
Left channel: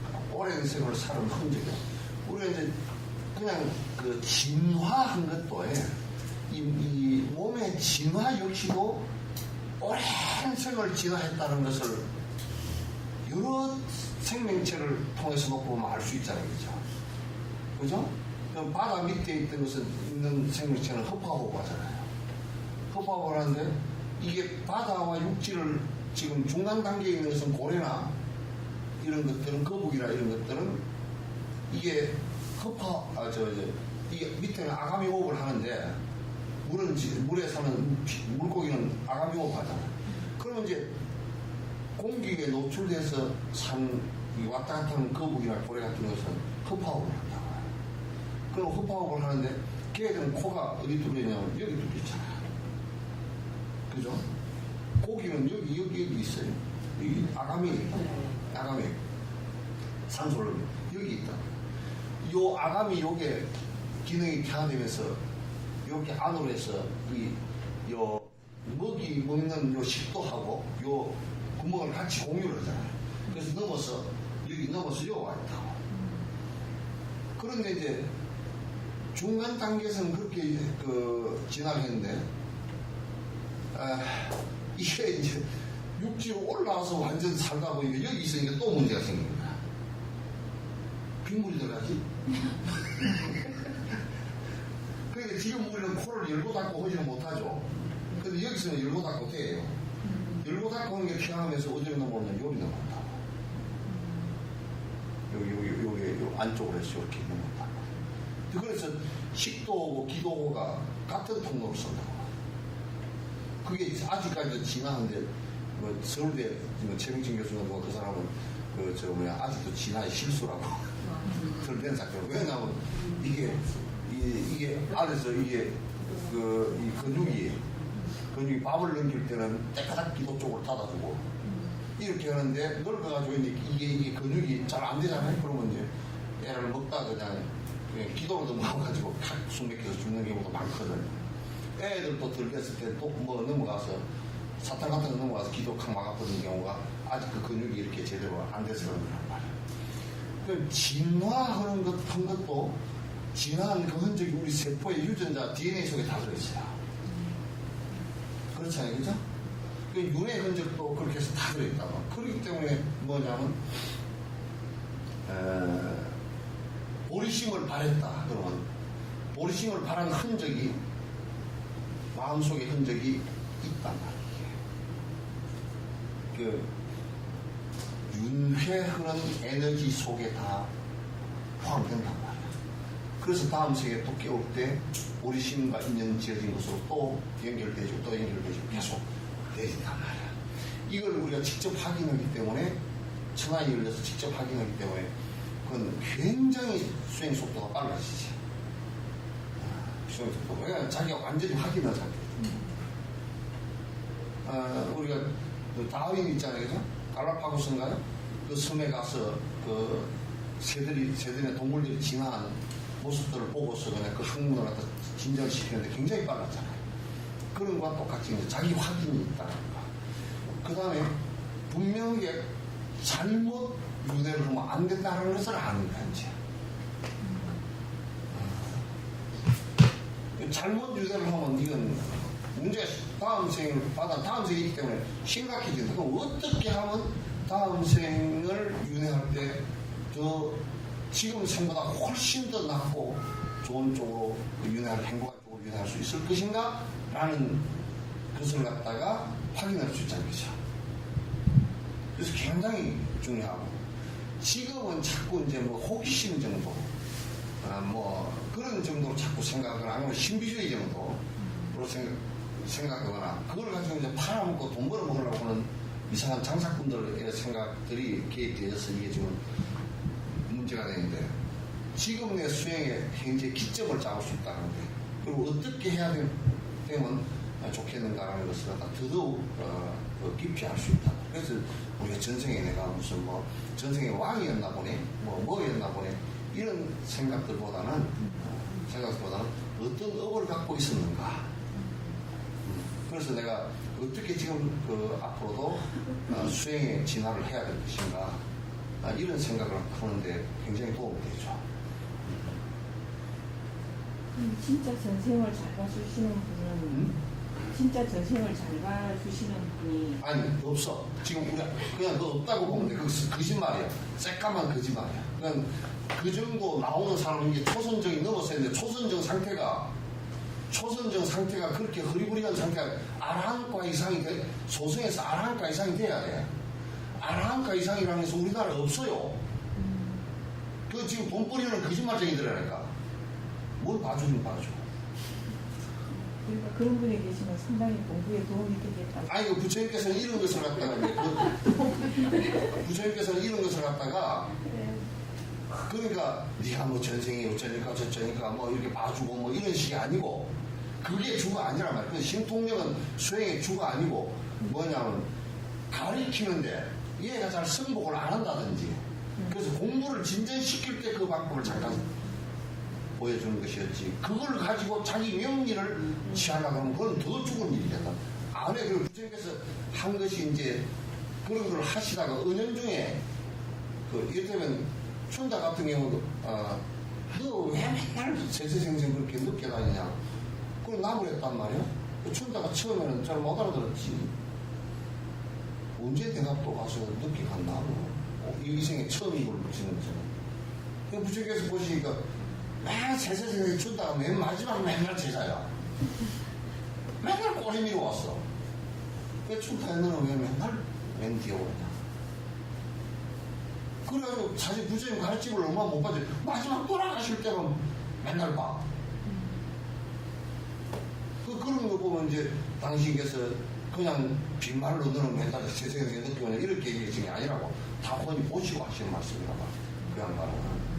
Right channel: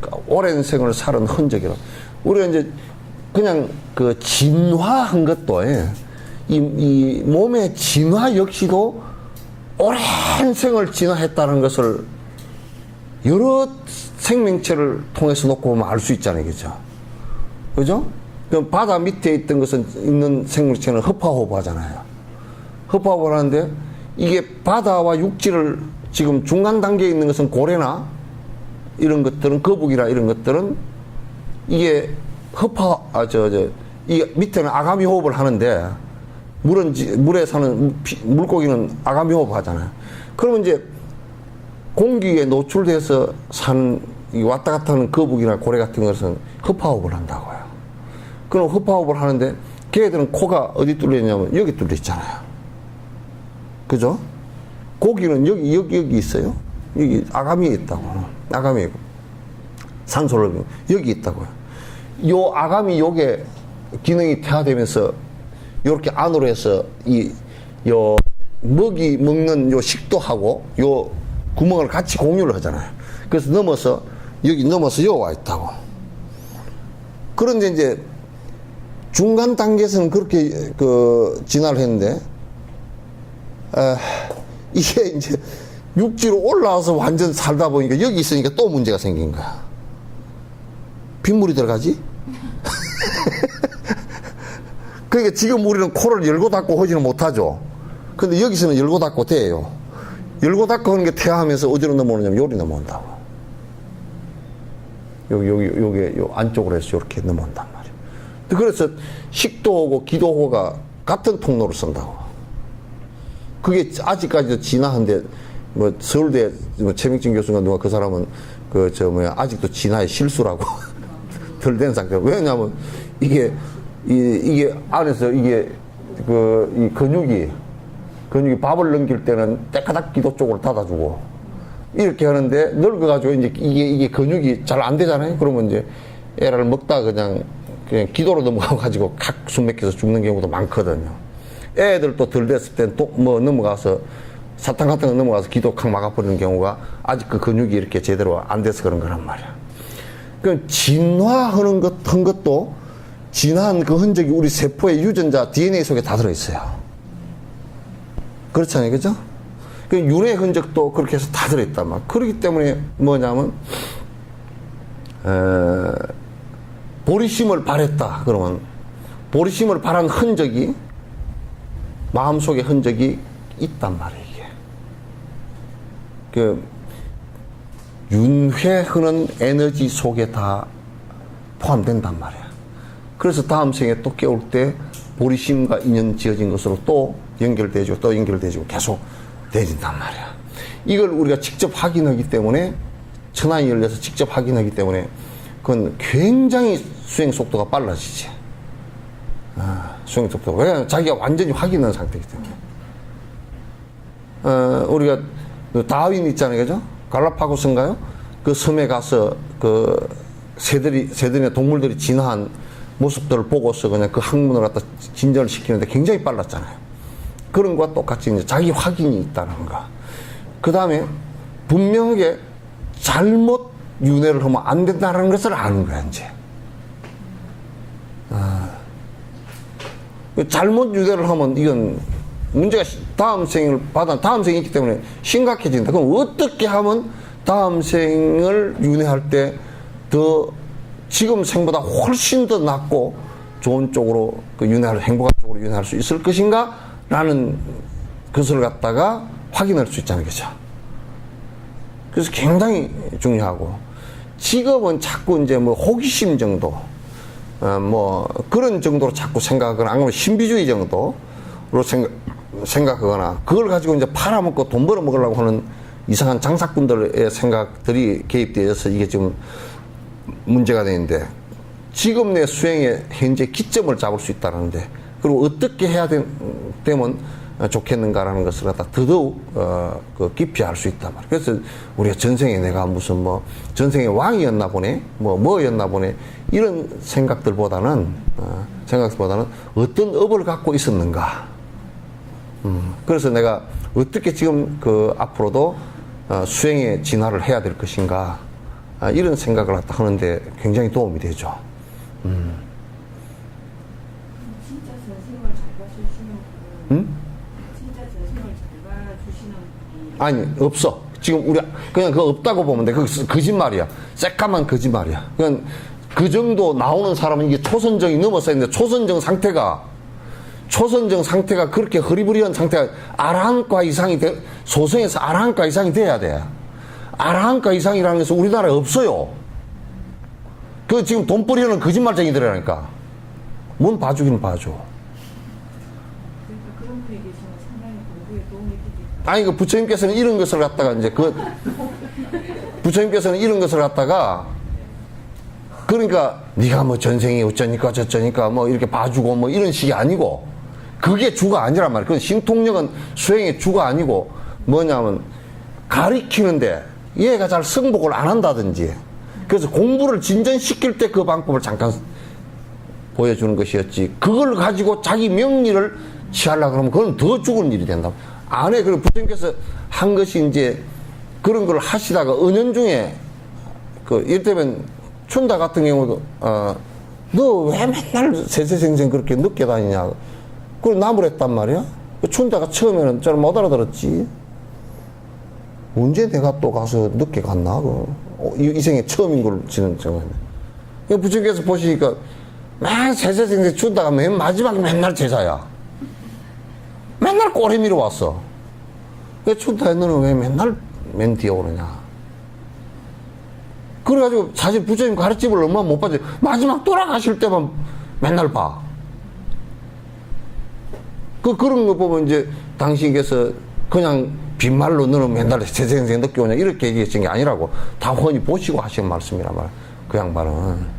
그러니까 오랜 생을 살은 흔적이라. 우리가 이제 그냥 그 진화한 것도, 이 몸의 진화 역시도 오랜 생을 진화했다는 것을 여러 생명체를 통해서 놓고 보면 알 수 있잖아요. 그죠? 그죠? 그럼 바다 밑에 있던 것은 있는 생물체는 허파호흡 하잖아요. 허파호흡을 하는데 이게 바다와 육지를 지금 중간 단계에 있는 것은 고래나 이런 것들은 거북이나 이런 것들은 이게 이 밑에는 아가미 호흡을 하는데 물에 사는 물고기는 아가미 호흡 하잖아요. 그러면 이제 공기에 노출돼서 산 왔다 갔다 하는 거북이나 고래 같은 것은 허파호흡을 한다고요. 그럼 허파호흡을 하는데 걔들은 코가 어디 뚫려 있냐면 여기 뚫려 있잖아요. 그죠? 고기는 여기 있어요. 여기 아가미에 있다고. 아가미에 산소를 여기 있다고요. 요 아가미 요게 기능이 퇴화되면서 이렇게 안으로 해서 요 먹이 먹는 요 식도하고 요 구멍을 같이 공유를 하잖아요. 그래서 여기 넘어서 여기 와 있다고. 그런데 이제 중간 단계에서는 그렇게 진화를 했는데, 이게 이제 육지로 올라와서 완전 살다 보니까 여기 있으니까 또 문제가 생긴 거야. 빗물이 들어가지? 그러니까 지금 우리는 코를 열고 닫고 하지는 못하죠. 근데 여기서는 열고 닫고 돼요. 열고 닫고 하는 게 퇴화하면서 어디로 넘어오냐면 요리 넘어온다고. 여기 안쪽으로 해서 이렇게 넘어온단 말이에요. 그래서 식도호고 기도호가 같은 통로를 쓴다고. 그게 아직까지도 진화한데, 서울대 최명진 교수가 누가 그 사람은 아직도 진화의 실수라고 덜 된 상태고. 왜냐하면 이게 안에서 이 근육이 밥을 넘길 때는 때까닥 기도 쪽으로 닫아주고 이렇게 하는데 늙어가지고 이제 이게 근육이 잘 안 되잖아요. 그러면 이제 애를 먹다가 그냥 기도로 넘어가가지고 각 숨 막혀서 죽는 경우도 많거든요. 애들도 덜 됐을 땐 또 넘어가서 사탕 같은 거 넘어가서 기도 칵 막아버리는 경우가 아직 그 근육이 이렇게 제대로 안 돼서 그런 거란 말이야. 그럼 진화하는 것도 진화한 그 흔적이 우리 세포의 유전자 DNA 속에 다 들어있어요. 그렇잖아요. 그죠? 그 윤회 흔적도 그렇게 해서 다 들어있단 말이에요. 그렇기 때문에 뭐냐면, 보리심을 바랬다. 그러면, 보리심을 바란 흔적이, 마음속의 흔적이 있단 말이에요, 이게. 그, 윤회 흐는 에너지 속에 다 포함된단 말이야. 그래서 다음 생에 또 깨울 때 보리심과 인연 지어진 것으로 또 연결되고 또 연결되고 계속 되진단 말이야. 이걸 우리가 직접 확인하기 때문에, 천안이 열려서 직접 확인하기 때문에 그건 굉장히 수행 속도가 빨라지지. 수행 속도가. 왜냐하면 자기가 완전히 확인한 상태이기 때문에. 우리가 그 다윈 있잖아요. 그죠? 갈라파고스인가요? 그 섬에 가서 그 새들이나 동물들이 진화한 모습들을 보고서 그냥 그 학문을 갖다 진전을 시키는데 굉장히 빨랐잖아요. 그런 것과 똑같이 이제 자기 확인이 있다는 거. 그 다음에 분명하게 잘못 윤회를 하면 안 된다는 것을 아는 거야, 이제. 잘못 윤회를 하면 이건 문제가 다음 생이 있기 때문에 심각해진다. 그럼 어떻게 하면 다음 생을 윤회할 때 더 지금 생보다 훨씬 더 낫고 좋은 쪽으로 행복한 쪽으로 윤회할 수 있을 것인가? 라는 것을 갖다가 확인할 수 있잖아요. 그죠? 그래서 굉장히 중요하고, 직업은 자꾸 이제 뭐 호기심 정도, 뭐 그런 정도로 자꾸 생각하거나, 아니면 신비주의 정도로 생각하거나, 그걸 가지고 이제 팔아먹고 돈 벌어먹으려고 하는 이상한 장사꾼들의 생각들이 개입되어서 이게 지금 문제가 되는데, 지금 내 수행의 현재 기점을 잡을 수 있다는데, 그리고 어떻게 해야 되면 좋겠는가라는 것을 갖다 더더욱 깊이 알 수 있단 말이에요. 그래서 우리가 전생에 내가 무슨 뭐 전생에 왕이었나 보네, 뭐였나 보네, 이런 생각들보다는 어떤 업을 갖고 있었는가. 그래서 내가 어떻게 지금 앞으로도 수행의 진화를 해야 될 것인가, 이런 생각을 갖다 하는데 굉장히 도움이 되죠. 진짜 전생을 잘 봐주시는 분은 진짜 전생을 잘 봐주시는 분이 아니, 없어. 지금 우리 그냥 그거 없다고 보면 돼. 그거 거짓말이야. 새까만 거짓말이야. 그냥 그 정도 나오는 사람은 이게 초선정이 넘어서 있는데, 초선정 상태가 그렇게 허리부리한 상태가 아라한과 이상이 소성에서 아라한과 이상이 돼야 돼. 아라한과 이상이라는 것은 우리나라에 없어요. 그 지금 돈벌이는 거짓말쟁이들이라니까. 뭔 봐주기는 봐줘. 그러니까 그런 분이 계시면 상당히 공부에 도움이 되겠다. 아니, 그 부처님께서는 이런 것을 갖다가 이제 부처님께서는 이런 것을 갖다가, 그러니까 네가 뭐 전생이 어쩌니까 저쩌니까 뭐 이렇게 봐주고 뭐 이런 식이 아니고, 그게 주가 아니란 말이야. 그 신통력은 수행의 주가 아니고 뭐냐면 가리키는데 얘가 잘 승복을 안 한다든지, 그래서 공부를 진전시킬 때 그 방법을 잠깐 보여주는 것이었지, 그걸 가지고 자기 명리를 취하려고 그러면 그건 더 죽을 일이 된다. 안에 그리고 부처님께서 한 것이 이제 그런 걸 하시다가 은연중에 이를테면 춘다 같은 경우도 너 왜 맨날 세세생생 그렇게 늦게 다니냐, 그걸 나무랬단 말이야. 춘다가 처음에는 잘 못 알아들었지. 언제 내가 또 가서 늦게 갔나? 이 생에 처음인 걸 지는 정말. 부처님께서 보시니까 맨 세세생생 춘다가 맨 마지막에 맨날 제자야. 맨날 꼬리 밀어 왔어. 왜 춘다야, 너는 왜 맨날 맨 뒤에 오느냐? 그래가지고 사실 부처님 가르침을 얼마 못 받지. 마지막 돌아가실 때만 맨날 봐. 그런 거 보면 이제 당신께서 그냥 빈말로 너는 맨날 세생생 늦게 오냐 이렇게 얘기하신 게 아니라고 다 훤히 보시고 하시는 말씀이란 말. 그 양반은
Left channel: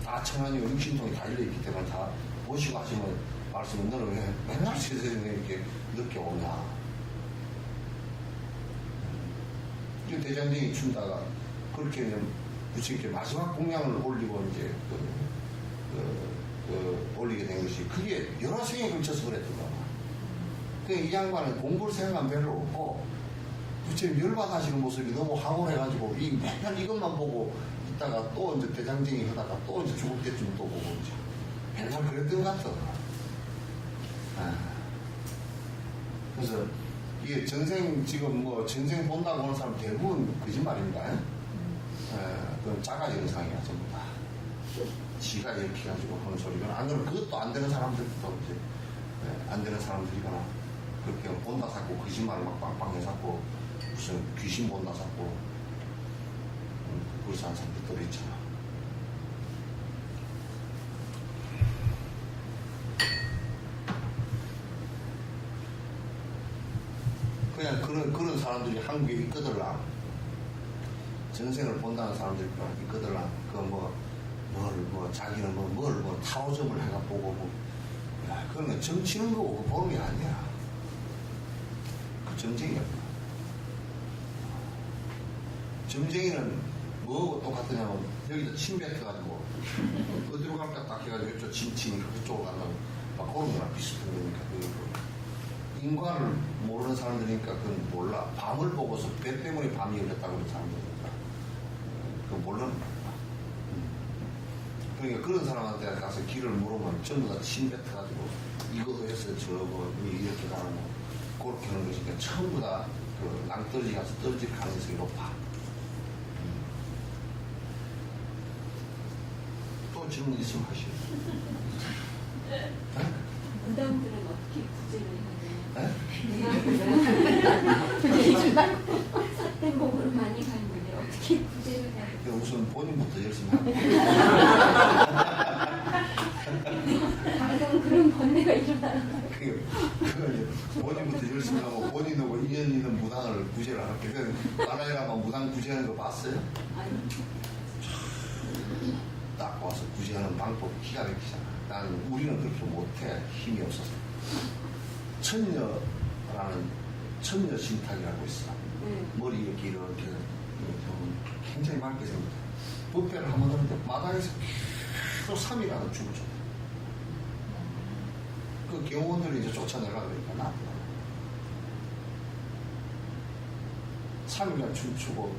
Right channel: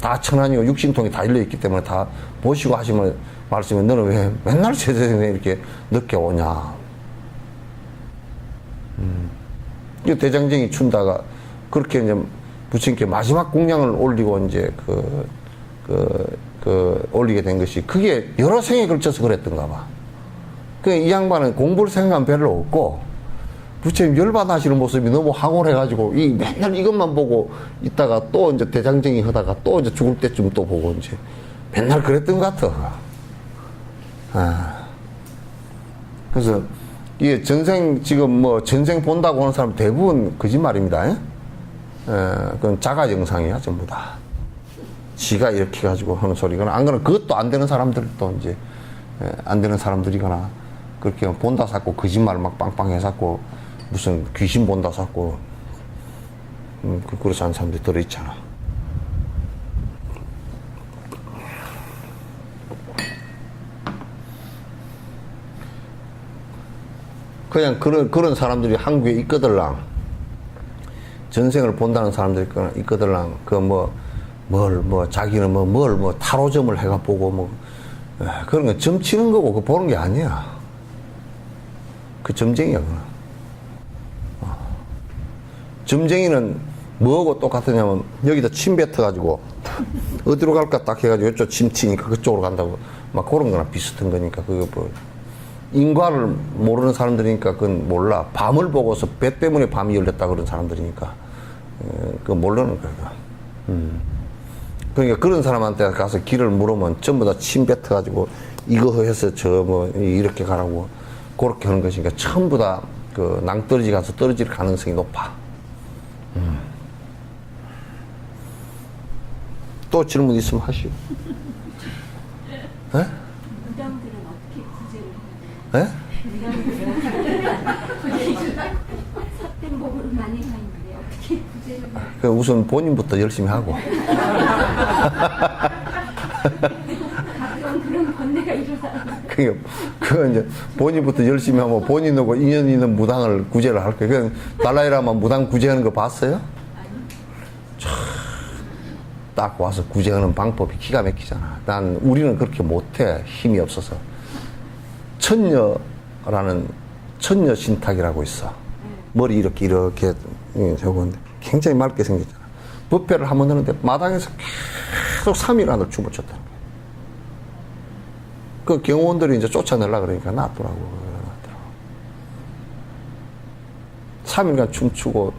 다 천안이고 육신통이 다 일려있기 때문에 다 보시고 하시면 말씀이, 너는 왜 맨날 세생생 이렇게 늦게 오냐. 이 대장정이 춘다가 그렇게 이제 부처님께 마지막 공양을 올리고 이제 올리게 된 것이, 그게 여러 생에 걸쳐서 그랬던가 봐. 이 양반은 공부를 생각한 별로 없고, 부처님 열받아하시는 모습이 너무 황홀해가지고, 맨날 이것만 보고 있다가 또 이제 대장정이 하다가 또 이제 죽을 때쯤 또 보고 이제 맨날 그랬던 것 같아. 그래서 이게 전생 지금 뭐 전생 본다고 하는 사람 대부분 거짓말입니다. 예? 그건 자가 영상이야 전부 다. 지가 이렇게 가지고 하는 소리거나 안 그러면 그것도 안 되는 사람들도 이제 안 되는 사람들이거나 그렇게 본다 샀고 거짓말 막 빵빵 해갖고 무슨 귀신 본다 샀고 그렇게 하는 사람들이 들어있잖아. 그냥 그런 사람들이 한국에 있거들랑 전생을 본다는 사람들이 있거들랑 자기는 뭘 타로점을 해가 보고 뭐 그런 거 점치는 거고 그거 보는 게 아니야. 그 점쟁이야 그거. 점쟁이는 뭐하고 똑같으냐면 여기다 침 뱉어가지고 어디로 갈까 딱 해가지고 이쪽 침 튀니까 그쪽으로 간다고 막 그런 거나 비슷한 거니까 그거 뭐 인과를 모르는 사람들이니까 그건 몰라. 밤을 보고서 배 때문에 밤이 열렸다 그런 사람들이니까 그거 모르는 거야. 그러니까 그런 사람한테 가서 길을 물으면 전부 다 침 뱉어가지고 이거 해서 저 뭐 이렇게 가라고 그렇게 하는 것이니까 전부 다 그 낭떠러지 가서 떨어질 가능성이 높아. 또 질문 있으면 하시오. 에? 무당들은 어떻게 구제를 하나요? 에? 구제를 삿된 몸으로 많이 가는데 어떻게 구제를 하나요? 그 우선 본인부터 열심히 하고. 가끔 그런 번뇌가 일어나요. 그거 이제 본인부터 열심히 하고 본인하고 인연 있는 무당을 구제를 할 거예요. 달라이라마 무당 구제하는 거 봤어요? 딱 와서 구제하는 방법이 기가 막히잖아. 우리는 그렇게 못해. 힘이 없어서. 천녀라는 천녀 신탁이라고 있어. 머리 이렇게 하고 굉장히 맑게 생겼잖아. 부패를 한번 하는데 마당에서 계속 3일 안을 춤을 췄다. 그 경호원들이 이제 쫓아내려고 그러니까 놔두라고. 3일간 춤추고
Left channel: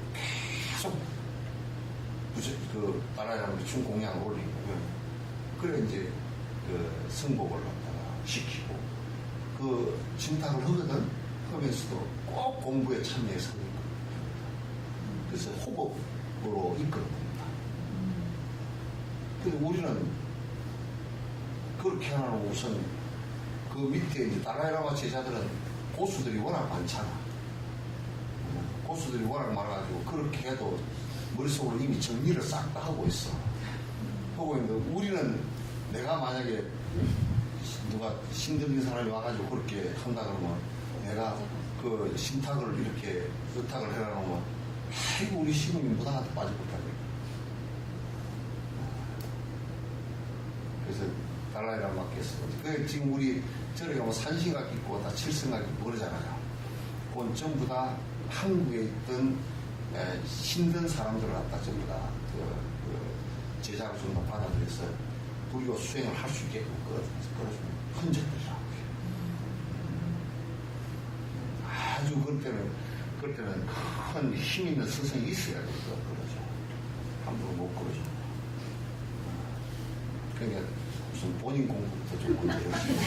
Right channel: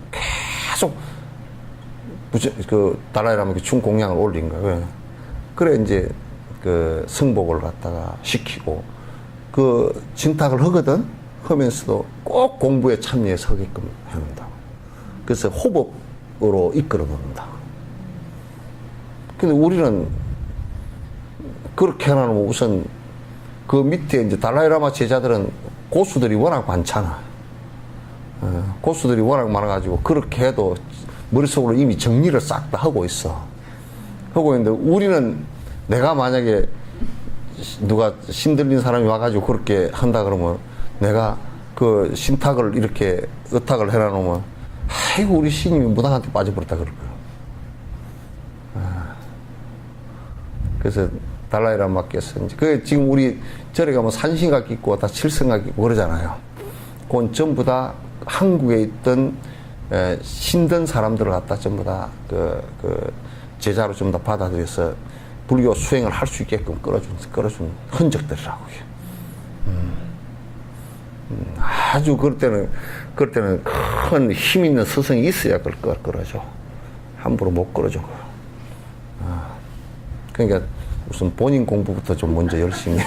계속 그 달라이라마 춤 공양을 올린 거예요. 그래 이제 그 승복을 갖다가 시키고 그 진탁을 하거든. 하면서도 꼭 공부에 참여해서 하게끔 합니다. 그래서 호법으로 이끌어 봅니다. 근데 우리는 그렇게 해놓으면 우선 그 밑에 이제 달라이라마 제자들은 고수들이 워낙 많잖아. 고수들이 워낙 많아가지고 그렇게 해도 머릿속으로 이미 정리를 싹 다 하고 있어. 하고 있는데 우리는 내가 만약에 누가 신들린 사람이 와가지고 그렇게 한다 그러면 내가 그 신탁을 이렇게 의탁을 해놔놓으면 아이고 우리 신임이 무당한테 빠져버렸다 그럴 거야. 그래서 달라이라마께서 이제 그 지금 우리 절에 가면 산신각 있고 다 칠성각 있고 그러잖아요. 그건 전부 다 한국에 있던 신든 사람들을 갖다 전부 다 그 제자로 전부 다 받아들여서 불교 수행을 할 수 있게끔 끌어준 흔적들이라고요. 아주 그럴 때는 큰 힘 있는 스승이 있어야 그걸 끌어줘. 함부로 못 끌어준 거야. 그러니까 우선 본인 공부부터 좀 먼저 열심히 해.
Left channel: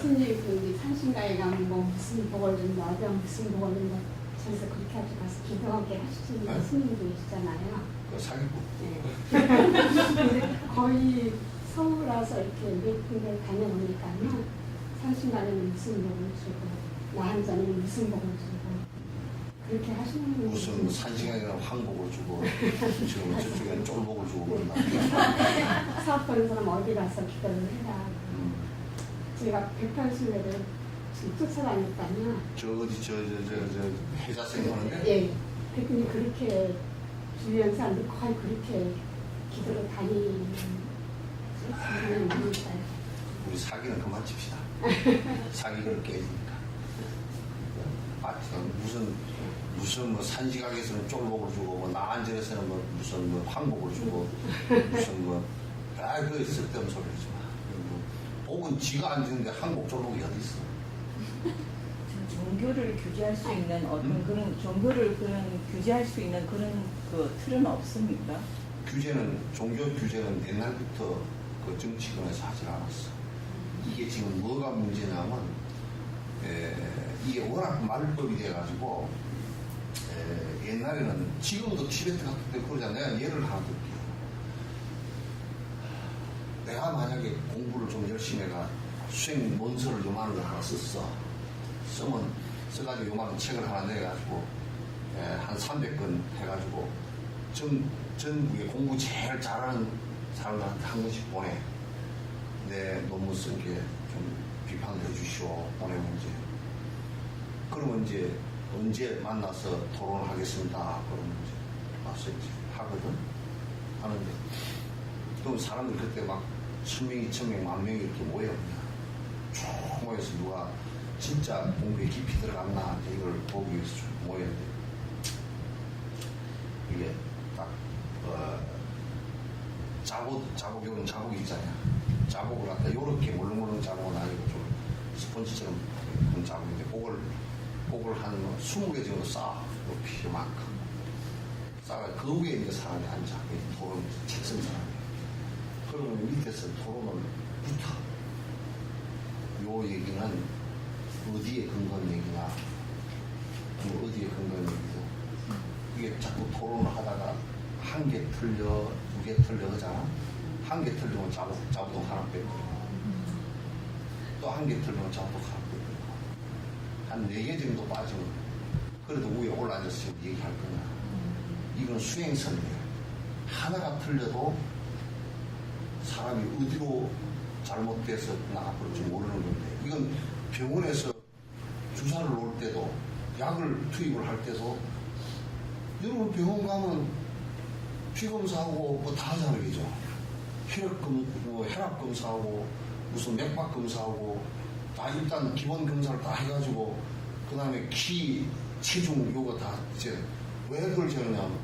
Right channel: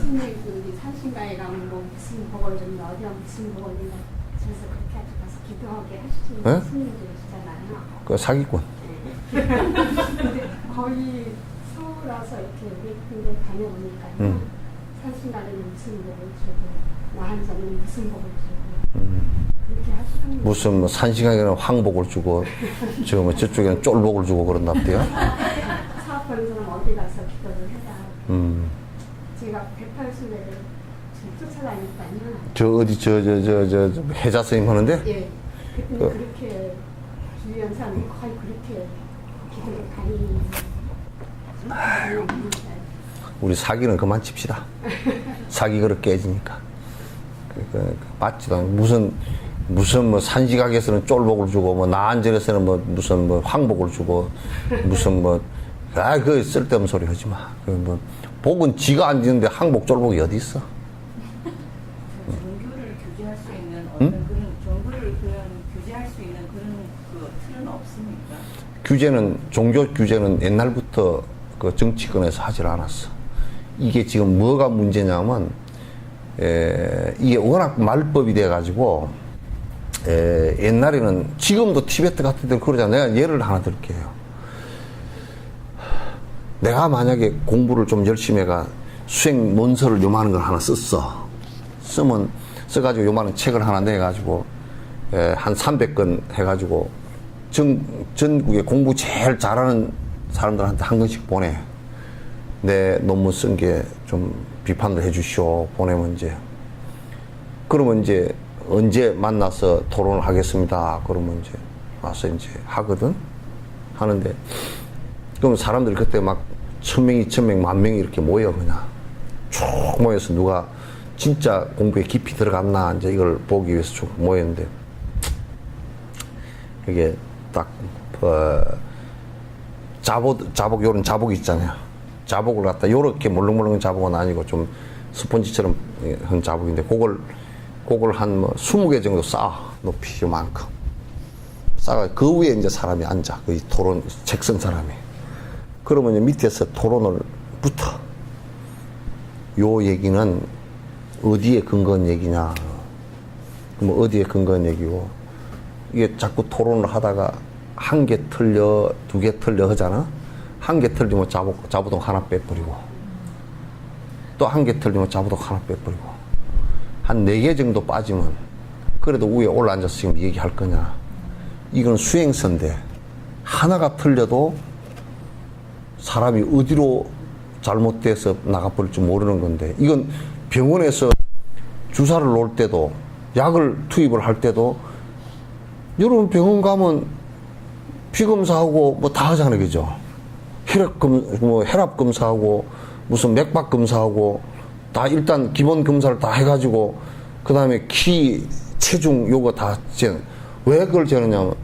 스님 우리 산신가에 가면 뭐 무슨 복을 준다 어디가 무슨 복을 준다 그래서 그렇게 하고 가서 기도하게 하시는 네? 스님들 있잖아요. 그 사기꾼. 근데 거의 서울 와서 이렇게 미팅을 다녀보니까 산신가에는 무슨 복을 주고 나 한자는 무슨 복을 주고 이렇게 하시는 분 무슨 뭐 산신강에는 황복을 주고 지금 저쪽에는 쫄복을 주고 그런답디요. 사업하는 사람 어디 가서 기도를 해라. 제가 180내를 지금 쫓아다녔다면 저 어디 저 해자 스님 하는데 예. 그랬더니 그렇게 주변 사람들이 거의 그렇게 기도를 다니는 우리 사기는 그만 칩시다. 사기 그릇 깨지니까. 맞지도 않고 무슨 뭐 산시각에서는 쫄복을 주고 뭐 나안절에서는 뭐 무슨 뭐 황복을 주고 무슨 그 쓸데없는 소리 하지 마. 뭐 복은 지가 안 지는데 항복 쫄복이 어디 있어? 종교를 규제할 수 있는 어떤 그런 종교를 규제할 수 있는 그런 그 틀은 없습니까? 종교 규제는 옛날부터 그 정치권에서 하질 않았어. 이게 지금 뭐가 문제냐면, 이게 워낙 말법이 돼가지고, 옛날에는, 지금도 티베트 같은 데 그러잖아요. 내가 예를 하나 들게요. 내가 만약에 공부를 좀 열심히 해가 수행 문서를 요만한 걸 하나 써가지고 요만한 책을 하나 내가지고, 한 300권 해가지고, 전국에 공부 제일 잘하는 사람들한테 한 권씩 보내. 내 논문 쓴 게 좀 비판을 해주시오. 보내면 이제. 그러면 이제 언제 만나서 토론을 하겠습니다. 그러면 이제 와서 이제 하거든. 하는데. 그럼 사람들이 그때 막 1000명, 2000명, 10,000명이 이렇게 모여 그냥. 쭉 모여서 누가 진짜 공부에 깊이 들어갔나 이제 이걸 보기 위해서 쭉 모였는데. 그게 딱, 자복, 요런 자복 있잖아요. 자복을 갖다 요렇게 물렁물렁한 자복은 아니고 좀 스펀지처럼 한 자복인데 그걸 한 뭐 20개 정도 쌓아. 높이 요만큼. 쌓아. 그 위에 이제 사람이 앉아. 그 토론, 책 쓴 사람이. 그러면 이제 밑에서 토론을 붙어. 요 얘기는 어디에 근거한 얘기냐. 뭐 어디에 근거한 얘기고. 이게 자꾸 토론을 하다가 한 개 틀려, 2개 틀려 하잖아? 한 개 틀리면 자부동 하나 빼버리고, 또 한 개 틀리면 자부동 하나 빼버리고, 한 4개 정도 빠지면, 그래도 위에 올라앉아서 지금 얘기할 거냐. 이건 수행선인데, 하나가 틀려도 사람이 어디로 잘못돼서 나가버릴지 모르는 건데, 이건 병원에서 주사를 놓을 때도, 약을 투입을 할 때도, 여러분 병원 가면 피검사하고 뭐 다 하잖아요. 그죠? 혈압 검사하고 무슨 맥박 검사하고 다 일단 기본 검사를 다 해가지고 그 다음에 키, 체중 요거 다 왜 그걸 재느냐면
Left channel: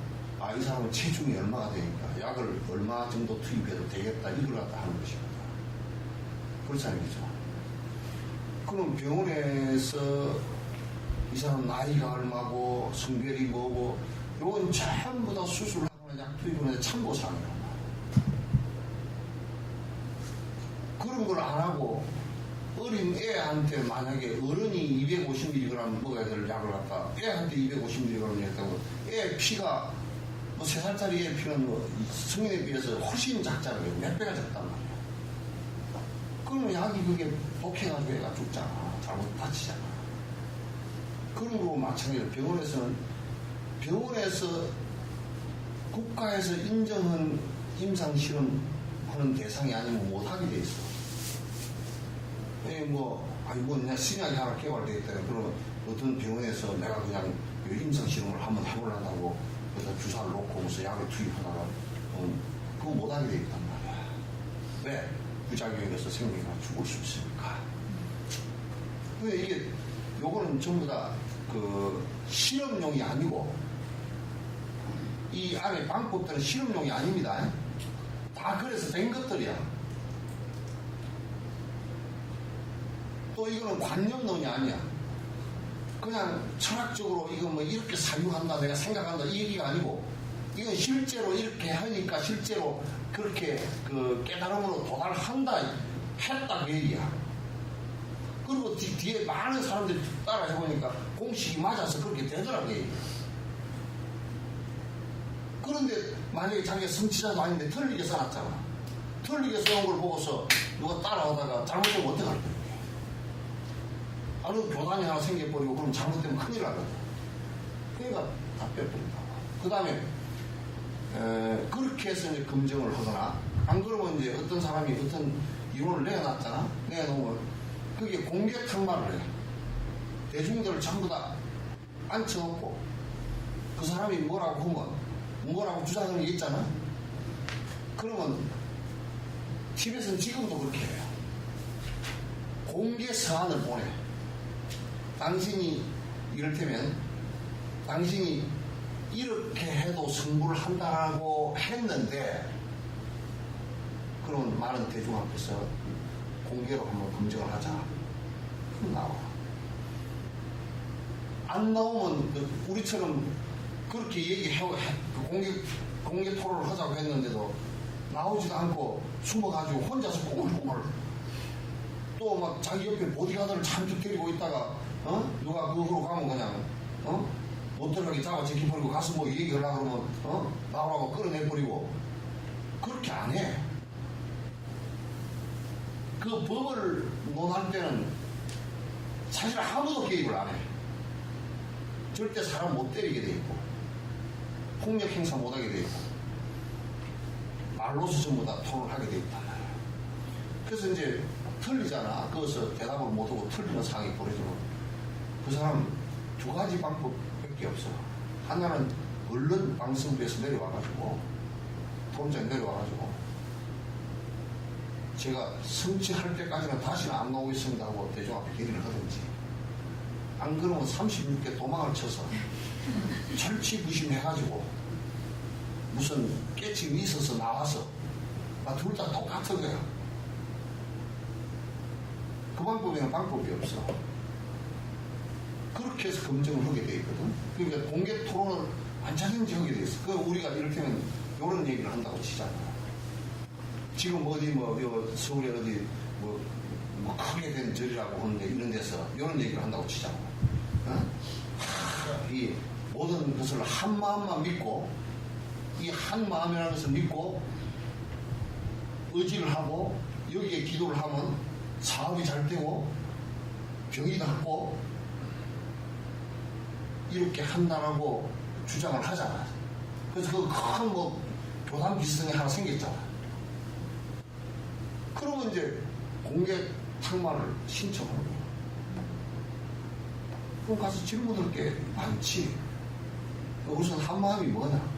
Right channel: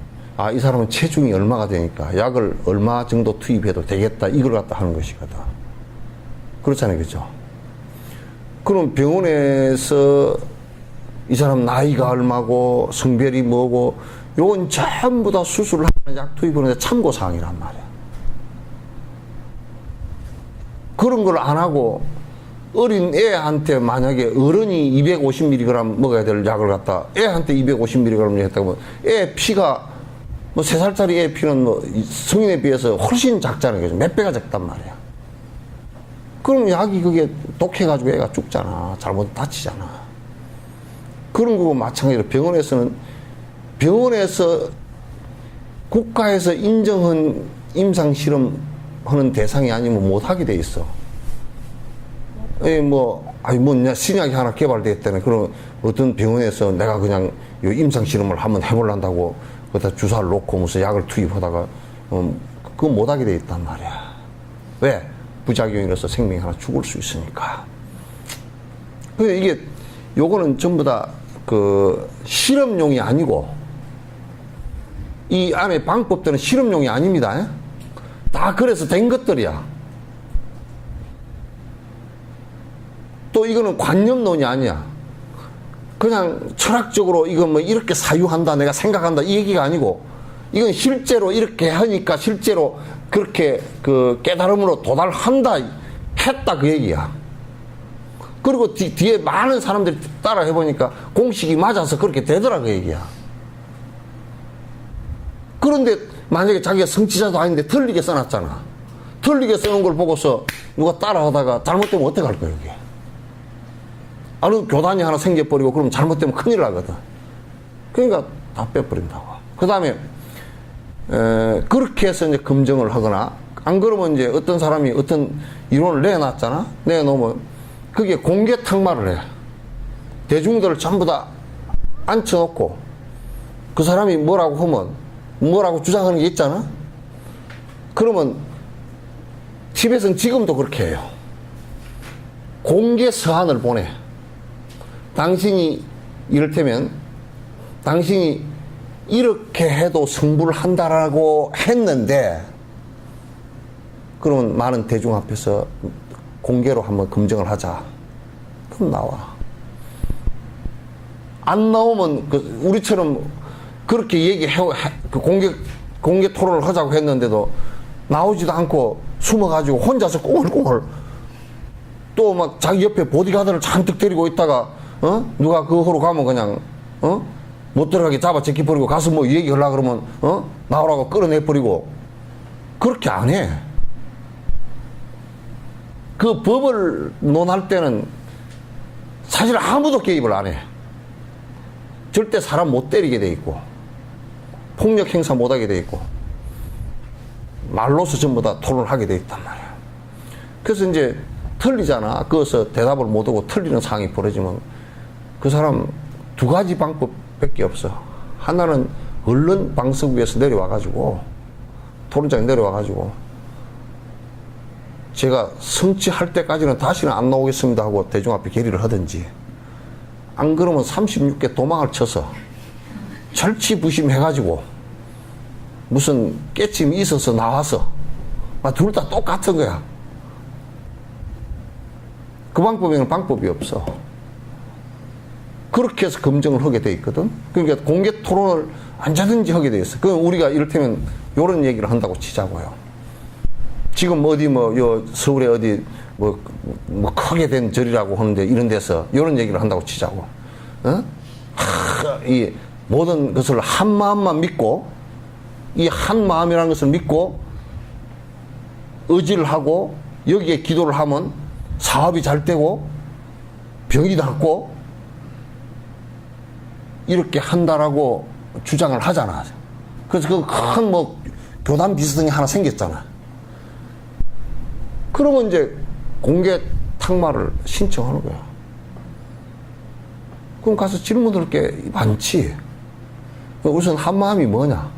이 사람은 체중이 얼마가 되니까 약을 얼마 정도 투입해도 되겠다 이걸 갖다 하는 것이거든. 그렇잖아요. 그죠? 그럼 병원에서 이 사람 나이가 얼마고 성별이 뭐고 요건 전부 다 수술을 하는 약 투입을 하는데 참고사항이란 말이야. 그런 걸 안 하고 어린 애한테 만약에 어른이 250mg 먹어야 될 약을 갖다 애한테 250mg 했다고 애 피가 뭐 3살짜리 애 피는 뭐 성인에 비해서 훨씬 작잖아요. 몇 배가 작단 말이야. 그럼 약이 그게 독해가지고 애가 죽잖아. 잘못 다치잖아. 그런 거고 마찬가지로 병원에서 국가에서 인정한 임상실험 하는 대상이 아니면 못하게 돼 있어. 신약이 하나 개발됐다네. 그럼 어떤 병원에서 내가 그냥 임상실험을 한번 해보려고 거기다 주사를 놓고 무슨 약을 투입하다가, 그거 못하게 돼 있단 말이야. 왜? 부작용이라서 생명이 하나 죽을 수 있으니까. 이게, 요거는 전부 다 그 실험용이 아니고, 이 안에 방법들은 실험용이 아닙니다. 다 그래서 된 것들이야. 또 이거는 관념론이 아니야. 그냥 철학적으로 이거 뭐 이렇게 사유한다, 내가 생각한다, 이 얘기가 아니고, 이건 실제로 이렇게 하니까 실제로 그렇게 그 깨달음으로 도달한다, 했다, 그 얘기야. 그리고 뒤에 많은 사람들이 따라 해보니까 공식이 맞아서 그렇게 되더라, 그 얘기야. 그런데 만약에 자기가 성취자도 아닌데 틀리게 써놨잖아. 틀리게 써놓은 걸 보고서 누가 따라하다가 잘못되면 어떡할 거야, 이게. 아니, 교단이 하나 생겨버리고 그럼 잘못되면 큰일 나거든. 그러니까 다 빼버린다고. 그 다음에, 그렇게 해서 이제 검증을 하거나, 안 그러면 이제 어떤 사람이 어떤 이론을 내놨잖아? 내놓으면 그게 공개 탁말을 해. 대중들을 전부 다 앉혀놓고 그 사람이 뭐라고 하면 뭐라고 주장하는 게 있잖아? 그러면 티벳은 지금도 그렇게 해요. 공개 서한을 보내. 당신이 이를테면 당신이 이렇게 해도 승부를 한다라고 했는데 그러면 많은 대중 앞에서 공개로 한번 검증을 하자. 그럼 나와. 안 나오면 우리처럼 그렇게 공개 토론을 하자고 했는데도 나오지도 않고 숨어가지고 혼자서 꽁얼꽁얼 또 막 자기 옆에 보디가드를 잔뜩 데리고 있다가 누가 그 호로 가면 그냥 못 들어가게 잡아 제끼버리고 가서 뭐 얘기하려고 그러면 나오라고 끌어내버리고 그렇게 안 해. 그 법을 논할 때는 사실 아무도 개입을 안 해. 절대 사람 못 때리게 돼 있고 폭력 행사 못 하게 돼 있고 말로서 전부 다 토론을 하게 돼 있단 말이야. 그래서 이제 틀리잖아. 그것서 대답을 못 하고 틀리는 상황이 벌어지면 그 사람 두 가지 방법밖에 없어. 하나는 얼른 방송국에서 내려와가지고 토론장에 내려와가지고 제가 성취할 때까지는 다시는 안 나오겠습니다 하고 대중 앞에 결의를 하든지, 안 그러면 36개 도망을 쳐서 절치부심해가지고 무슨 깨침이 있어서 나와서 둘 다 똑같은 거야. 그 방법에는 방법이 없어. 그렇게 해서 검증을 하게 돼 있거든. 그러니까 공개 토론을 언제든지 하게 돼 있어. 그 우리가 이를테면 이런 얘기를 한다고 치자고요. 지금 어디 서울에 어디 크게 된 절이라고 하는데 이런 데서 이런 얘기를 한다고 치자고. 이 모든 것을 한 마음만 믿고, 이 한 마음이라는 것을 믿고 의지를 하고 여기에 기도를 하면 사업이 잘 되고 병이 낫고 이렇게 한다라고 주장을 하잖아. 그래서 그 큰 교단 비서등이 하나 생겼잖아. 그러면 이제 공개 탁마를 신청하는 거야. 그럼 가서 질문할 게 많지. 우선 한마음이 뭐냐?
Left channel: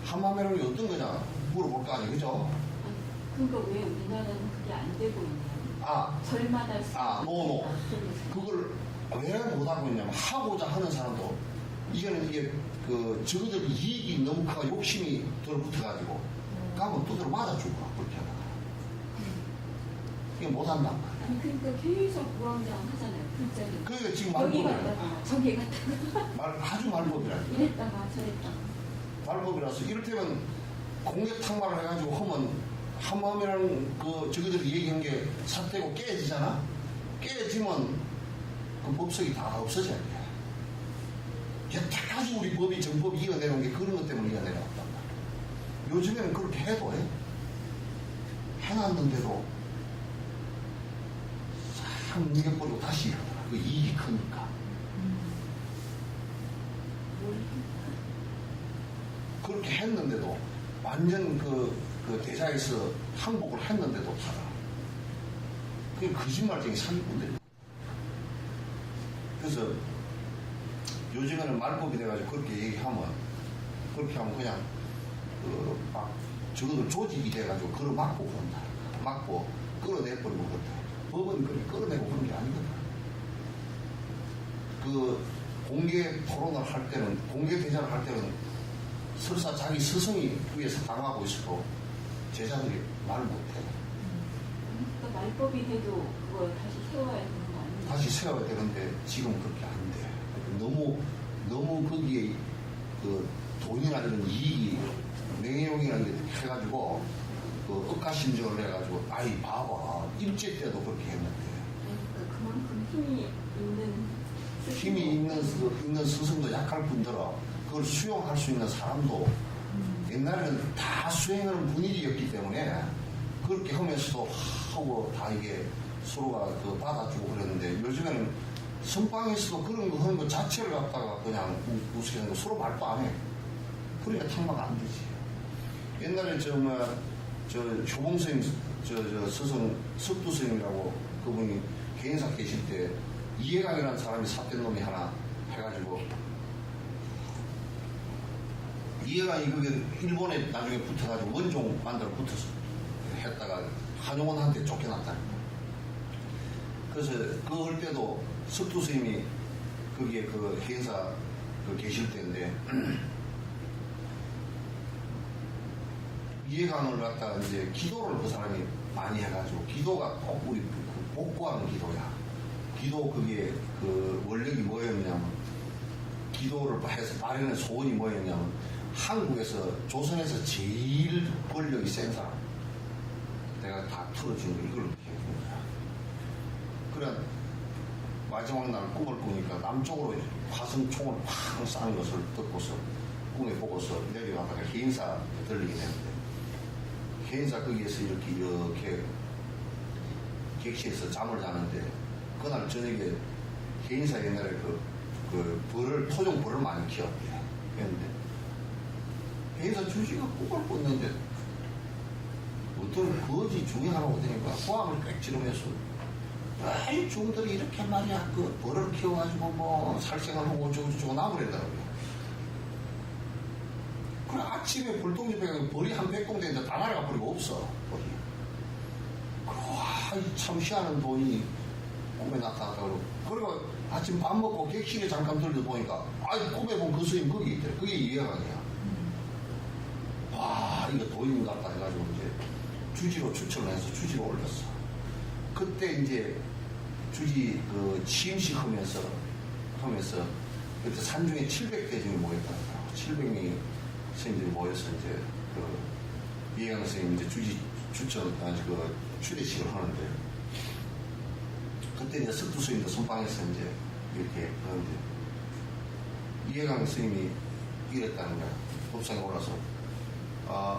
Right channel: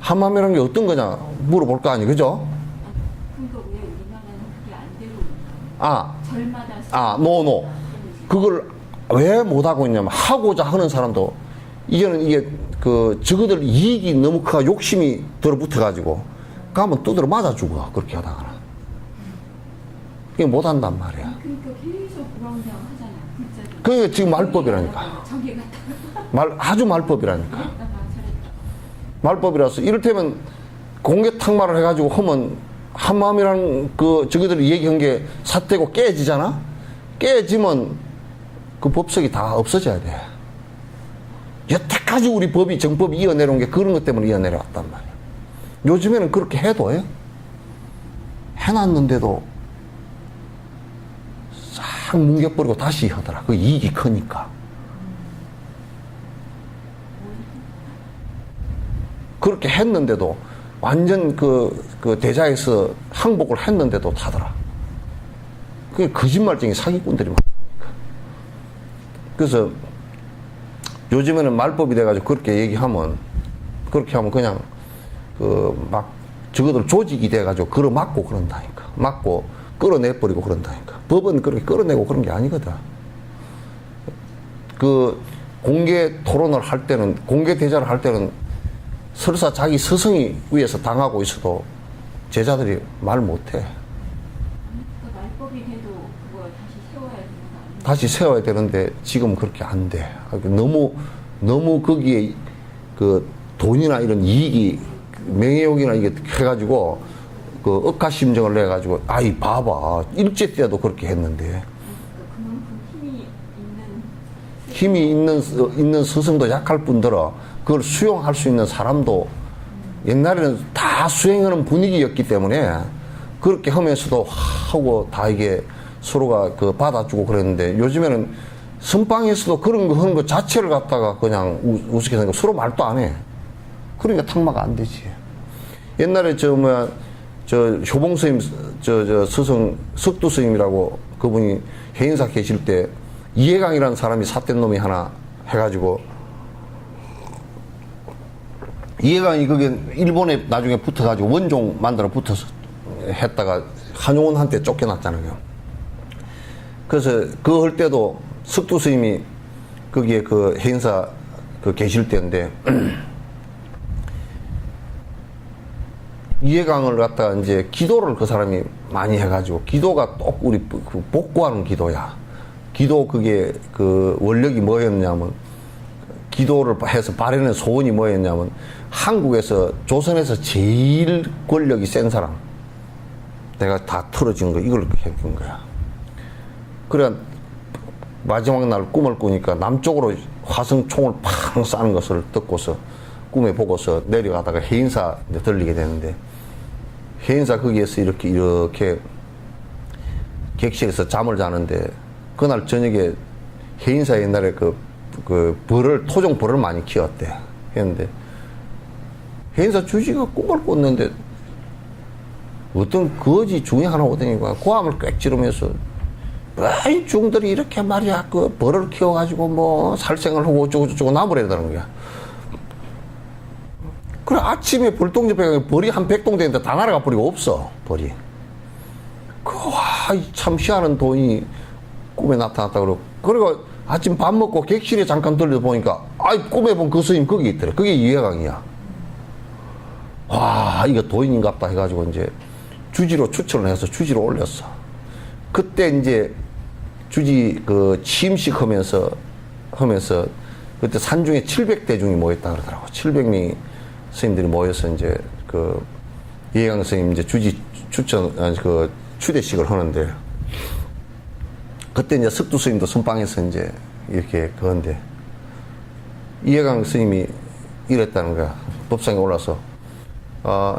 한마음이라는 게 어떤 거냐 물어볼 거 아니, 그죠? 그러니까 왜 우리나라는 그게 안 되고 있냐? 절마다 노. 그걸 왜 못하고 있냐면, 하고자 하는 사람도 이게 저거들 이익이 너무 커 욕심이 들어붙어가지고 가면 두드려 맞아 죽어. 그렇게 하다가는 그게 못한단 말이야. 그러니까 계속 그런다고 하잖아요. 글자로. 그게 지금 말법이라니까. 저기 갔다 아주 말법이라니까. 그랬다가 저랬다가. 말법이라서 이를테면 공개 탁마를 해가지고 하면 한마음이라는 저기들이 얘기한 게 삿대고 깨지잖아. 깨지면 그 법석이 다 없어져야 돼. 여태까지 우리 법이 정법이 이어내려온 게 그런 것 때문에 이어내려왔단 말이야. 요즘에는 그렇게 해도 해놨는데도 싹 뭉개버리고 다시 하더라. 그 이익이 크니까. 그렇게 했는데도 완전 그 대자에서 항복을 했는데도 타더라. 그게 거짓말쟁이 사기꾼들이 많으니까. 그래서 요즘에는 말법이 돼가지고 그렇게 하면 그냥 저거들 조직이 돼가지고 걸어맞고 그런다니까. 맞고 끌어내버리고 그런다니까. 법은 그렇게 끌어내고 그런 게 아니거든. 공개 토론을 할 때는, 공개 대자를 할 때는 설사 자기 스승이 위에서 당하고 있어도 제자들이 말 못해. 그러니까 말법이 돼도 그거 다시 세워야 되는 거 아니에요? 다시 세워야 되는데 지금 그렇게 안 돼. 너무 거기에 돈이나 이런 이익이, 명예욕이나 이게 해가지고 억가심정을 내가지고 봐봐, 일제 때도 그렇게 했는데. 그만큼 힘이 있는 스승도 약할 뿐더러 그걸 수용할 수 있는 사람도 옛날에는 다 수행하는 분위기였기 때문에 그렇게 하면서도 하고 다 이게 서로가 받아주고 그랬는데, 요즘에는 선방에서도 그런 거 하는 것 자체를 갖다가 그냥 우습게 생각하고 서로 말도 안 해. 그러니까 탁마가 안 되지. 옛날에 효봉 스님, 스승, 석두 스님이라고 그분이 해인사 계실 때 이해강이라는 사람이 삿된 놈이 하나 해가지고, 이해강이 거기 일본에 나중에 붙어가지고 원종 만들어 붙어서 했다가 한용운한테 쫓겨났잖아요. 그래서 그거 할 때도 석두 스님이 거기에 해인사 계실 때인데, 이해강을 갖다가 이제 기도를 그 사람이 많이 해가지고, 기도가 꼭 우리 복구하는 기도야. 기도 그게 원력이 뭐였냐면, 기도를 해서 바라는 소원이 뭐였냐면, 한국에서 조선에서 제일 권력이 센 사람, 내가 다 틀어진 거 이걸 해본 거야. 그래 마지막 날 꿈을 꾸니까 남쪽으로 화성 총을 팡 쏴는 것을 듣고서 꿈에 보고서 내려가다가 해인사 이제 들리게 되는데 해인사 거기에서 이렇게 객실에서 잠을 자는데 그날 저녁에 해인사 옛날에 그 토종 벌을 많이 키웠대. 했는데 해인사 주지가 꿈을 꿨는데 어떤 거지 중이 하나 오더니 고함을 꽥 지르면서 이 중들이 이렇게 말이야 그 벌을 키워가지고 뭐 살생을 하고 어쩌고저쩌고 나무래다는 거야. 그래 아침에 벌동집에 벌이 한 100동 되는데 다 날아가 버리고 없어 벌이. 참 희한한 돈이 꿈에 나타났다 그리고 아침 밥 먹고 객실에 잠깐 들려 보니까 꿈에 본 그 스님 거기 있더래. 그게 이해강이야. 와 이거 도인인갑다 해가지고 이제 주지로 추천을 해서 주지로 올렸어. 그때 이제 주지 그 취임식 하면서 그때 산중에 700대중이 모였다 그러더라고. 700명이 스님들이 모여서 이제 그 이해강 스님 이제 주지 그 추대식을 하는데 그때 이제 석두 스님도 선방에서 이제 이렇게 그런데 이해강 스님이 이랬다는 거야. 법상에 올라서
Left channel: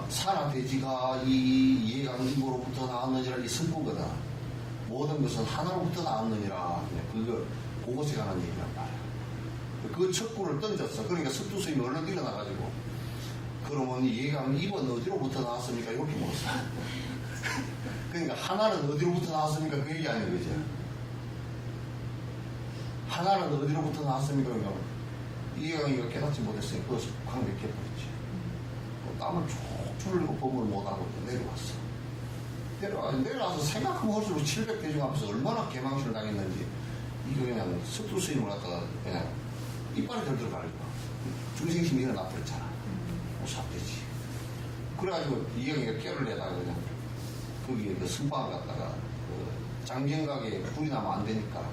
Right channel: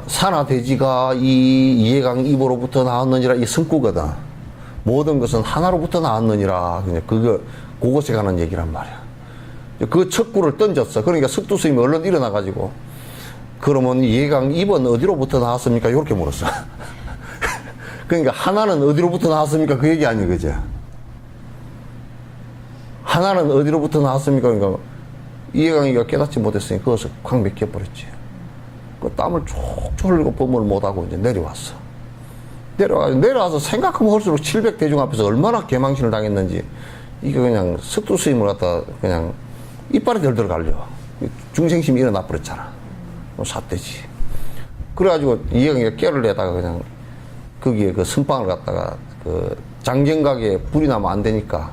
산하돼지가 이 이해강 입으로부터 나왔느니라 이 성구거든. 모든 것은 하나로부터 나왔느니라. 그냥 그것에 관한 얘기란 말이야. 그 척구를 던졌어. 그러니까 석두 스님이 얼른 일어나가지고 그러면 이해강 입은 어디로부터 나왔습니까? 이렇게 물었어. 그러니까 하나는 어디로부터 나왔습니까? 그 얘기 아니 그죠? 하나는 어디로부터 나왔습니까? 그러니까 이해강이가 깨닫지 못했으니 그것을 확 맥혀버렸지. 그 땀을 촉촉 흘리고 법문을 못하고 이제 내려왔어. 내려와서 생각하면 할수록 700대중 앞에서 얼마나 개망신을 당했는지 이게 그냥 석두 스님을 갖다 그냥 이빨에 덜덜 갈려. 중생심이 일어나 버렸잖아. 삿대지. 그래가지고 이해강이가 깨를 내다가 그냥 거기에 그 선방을 갖다가 그 장경각에 불이 나면 안 되니까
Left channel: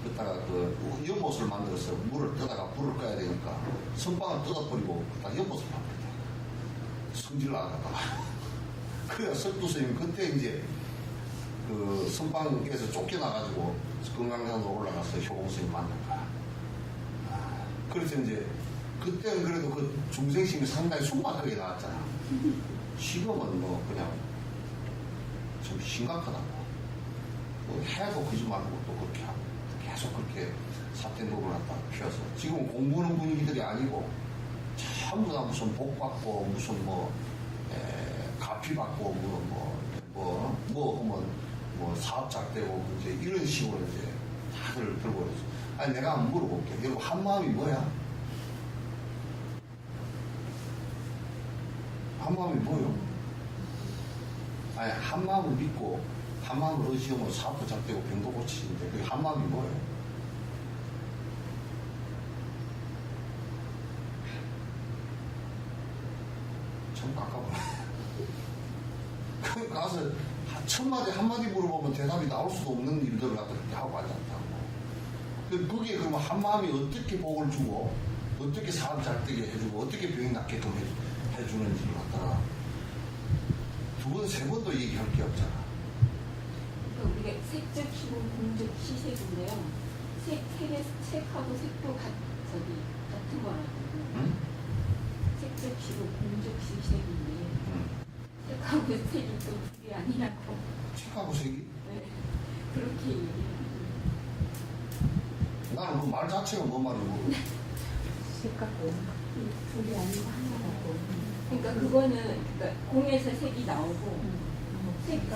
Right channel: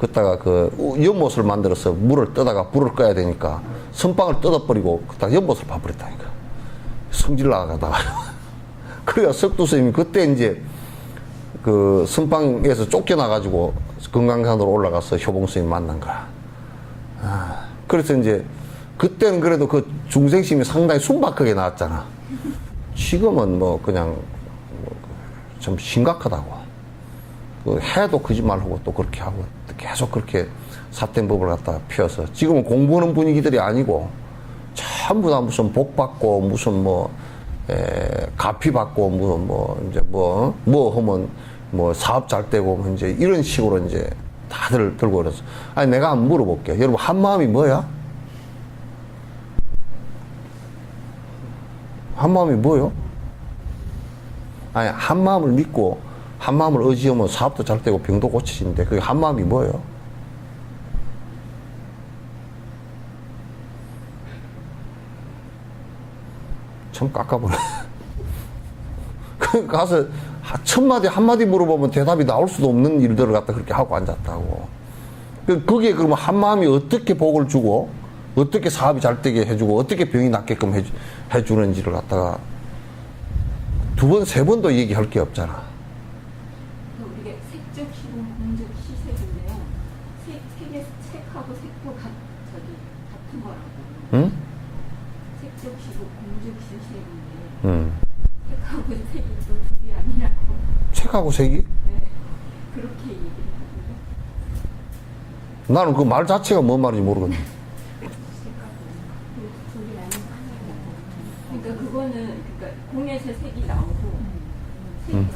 그다가 그 연못을 만들어서 물을 떠다가 불을 꺼야 되니까 선방을 뜯어버리고 그다가 연못을 파버렸다니까. 성질 나가다가. 그래야 석두 스님이 그때 이제 그 선방에서 쫓겨나가지고 금강산으로 올라가서 효봉 스님 만난 거야. 그래서 이제 그때는 그래도 그 중생심이 상당히 순박하게 나왔잖아. 지금은 뭐 그냥 좀 심각하다고. 해도 거짓말하고 또 그렇게 하고 계속 그렇게 삿된 법을 갖다 펴서 지금은 공부하는 분위기들이 아니고 전부 다 무슨 복 받고 무슨 뭐 가피 받고 무슨 뭐 이제 뭐 하면 뭐 사업 잘 되고 뭐 이제 이런 식으로 이제 다들 들고 그래서 아니 내가 한번 물어볼게. 여러분 한마음이 뭐야? 한마음이 뭐요? 아니 한마음을 믿고 한마음을 의지하면 사업도 잘 되고 병도 고치시는데 그게 한마음이 뭐예요? 참 깎아버려. 그 가서 천마디 한마디 물어보면 대답이 나올 수도 없는 일들을 갖다 그렇게 하고 앉았다고. 거기에 그러면 한마음이 어떻게 복을 주고 어떻게 사업이 잘 되게 해주고 어떻게 병이 낫게끔 해주는지를 갖다가 두 번, 세 번도 얘기할 게 없잖아. 우리가 색적, 희공, 공적, 시색인데요. 색하고 색도 같은 거라고. 응? 색적, 희공, 공적, 시색인데 색하고 색이 또 둘이 아니냐고. 색하고 색이? 네. 그렇게 얘기를 하는데. 나는 그 말 자체가 뭔 말인지 모르겠네. 둘이 아니고 하나라고. 그러니까 그거는 그러니까 공에서 색이 나오고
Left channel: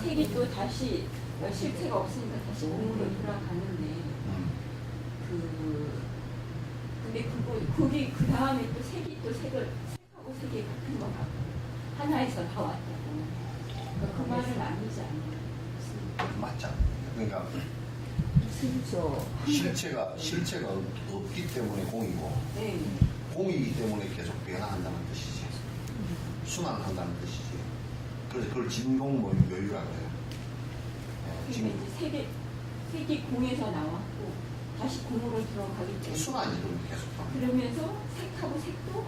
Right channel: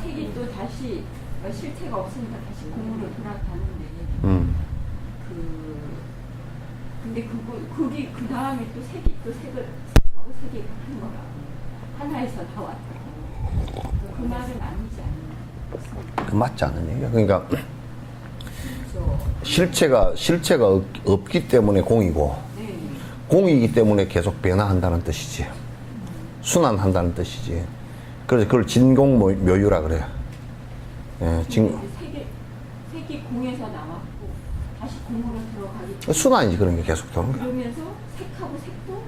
색이 또 다시 실체가 없으니까 다시 공으로 돌아가는데 근데 그게 그 다음에 또 색이 또 색하고 색이 같은 거 같고 하나에서 다 왔다고. 그 말은 아니지 않나요? 그 맞지 않은 얘기야. 그러니까 그렇죠. 실체가 없기 때문에 공이고 네. 공이기 때문에 계속 변화한다는 뜻이지. 순환한다는 뜻이지. 그래서 그걸 진공묘유라 그래. 예, 색이 공에서 나왔고 다시 공으로 들어가기 때문에 순환이지 그런 게 계속 더. 그러면서 색하고 색도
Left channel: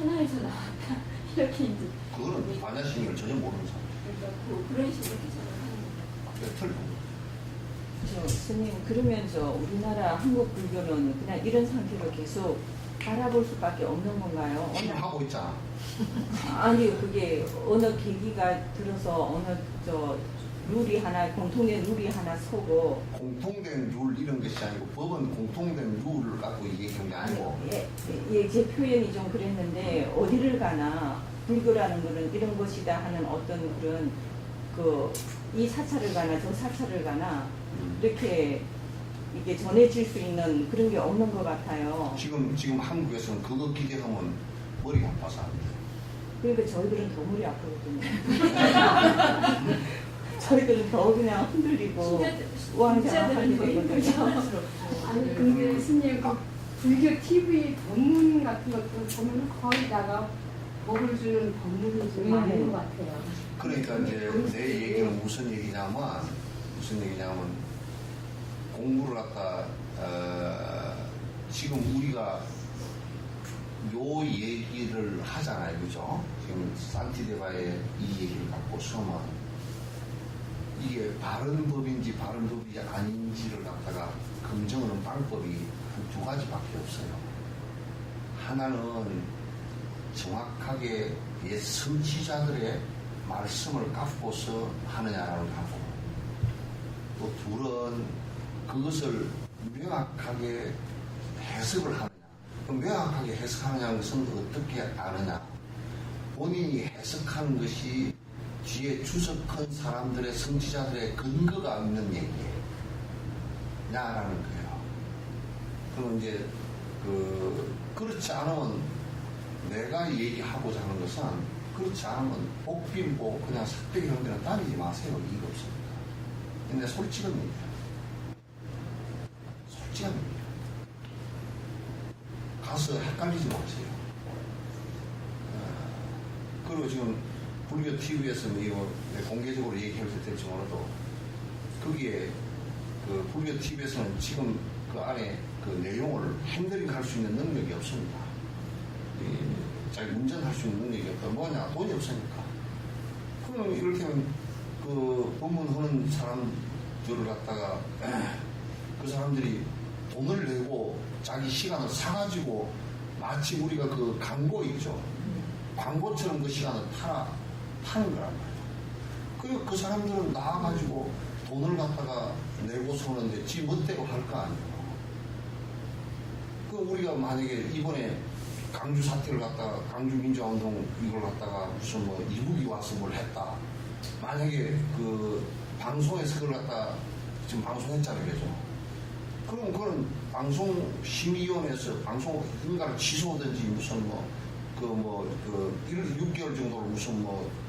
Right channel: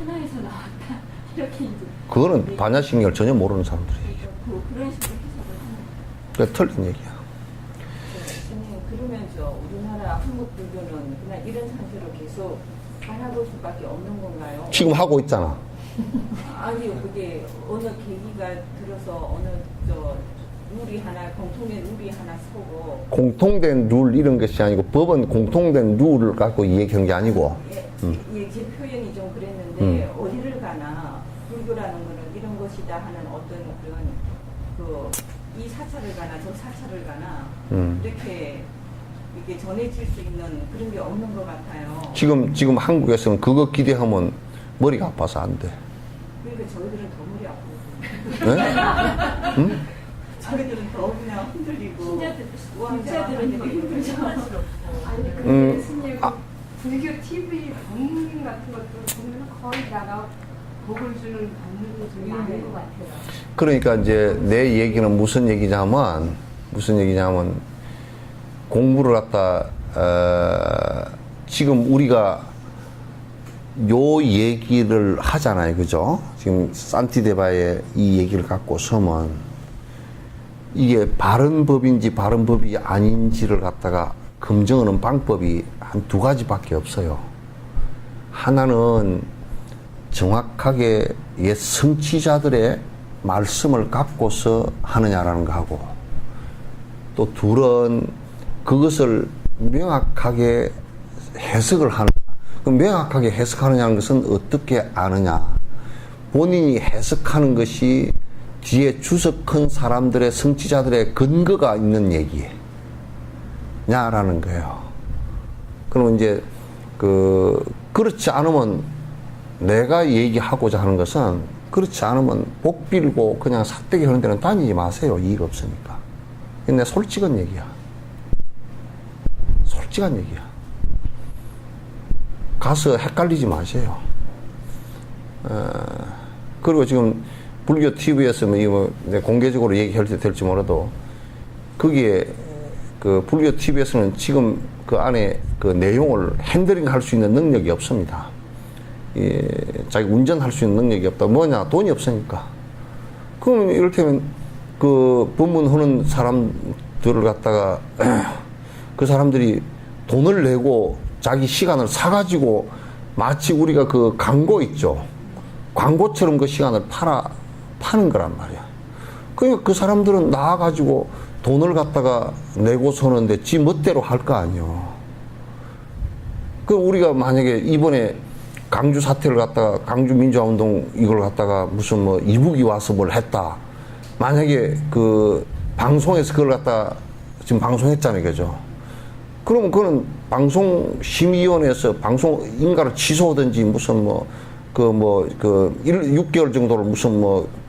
하나에서 나왔다 이렇게 이제 그거는 반야신경을 전혀 모르는 사람들이에요. 그런 식으로 해석을 하는 거예요. 그게 틀린 얘기야. 스님, 그러면 우리나라 한국 불교는 그냥 이런 상태로 계속 바라볼 수밖에 없는 건가요? 지금 하고 있잖아. 아니, 그게 어느 계기가 들어서 어느 룰이 하나, 공통된 룰이 하나 서고. 공통된 룰 이런 것이 아니고 법은 공통된 룰을 갖고 얘기하는 게 아니고 제 표현이 좀 그랬는데 어디를 가나 불교라는 거는 이런 것이다 하는 어떤 그런 이 사찰을 가나 저 사찰을 가나 이렇게 전해질 수 있는 그런 게 없는 것 같아요. 지금 한국에서는 그거 기대하면 머리가 아파서 안 돼. 그러니까 저희들은 더 머리 아프거든요. 네? 저희들은 더 그냥 흔들리고 신자들은 더 힘들죠. 아니 근데 스님 불교 TV 법문 같은 것도 보면 거의 다가 복을 주는 법문이 좀 많은 것 같아요. 그러니까 이제 내 얘기는 무슨 얘기냐면 공부를 갖다 지금 우리가 요 얘기를 하잖아요, 그죠? 지금 산티데바의 이 얘기를 갖고 서면 이게 바른 법인지 바른 법이 아닌지를 갖다가 검증하는 방법이 한 두 가지밖에 없어요. 하나는 정확하게 옛 성취자들의 말씀을 갖고서 하느냐라는 거하고, 또 둘은 그것을 명확하게 해석을 하느냐. 그 명확하게 해석하느냐는 것은 어떻게 아느냐. 본인이 해석하는 것이 뒤에 주석한 사람들의 성취자들의 근거가 있는 얘기냐라는 거예요. 그러면 이제 그렇지 않으면 내가 얘기하고자 하는 것은 그렇지 않으면 복 빌고 그냥 삿대기 하는 데는 다니지 마세요. 이익 없으니까. 근데 솔직한 얘기야. 솔직한 얘기야. 가서 헷갈리지 마세요. 그리고 지금 불교 TV에서 공개적으로 얘기할 때 될지 몰라도 거기에 불교 TV에서는 지금 그 안에 그 내용을 핸들링 할 수 있는 능력이 없습니다. 자기 운전할 수 있는 능력이 없다. 뭐냐? 돈이 없으니까. 그러면 이를테면 그 법문하는 사람들을 갖다가 그 사람들이 돈을 내고 자기 시간을 사가지고 마치 우리가 그 광고 있죠. 광고처럼 그 시간을 파는 거란 말이야. 그러니까 그 사람들은 나와가지고 돈을 갖다가 내고 서는데 지 멋대로 할 거 아니에요. 그 우리가 만약에 이번에 강주 사태를 갖다가 강주 민주화운동 이걸 갖다가 무슨 이북이 와서 뭘 했다. 만약에 그 방송에서 그걸 갖다 지금 방송했잖아요, 그죠? 그럼 그거는 방송심의위원회에서 방송 인가를 취소하든지 무슨 6개월 정도를 무슨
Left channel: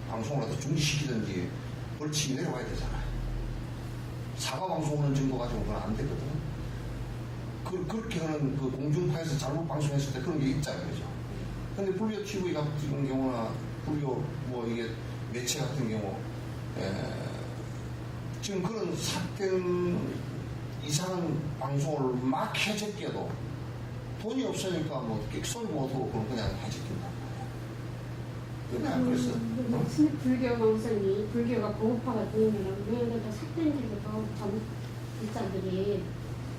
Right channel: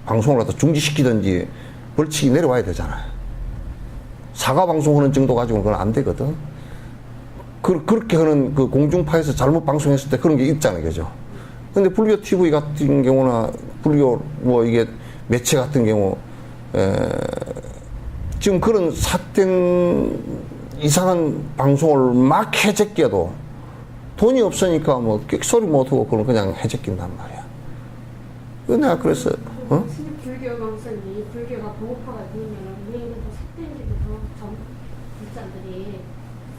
방송을 갖다 중지시키든지 벌칙이 내려와야 되잖아요. 사과 방송하는 정도 가지고는 그건 안 되거든. 그렇게 하는 그 공중파에서 잘못 방송했을 때 그런 게 있잖아요, 그죠? 근데 불교 TV 같은 경우나 불교 이게 매체 같은 경우 지금 그런 삿된 이상한 방송을 막 해제껴도 돈이 없으니까 소리 못하고 그냥 해제낀단 말이야. 내가 그래서 불교가 우선 불교가 보급화가 되면은 왜 그래도 삿대기도 전부 불자들이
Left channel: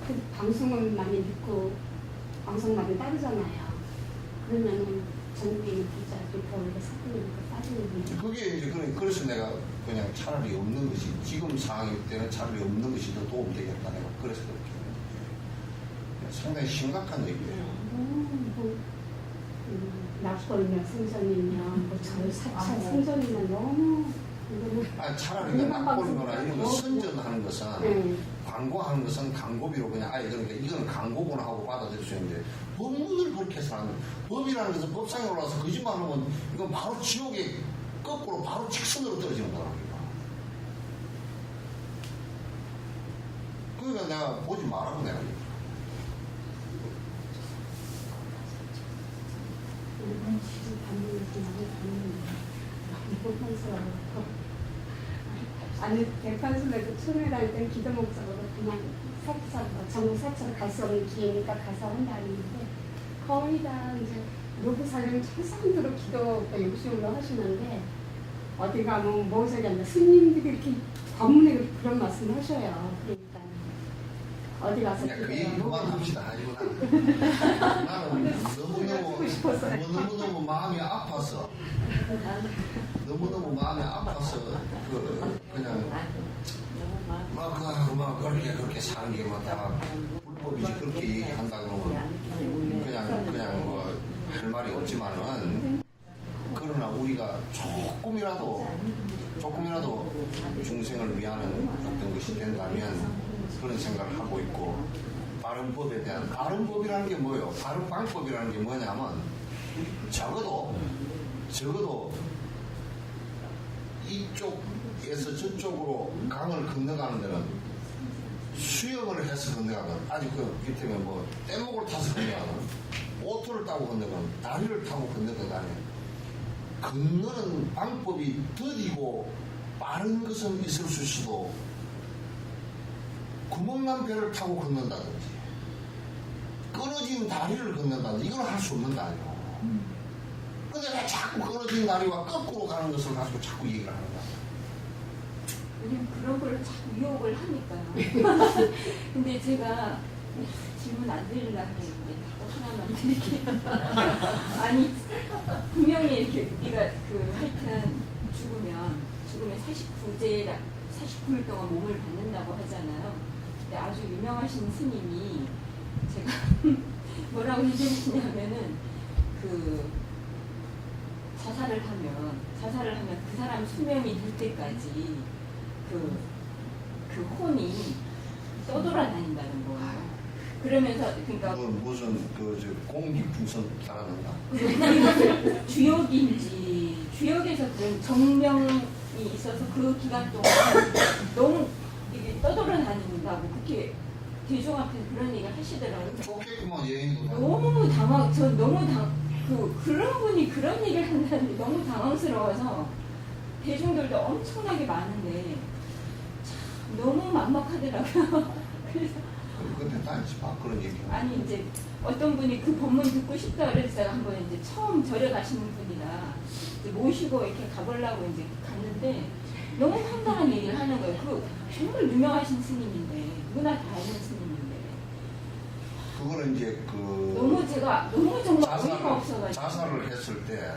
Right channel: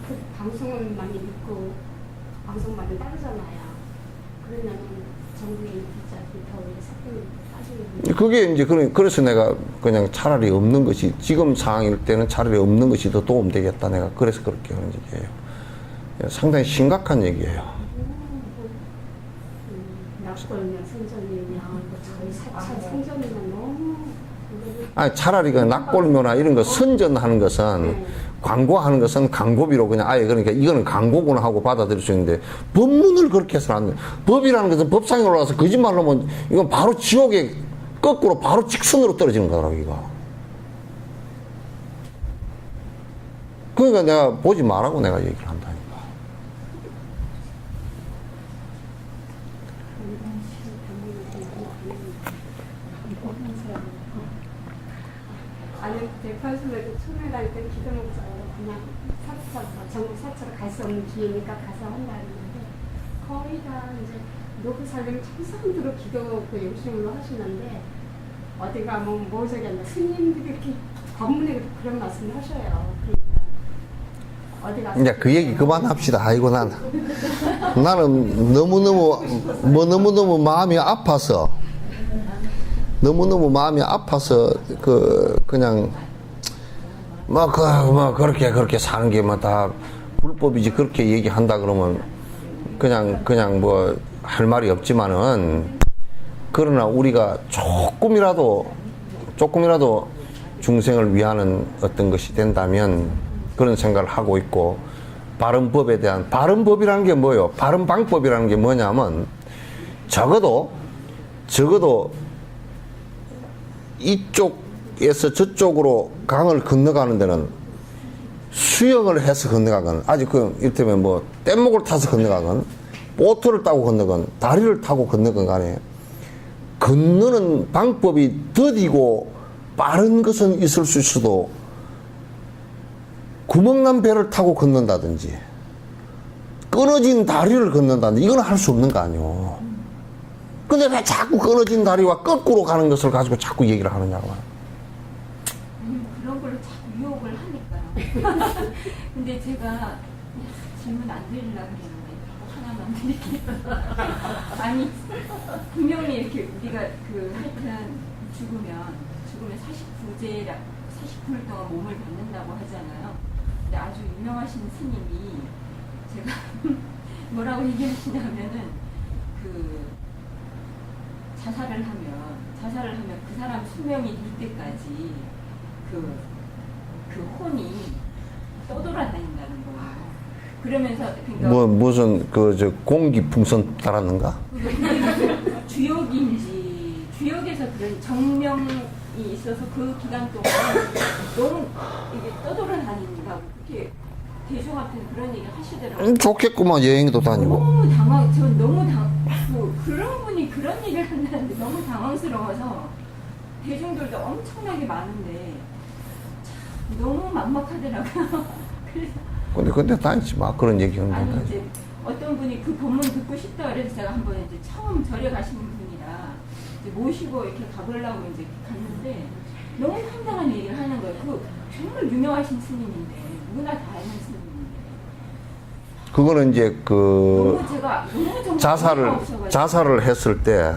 그 방송을 많이 듣고 방송 많이 따르잖아요. 그러면은 전국에 있는 불자들이 더 오히려 삿대기도 따지는 그게 이제 그래서 내가 그냥 차라리 없는 것이 지금 상황일 때는 차라리 없는 것이 더 도움되겠다. 내가 그래서 그렇게 하는 얘기예요. 상당히 심각한 얘기예요. 낙골이나 성전이냐, 저희 사찰 성전이나 너무 아니 차라리 그 낙골묘나 이런 거 선전하는 것은 광고하는 것은 광고비로 그냥 아예 그러니까 이거는 광고구나 하고 받아들일 수 있는데 법문을 그렇게 해서는 안 돼. 법이라는 것은 법상에 올라와서 거짓말로 하면 이건 바로 지옥에 거꾸로 바로 직선으로 떨어지는 거라고 이거. 그러니까 내가 보지 말라고 내가 얘기를 한다니까. 아니 백화점에도 처음에 다닐 땐 기도 목적으로 그냥 사찰 전국 사찰을 갈 수 없는 기회니까 가서 한다 했는데 거의 다 이제 노후 살림 참상으로 기도 그 욕심으로 하시는데 어디 가면 뭐 저기 하나 스님들이 이렇게 법문에 그런 말씀을 하셔요. 그러니까 어디 가서 이제 그 얘기 그만합시다. 아이고 나는 너무너무 마음이 아파서 그냥 그렇게 사는 게 뭐 다 불법이지 그렇게 얘기한다 그러면 그냥 뭐 할 말이 없지만은 그러나 우리가 조금이라도 중생을 위하는 어떤 것이 된다면 그런 생각을 하고 있고 바른 법이라는 게 뭐예요? 바른 방법이라는 게 뭐냐면 적어도 이쪽에서 저쪽으로 강을 건너가는 데는 수영을 해서 건너가건 아직 이를테면 뭐 뗏목을 타서 건너가건 보트를 타고 건너건 다리를 타고 건너건 간에 건너는 방법이 더디고 빠른 것은 있을 수 있어도 구멍난 배를 타고 건넌다든지 끊어진 다리를 건넌다든지 이건 할 수 없는 거 아니에요. 근데 왜 자꾸 끊어진 다리와 거꾸로 가는 것을 가지고 자꾸 얘기를 하느냐고. 그런 걸로 자꾸 유혹을 하니까요. 근데 제가 질문 안 드리려고 했는데 하나만 드릴게요. 아니 분명히 이렇게 우리가 하여튼 죽으면 49일 동안 몸을 받는다고 하잖아요. 근데 아주 유명하신 스님이 제가 뭐라고 얘기하시냐면은 자살을 하면 그 사람 수명이 될 때까지 그 혼이 떠돌아다닌다는 거예요. 그러면서 그러니까 무슨 공기풍선 달았는가? 주역에서 그런 정명이 있어서 그 기간 동안 너무 이게 떠돌아다닌다고 그렇게 대중한테 그런 얘기 하시더라고요. 좋겠구만. 여행도 다니고. 그런 분이 그런 얘기를 한다는데 너무 당황스러워서 대중들도 엄청나게 많은데 참 너무 막막하더라고요. 그래서 근데 다니지 마. 그런 얘기는. 아니 이제 어떤 분이 그 본문 듣고 싶다 그래서 한번 이제 처음 절에 가시는 분이라 이제 모시고 이렇게 가보려고 이제 갔는데 너무 황당한 얘기를 하는 거예요. 정말 유명하신 스님인데 누구나 다 아는 스님인데 그거는 이제 너무 정말 자살을 했을 때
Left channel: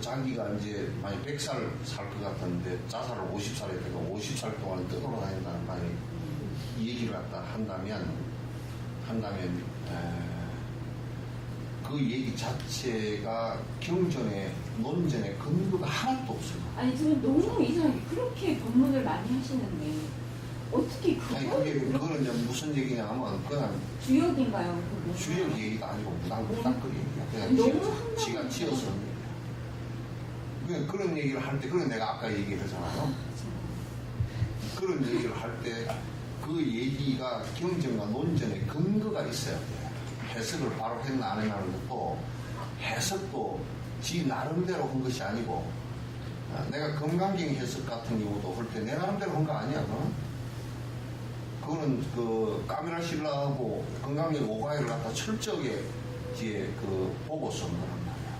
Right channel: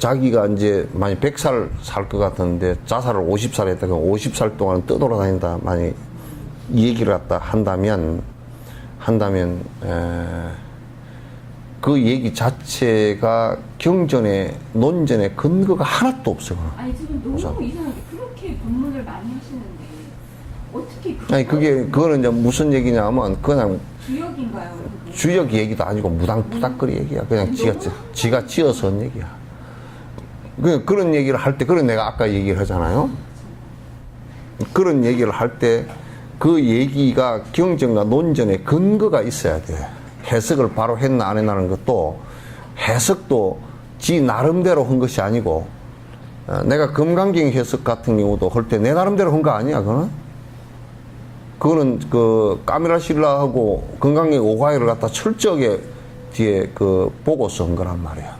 자기가 이제 만약 100살 살 것 같은데 자살을 50살 했다가 50살 동안 떠돌아다닌다 만약 이 얘기를 갖다 한다면 그 얘기 자체가 경전에 논전에 근거가 하나도 없어. 아니 저는 너무 이상하게 그렇게 법문을 많이 하시는데 어떻게 그거는 이제 무슨 얘기냐면 그냥 주역인가요? 주역 얘기도 아니고 무당푸닥거리 얘기야. 그냥 지가 지어서 한 얘기야. 그런 얘기를 할 때, 그런 내가 아까 얘기를 하잖아요. 그런 얘기를 할 때 그 얘기가 경전과 논전에 근거가 있어야 돼. 해석을 바로 했나 안 했나는 것도 해석도 지 나름대로 한 것이 아니고 내가 금강경 해석 같은 경우도 할 때 내 나름대로 한 거 아니야. 그거는 까미라 신라하고 금강경 5과회를 갖다 철저하게 뒤에 보고서 한 거란 말이야.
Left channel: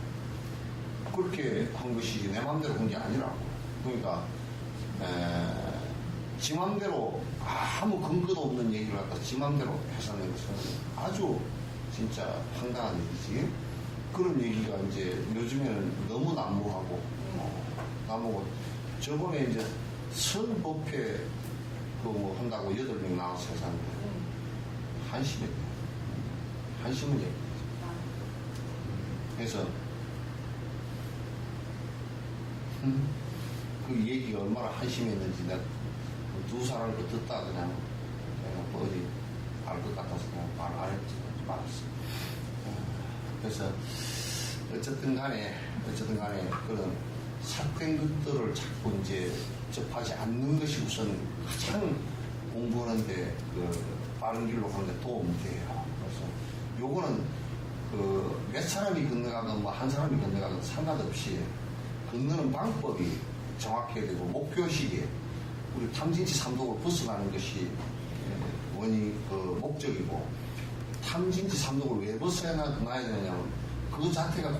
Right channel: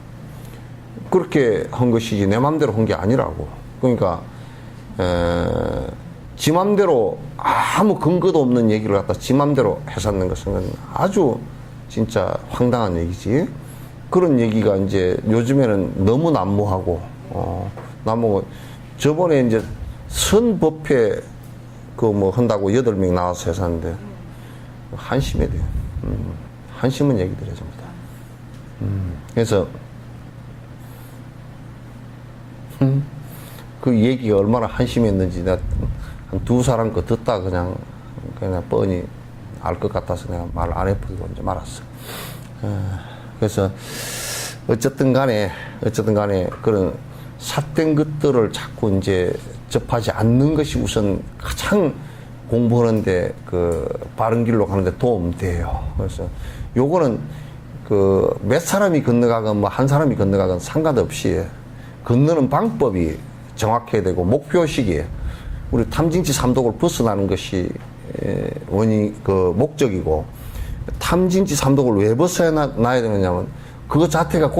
그렇게 한 것이지 내 맘대로 한 게 아니라고. 그러니까 지 맘대로 아무 근거도 없는 얘기를 갖다 지 맘대로 해서 는 것은 아주 진짜 황당한 얘기지. 그런 얘기가 이제 요즘에는 너무 난무하고 저번에 이제 선법회 한다고 8명 나와서 해서는데 한심해 돼요. 한심한 얘기들이에요, 전부 다. 그래서 그 얘기가 얼마나 한심했는지 내가 한 2사람 거 듣다 그냥 뻔히 알 것 같아서 내가 말 안 해버리고 이제 말았어. 그래서 어쨌든 간에 그런 삿된 것들을 자꾸 이제 접하지 않는 것이 우선 가장 공부하는데 바른 길로 가는데 도움돼요. 그래서 요거는 몇 사람이 건너가건 한 사람이 건너가건 상관없이 건너는 방법이 정확해야 되고 목표식이에요. 우리 탐진치 삼독을 벗어나는 것이 그 목적이고, 탐진치 삼독을 왜 벗어야 놔야 되느냐면, 그거 자체가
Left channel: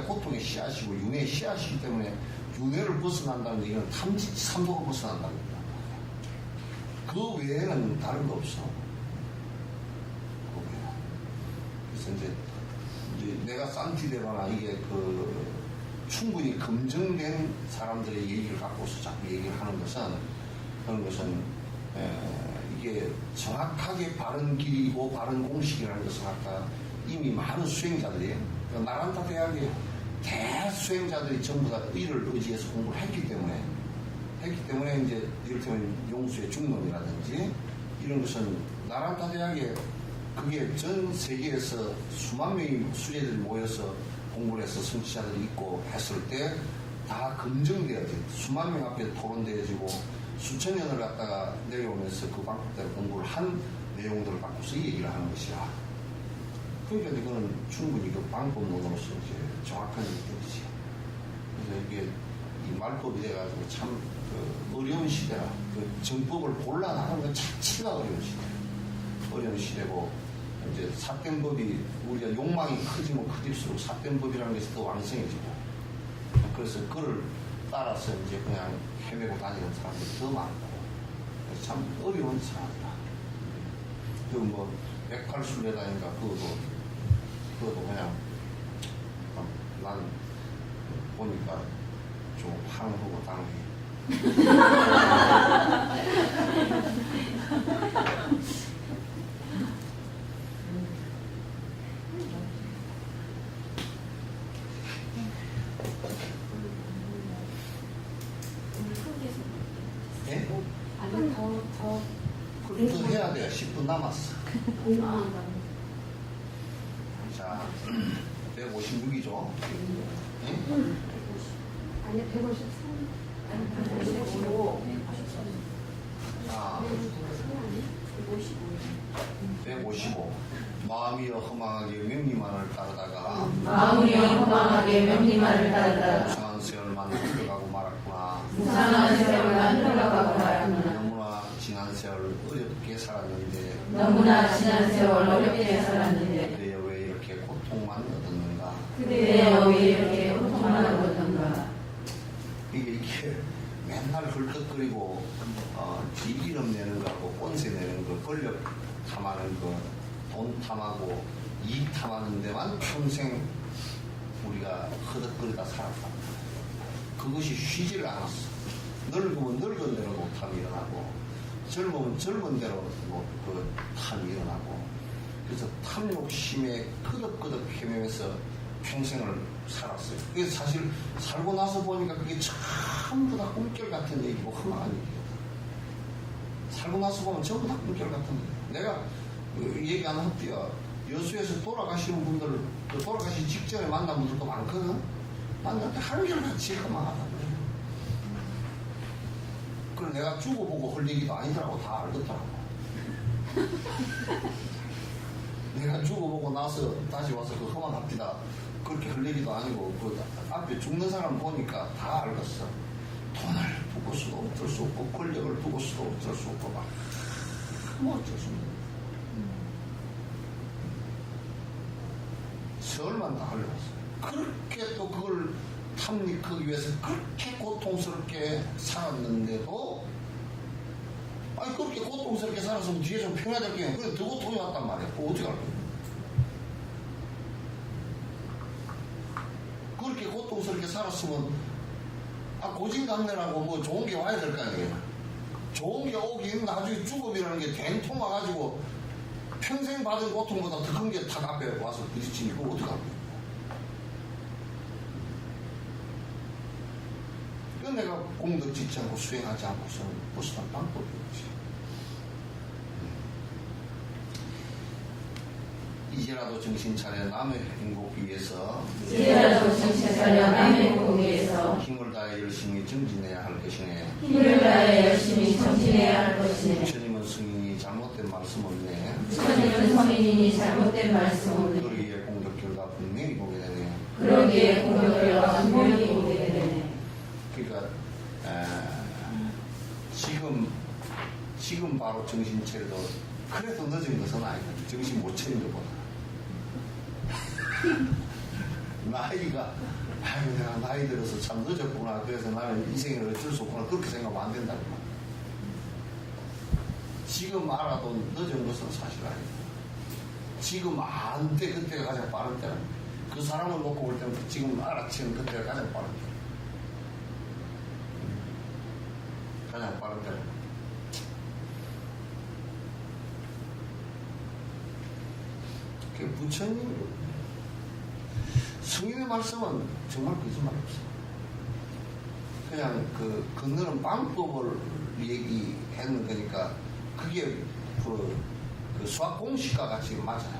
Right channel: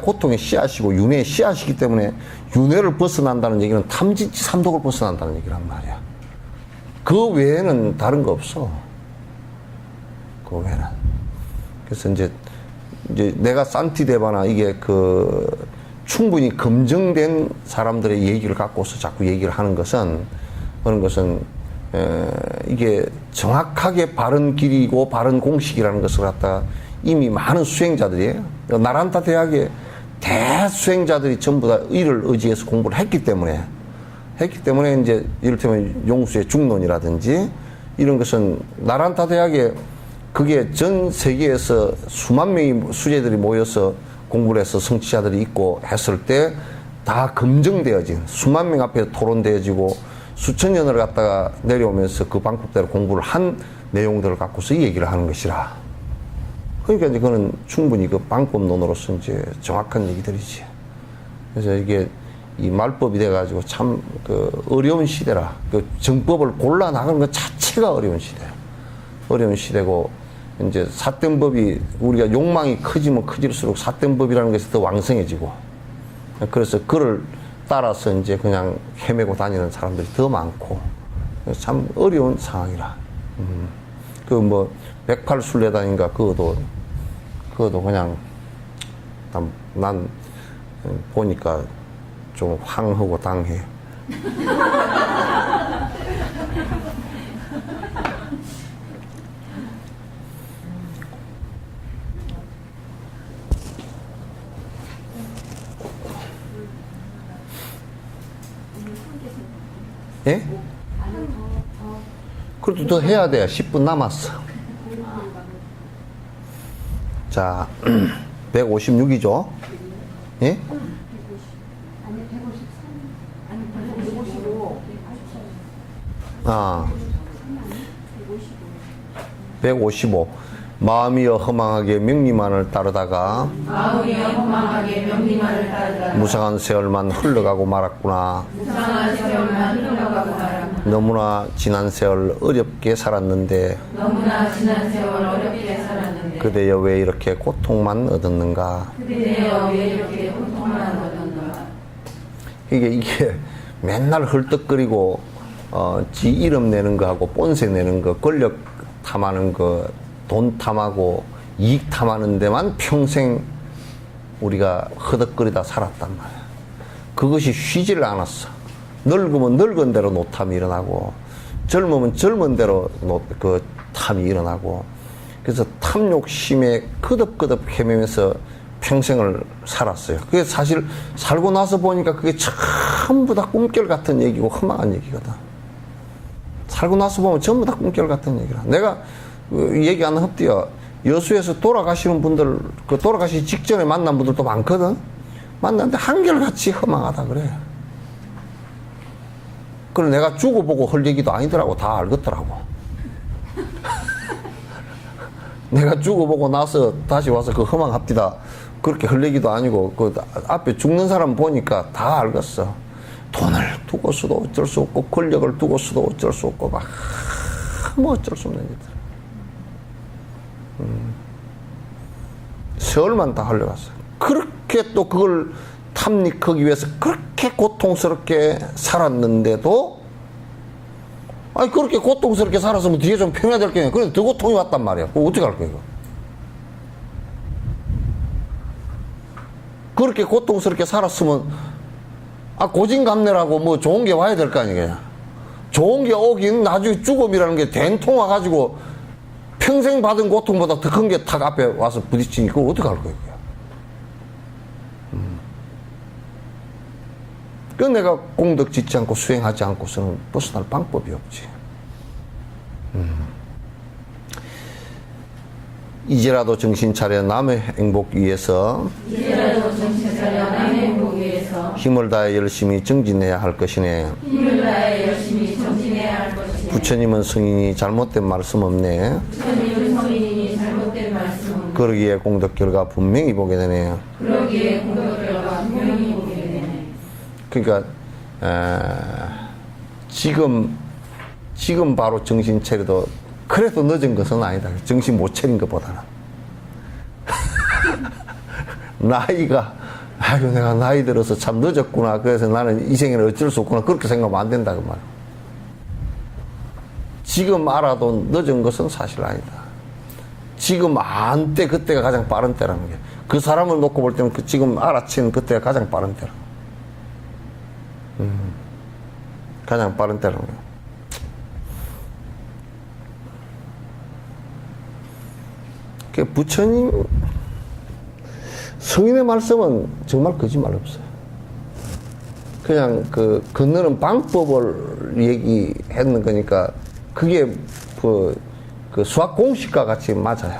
고통의 씨앗이고, 윤회의 씨앗이기 때문에, 윤회를 벗어난다는 얘기는 탐진치 삼독을 벗어난다는 얘기란 말이야. 그 외에는 다른 거 없어. 그 외에는. 그래서 이제 내가 산티데바나 이게 충분히 검증된 사람들의 얘기를 갖고서 자꾸 얘기를 하는 것은, 그런 것은, 이게 정확하게 바른 길이고 바른 공식이라는 것을 갖다가 이미 많은 수행자들이에요. 나란타 대학의 대수행자들이 전부 다 이를 의지해서 공부를 했기 때문에 이제 이를테면 용수의 중론이라든지 이런 것은 나란타 대학에 그게 전 세계에서 수만 명의 수재들이 모여서 공부를 해서 성취자들이 있고 했을 때 다 검증되어진 수만 명 앞에 토론되어지고 수천 년을 갖다가 내려오면서 그 방법대로 공부를 한 내용들을 갖고서 이 얘기를 하는 것이라. 그러니까 이제 그거는 충분히 그 방법론으로서 이제 정확한 얘기들이지. 그래서 이게 이 말법이 돼가지고 참 어려운 시대라. 그 정법을 골라 나가는 것 자체가 어려운 시대. 어려운 시대고, 이제 삿된 법이 우리가 욕망이 커지면 커질수록 삿된 법이라는 것이 더 왕성해지고, 그래서 그를 따라서 이제 그냥 헤매고 다니는 사람들이 더 많고, 참 어려운 상황이라. 108순례단인가 그것도 그냥 난 보니까 좀 황하고 당해. 예? 아니 더 그래도 더 해야 돼. 10분 남았어. 자, 156이죠? 예? 아니 153. 아니 155. 아, 155. 마음이여 허망하게 명리만을 따르다가 무상한 세월만 흘러가고 말았구나. 너무나 지난 세월 어렵게 살았는데 그대여 왜 이렇게 고통만 얻었는가. 이게 맨날 헐떡거리고 지 이름 내는 거하고 본세 내는 거, 권력 탐하는 거, 돈 탐하고 이익 탐하는 데만 평생 우리가 허덕거리다 살았단 말이야. 그것이 쉬지를 않았어. 늙으면 늙은 대로 노탐이 일어나고, 젊으면 젊은 대로 그 탐이 일어나고, 그래서 탐욕심에 끄덕끄덕 헤매면서 평생을 살았어요. 그게 사실 살고 나서 보니까 그게 전부 다 꿈결 같은 얘기고 허망한 얘기거든. 살고 나서 보면 전부 다 꿈결 같은 얘기라. 내가 얘기하는 흡디야, 여수에서 돌아가시는 분들, 그 돌아가시기 직전에 만난 분들도 많거든. 만났는데 한결같이 허망하다 그래. 그걸 내가 죽어보고 할 얘기도 아니더라고. 다 알겠더라고. 내가 죽어보고 나서 다시 와서 그 허망합디다 그렇게 할 얘기도 아니고, 그 앞에 죽는 사람 보니까 다 알겠어. 돈을 두고서도 어쩔 수 없고, 권력을 두고서도 어쩔 수 없고, 뭐 어쩔 수 없는 얘기들. 세월만 다 흘러갔어. 그렇게 또 그걸 탐닉하기 위해서 그렇게 고통스럽게 살았는데도, 아니 그렇게 고통스럽게 살았으면 뒤에 좀 편해야 될 게 아니야. 그래 더 고통이 왔단 말이야. 그거 어떻게 할 거야 이거? 그렇게 고통스럽게 살았으면 고진감래라고 뭐 좋은 게 와야 될 거 아니겠냐. 좋은 게 오긴 나중에 죽음이라는 게 된통 와가지고 평생 받은 고통보다 더 큰 게 탁 앞에 와서 부딪히니 그걸 어떻게 할 거야. 그 내가 공덕 짓지 않고 수행하지 않고서는 벗어날 방법이 없지. 이제라도 정신 차려 남의 행복 위해서 힘을 다해 열심히 정진해야 할 것이네. 부처님은 성인이 잘못된 말씀 없네. 그러기에 공덕 결과 분명히 보게 되네요. 그러니까 지금 지금 바로 정신 차려도 그래도 늦은 것은 아니다. 정신 못 차린 것보다는. 나이가, 아이고, 내가 나이 들어서 참 늦었구나. 그래서 나는 이 생에는 어쩔 수 없구나. 그렇게 생각하면 안 된다. 그 말. 지금 알아도 늦은 것은 사실 아니다. 지금 안 때, 그때가 가장 빠른 때라는 게. 그 사람을 놓고 볼 때는 지금 알아챈 그때가 가장 빠른 때라. 가장 빠른 때라는 거야. 그 부처님 성인의 말씀은 정말 거짓말 없어요. 그냥 그 건너는 방법을 얘기했는 거니까 그게 그 수학 공식과 같이 맞아요.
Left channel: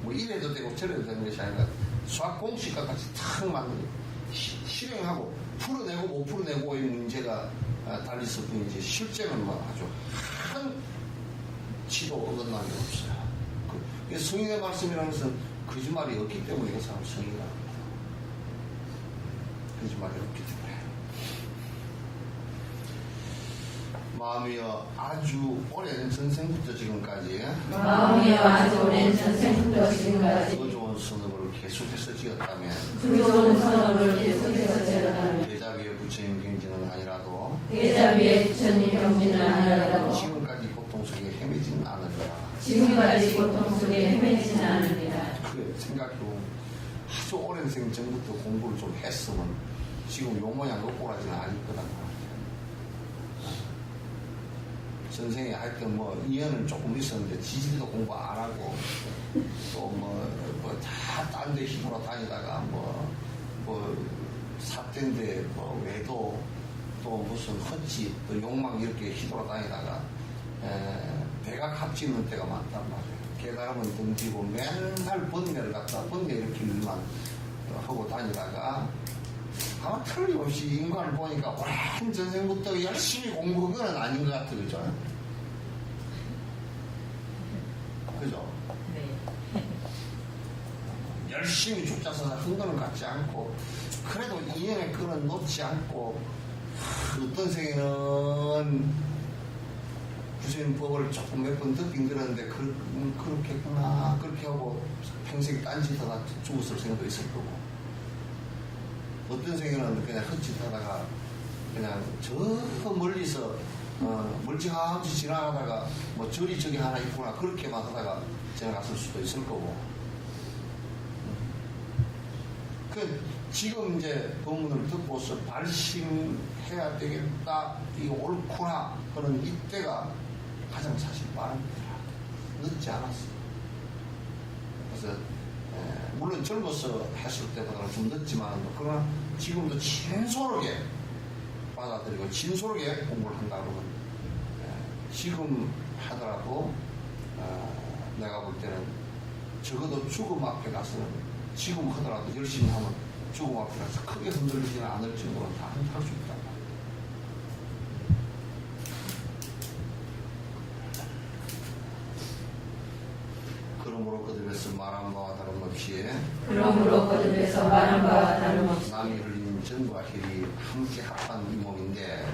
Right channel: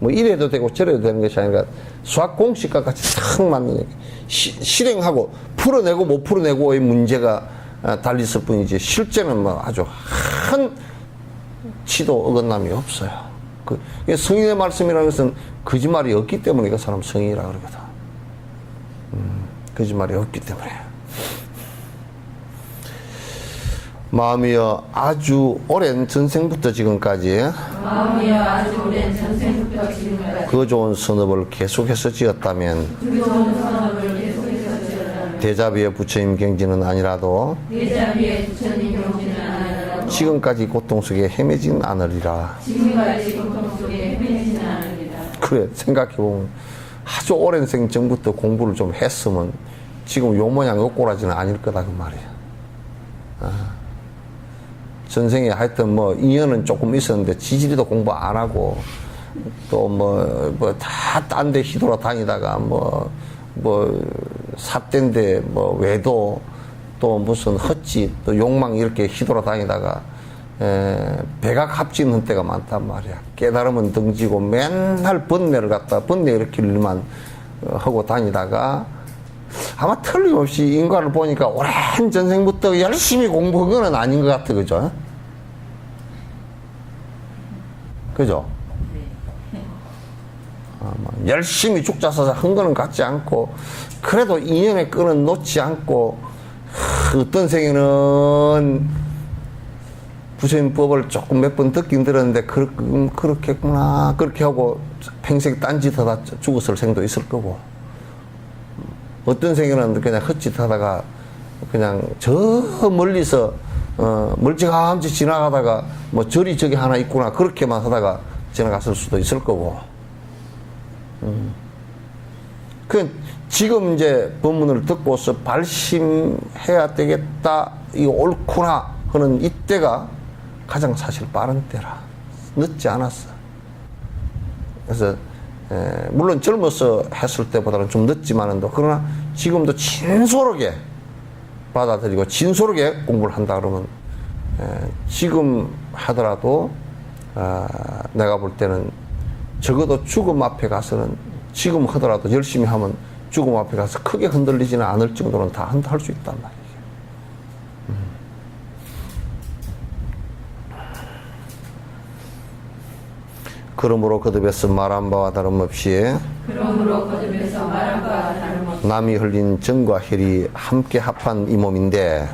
뭐 이래도 되고 저래도 되는 것이 아니라 수학 공식과 같이 딱 맞는 실행하고 풀어내고 못 풀어내고의 문제가 달렸을 뿐이지 실제는 뭐 아주 한 치도 어긋남이 없어요. 그 성인의 말씀이라는 것은 거짓말이 없기 때문에 그 사람 성인이라 그러거든. 거짓말이 없기 때문에. 마음이여 아주 오랜 전생부터 지금까지 그 좋은 선업을 계속해서 지었다면 대자비의 부처님 경지는 아니라도 지금까지 고통 속에 헤매진 않으리라. 그래 생각해보면 아주 오랜 생 전부터 공부를 좀 했으면 지금 요 모양 요 꼬라지는 아닐 거다 그 말이야. 전생에 하여튼 뭐 인연은 조금 있었는데 지지리도 공부 안 하고 또 뭐 다 딴 데 휘돌아 다니다가 뭐 삿대인데 뭐 외도 또 무슨 헛짓 또 욕망 이렇게 휘돌아 다니다가 배가 값지는 때가 많단 말이야. 깨달으면 등지고 맨날 번뇌를 갖다 번뇌 일으킬 일만 하고 다니다가 아마 틀림없이 인간을 보니까 오랜 전생부터 열심히 공부한 건 아닌 것 같아. 그죠? 그죠? 열심히 죽자서자 한 거는 같지 않고 그래도 인연의 끈은 놓지 않고 어떤 생에는 부처님 법을 조금 몇 번 듣긴 들었는데 그렇겠구나 그렇게 하고 평생 딴짓하다 죽었을 생도 있을 거고 어떤 생에는 그냥 헛짓하다가 그냥 저 멀리서 멀찌감치 지나가다가 뭐 절이 저기 하나 있구나 그렇게만 하다가 지나갔을 수도 있을 거고 그 지금 이제 법문을 듣고서 발심해야 되겠다 이거 옳구나 하는 이때가 가장 사실 빠른 때라 늦지 않았어. 그래서 물론 젊어서 했을 때보다는 좀 늦지만은 그러나 지금도 진솔하게 받아들이고 진솔하게 공부를 한다 그러면 지금 하더라도 내가 볼 때는 적어도 죽음 앞에 가서는 지금 하더라도 열심히 하면 죽음 앞에 가서 크게 흔들리지는 않을 정도는 다 할 수 있단 말이에요. 그러므로 거듭해서 말한 바와 다름없이 남이 흘린 정과 혈이 함께 합한 이 몸인데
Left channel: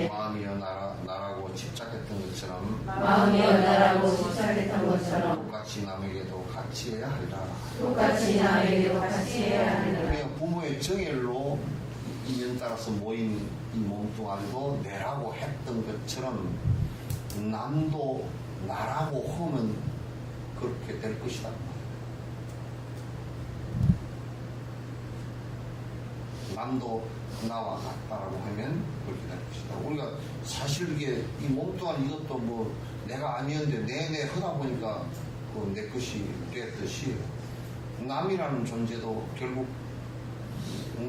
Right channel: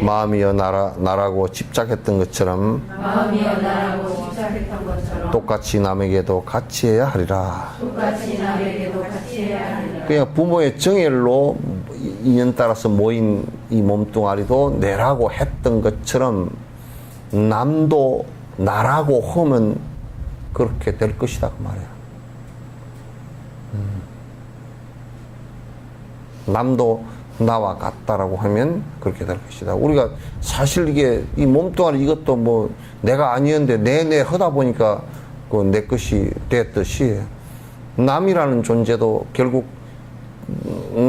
마음이여 나라고 집착했던 것처럼 똑같이 남에게도 같이 해야 하리라. 그냥 부모의 정열로 인연 따라서 모인 이 몸뚱아리도 내라고 했던 것처럼 남도 나라고 하면 그렇게 될 것이다 그 말이야. 남도 나와 같다라고 하면 그렇게 될 것이다. 우리가 사실 이게 이 몸뚱아리 이것도 뭐 내가 아니었는데 내내 하다 보니까 그 내 것이 됐듯이 남이라는 존재도 결국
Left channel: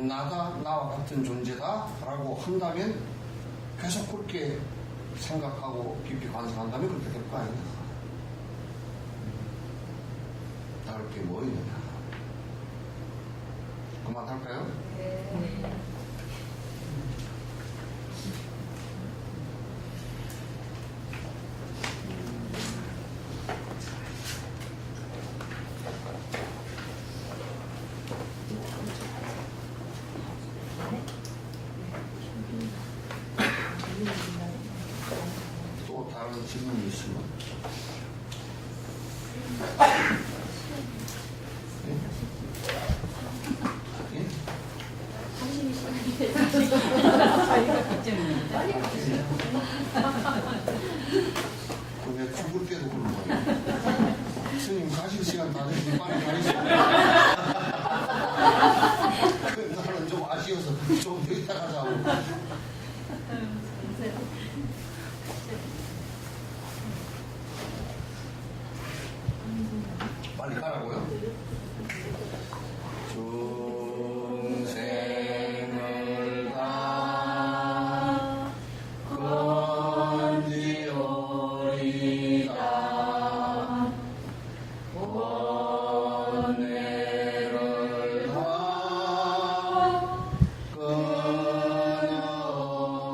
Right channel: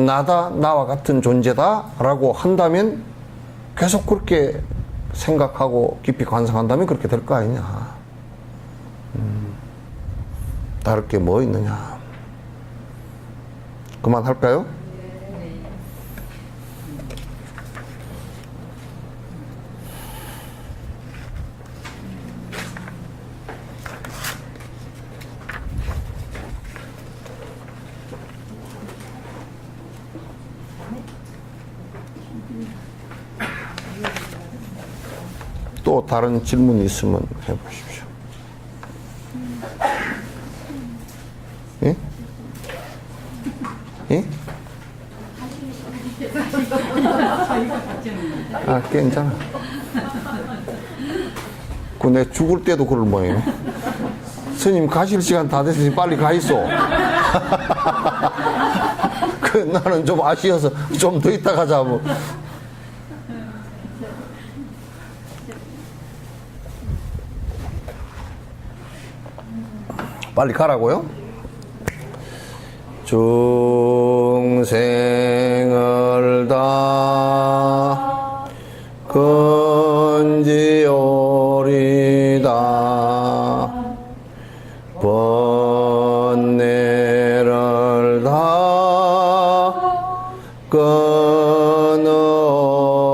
나다 나와 같은 존재다라고 한다면 계속 그렇게 생각하고 깊이 관상한다면 그렇게 될 거 아니냐. 다를 게 뭐 있느냐. 그만할까요? 또 다른 질문이 있으면 해보십시오. 예? 예? 아, 괜찮아. 내 죽을 때도 그럴 모양이네. 스님 가실 시간 다 됐으니 빨리 가 있어. 나는 좀 아쉬워서 좀 더 있다 가자. 뭐. 빨리 가라고요? 중생을 다 건지오리다 번뇌를 다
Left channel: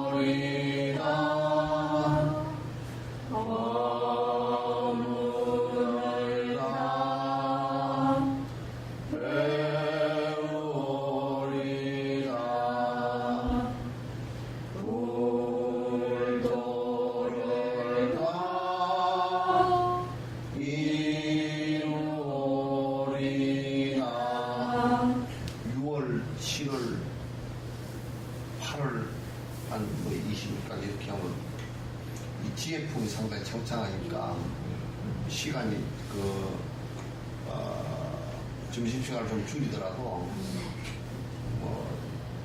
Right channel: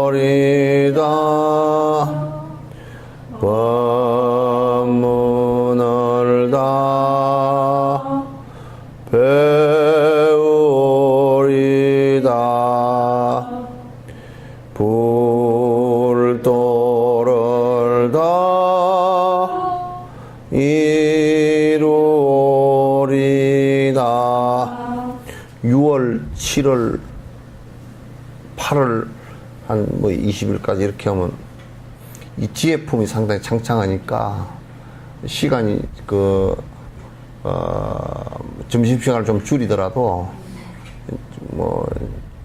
끊으리다 법문을 다 배우리다 불도를 다 이루리다. 6월, 7월, 8월 한 뭐 20일까지 이렇게 하면 이 지혜품이 상당히 창창하니까 시간이 점심시간을 좀 줄이더라도 뭐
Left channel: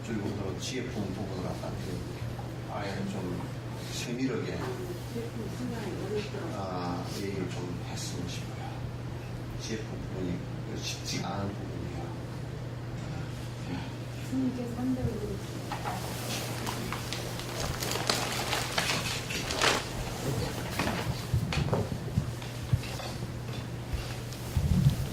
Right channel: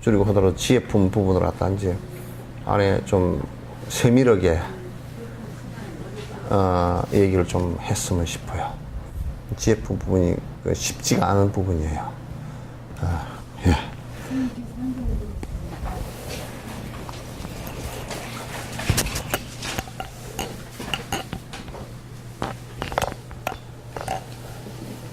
줄이고 하더라도 지혜품 부분을 갖다 이제 안에 좀 세밀하게 얘기를 좀 했으면 싶어요. 지혜품 부분이 쉽지가 않은 부분이에요. 예. 스님께서 한다고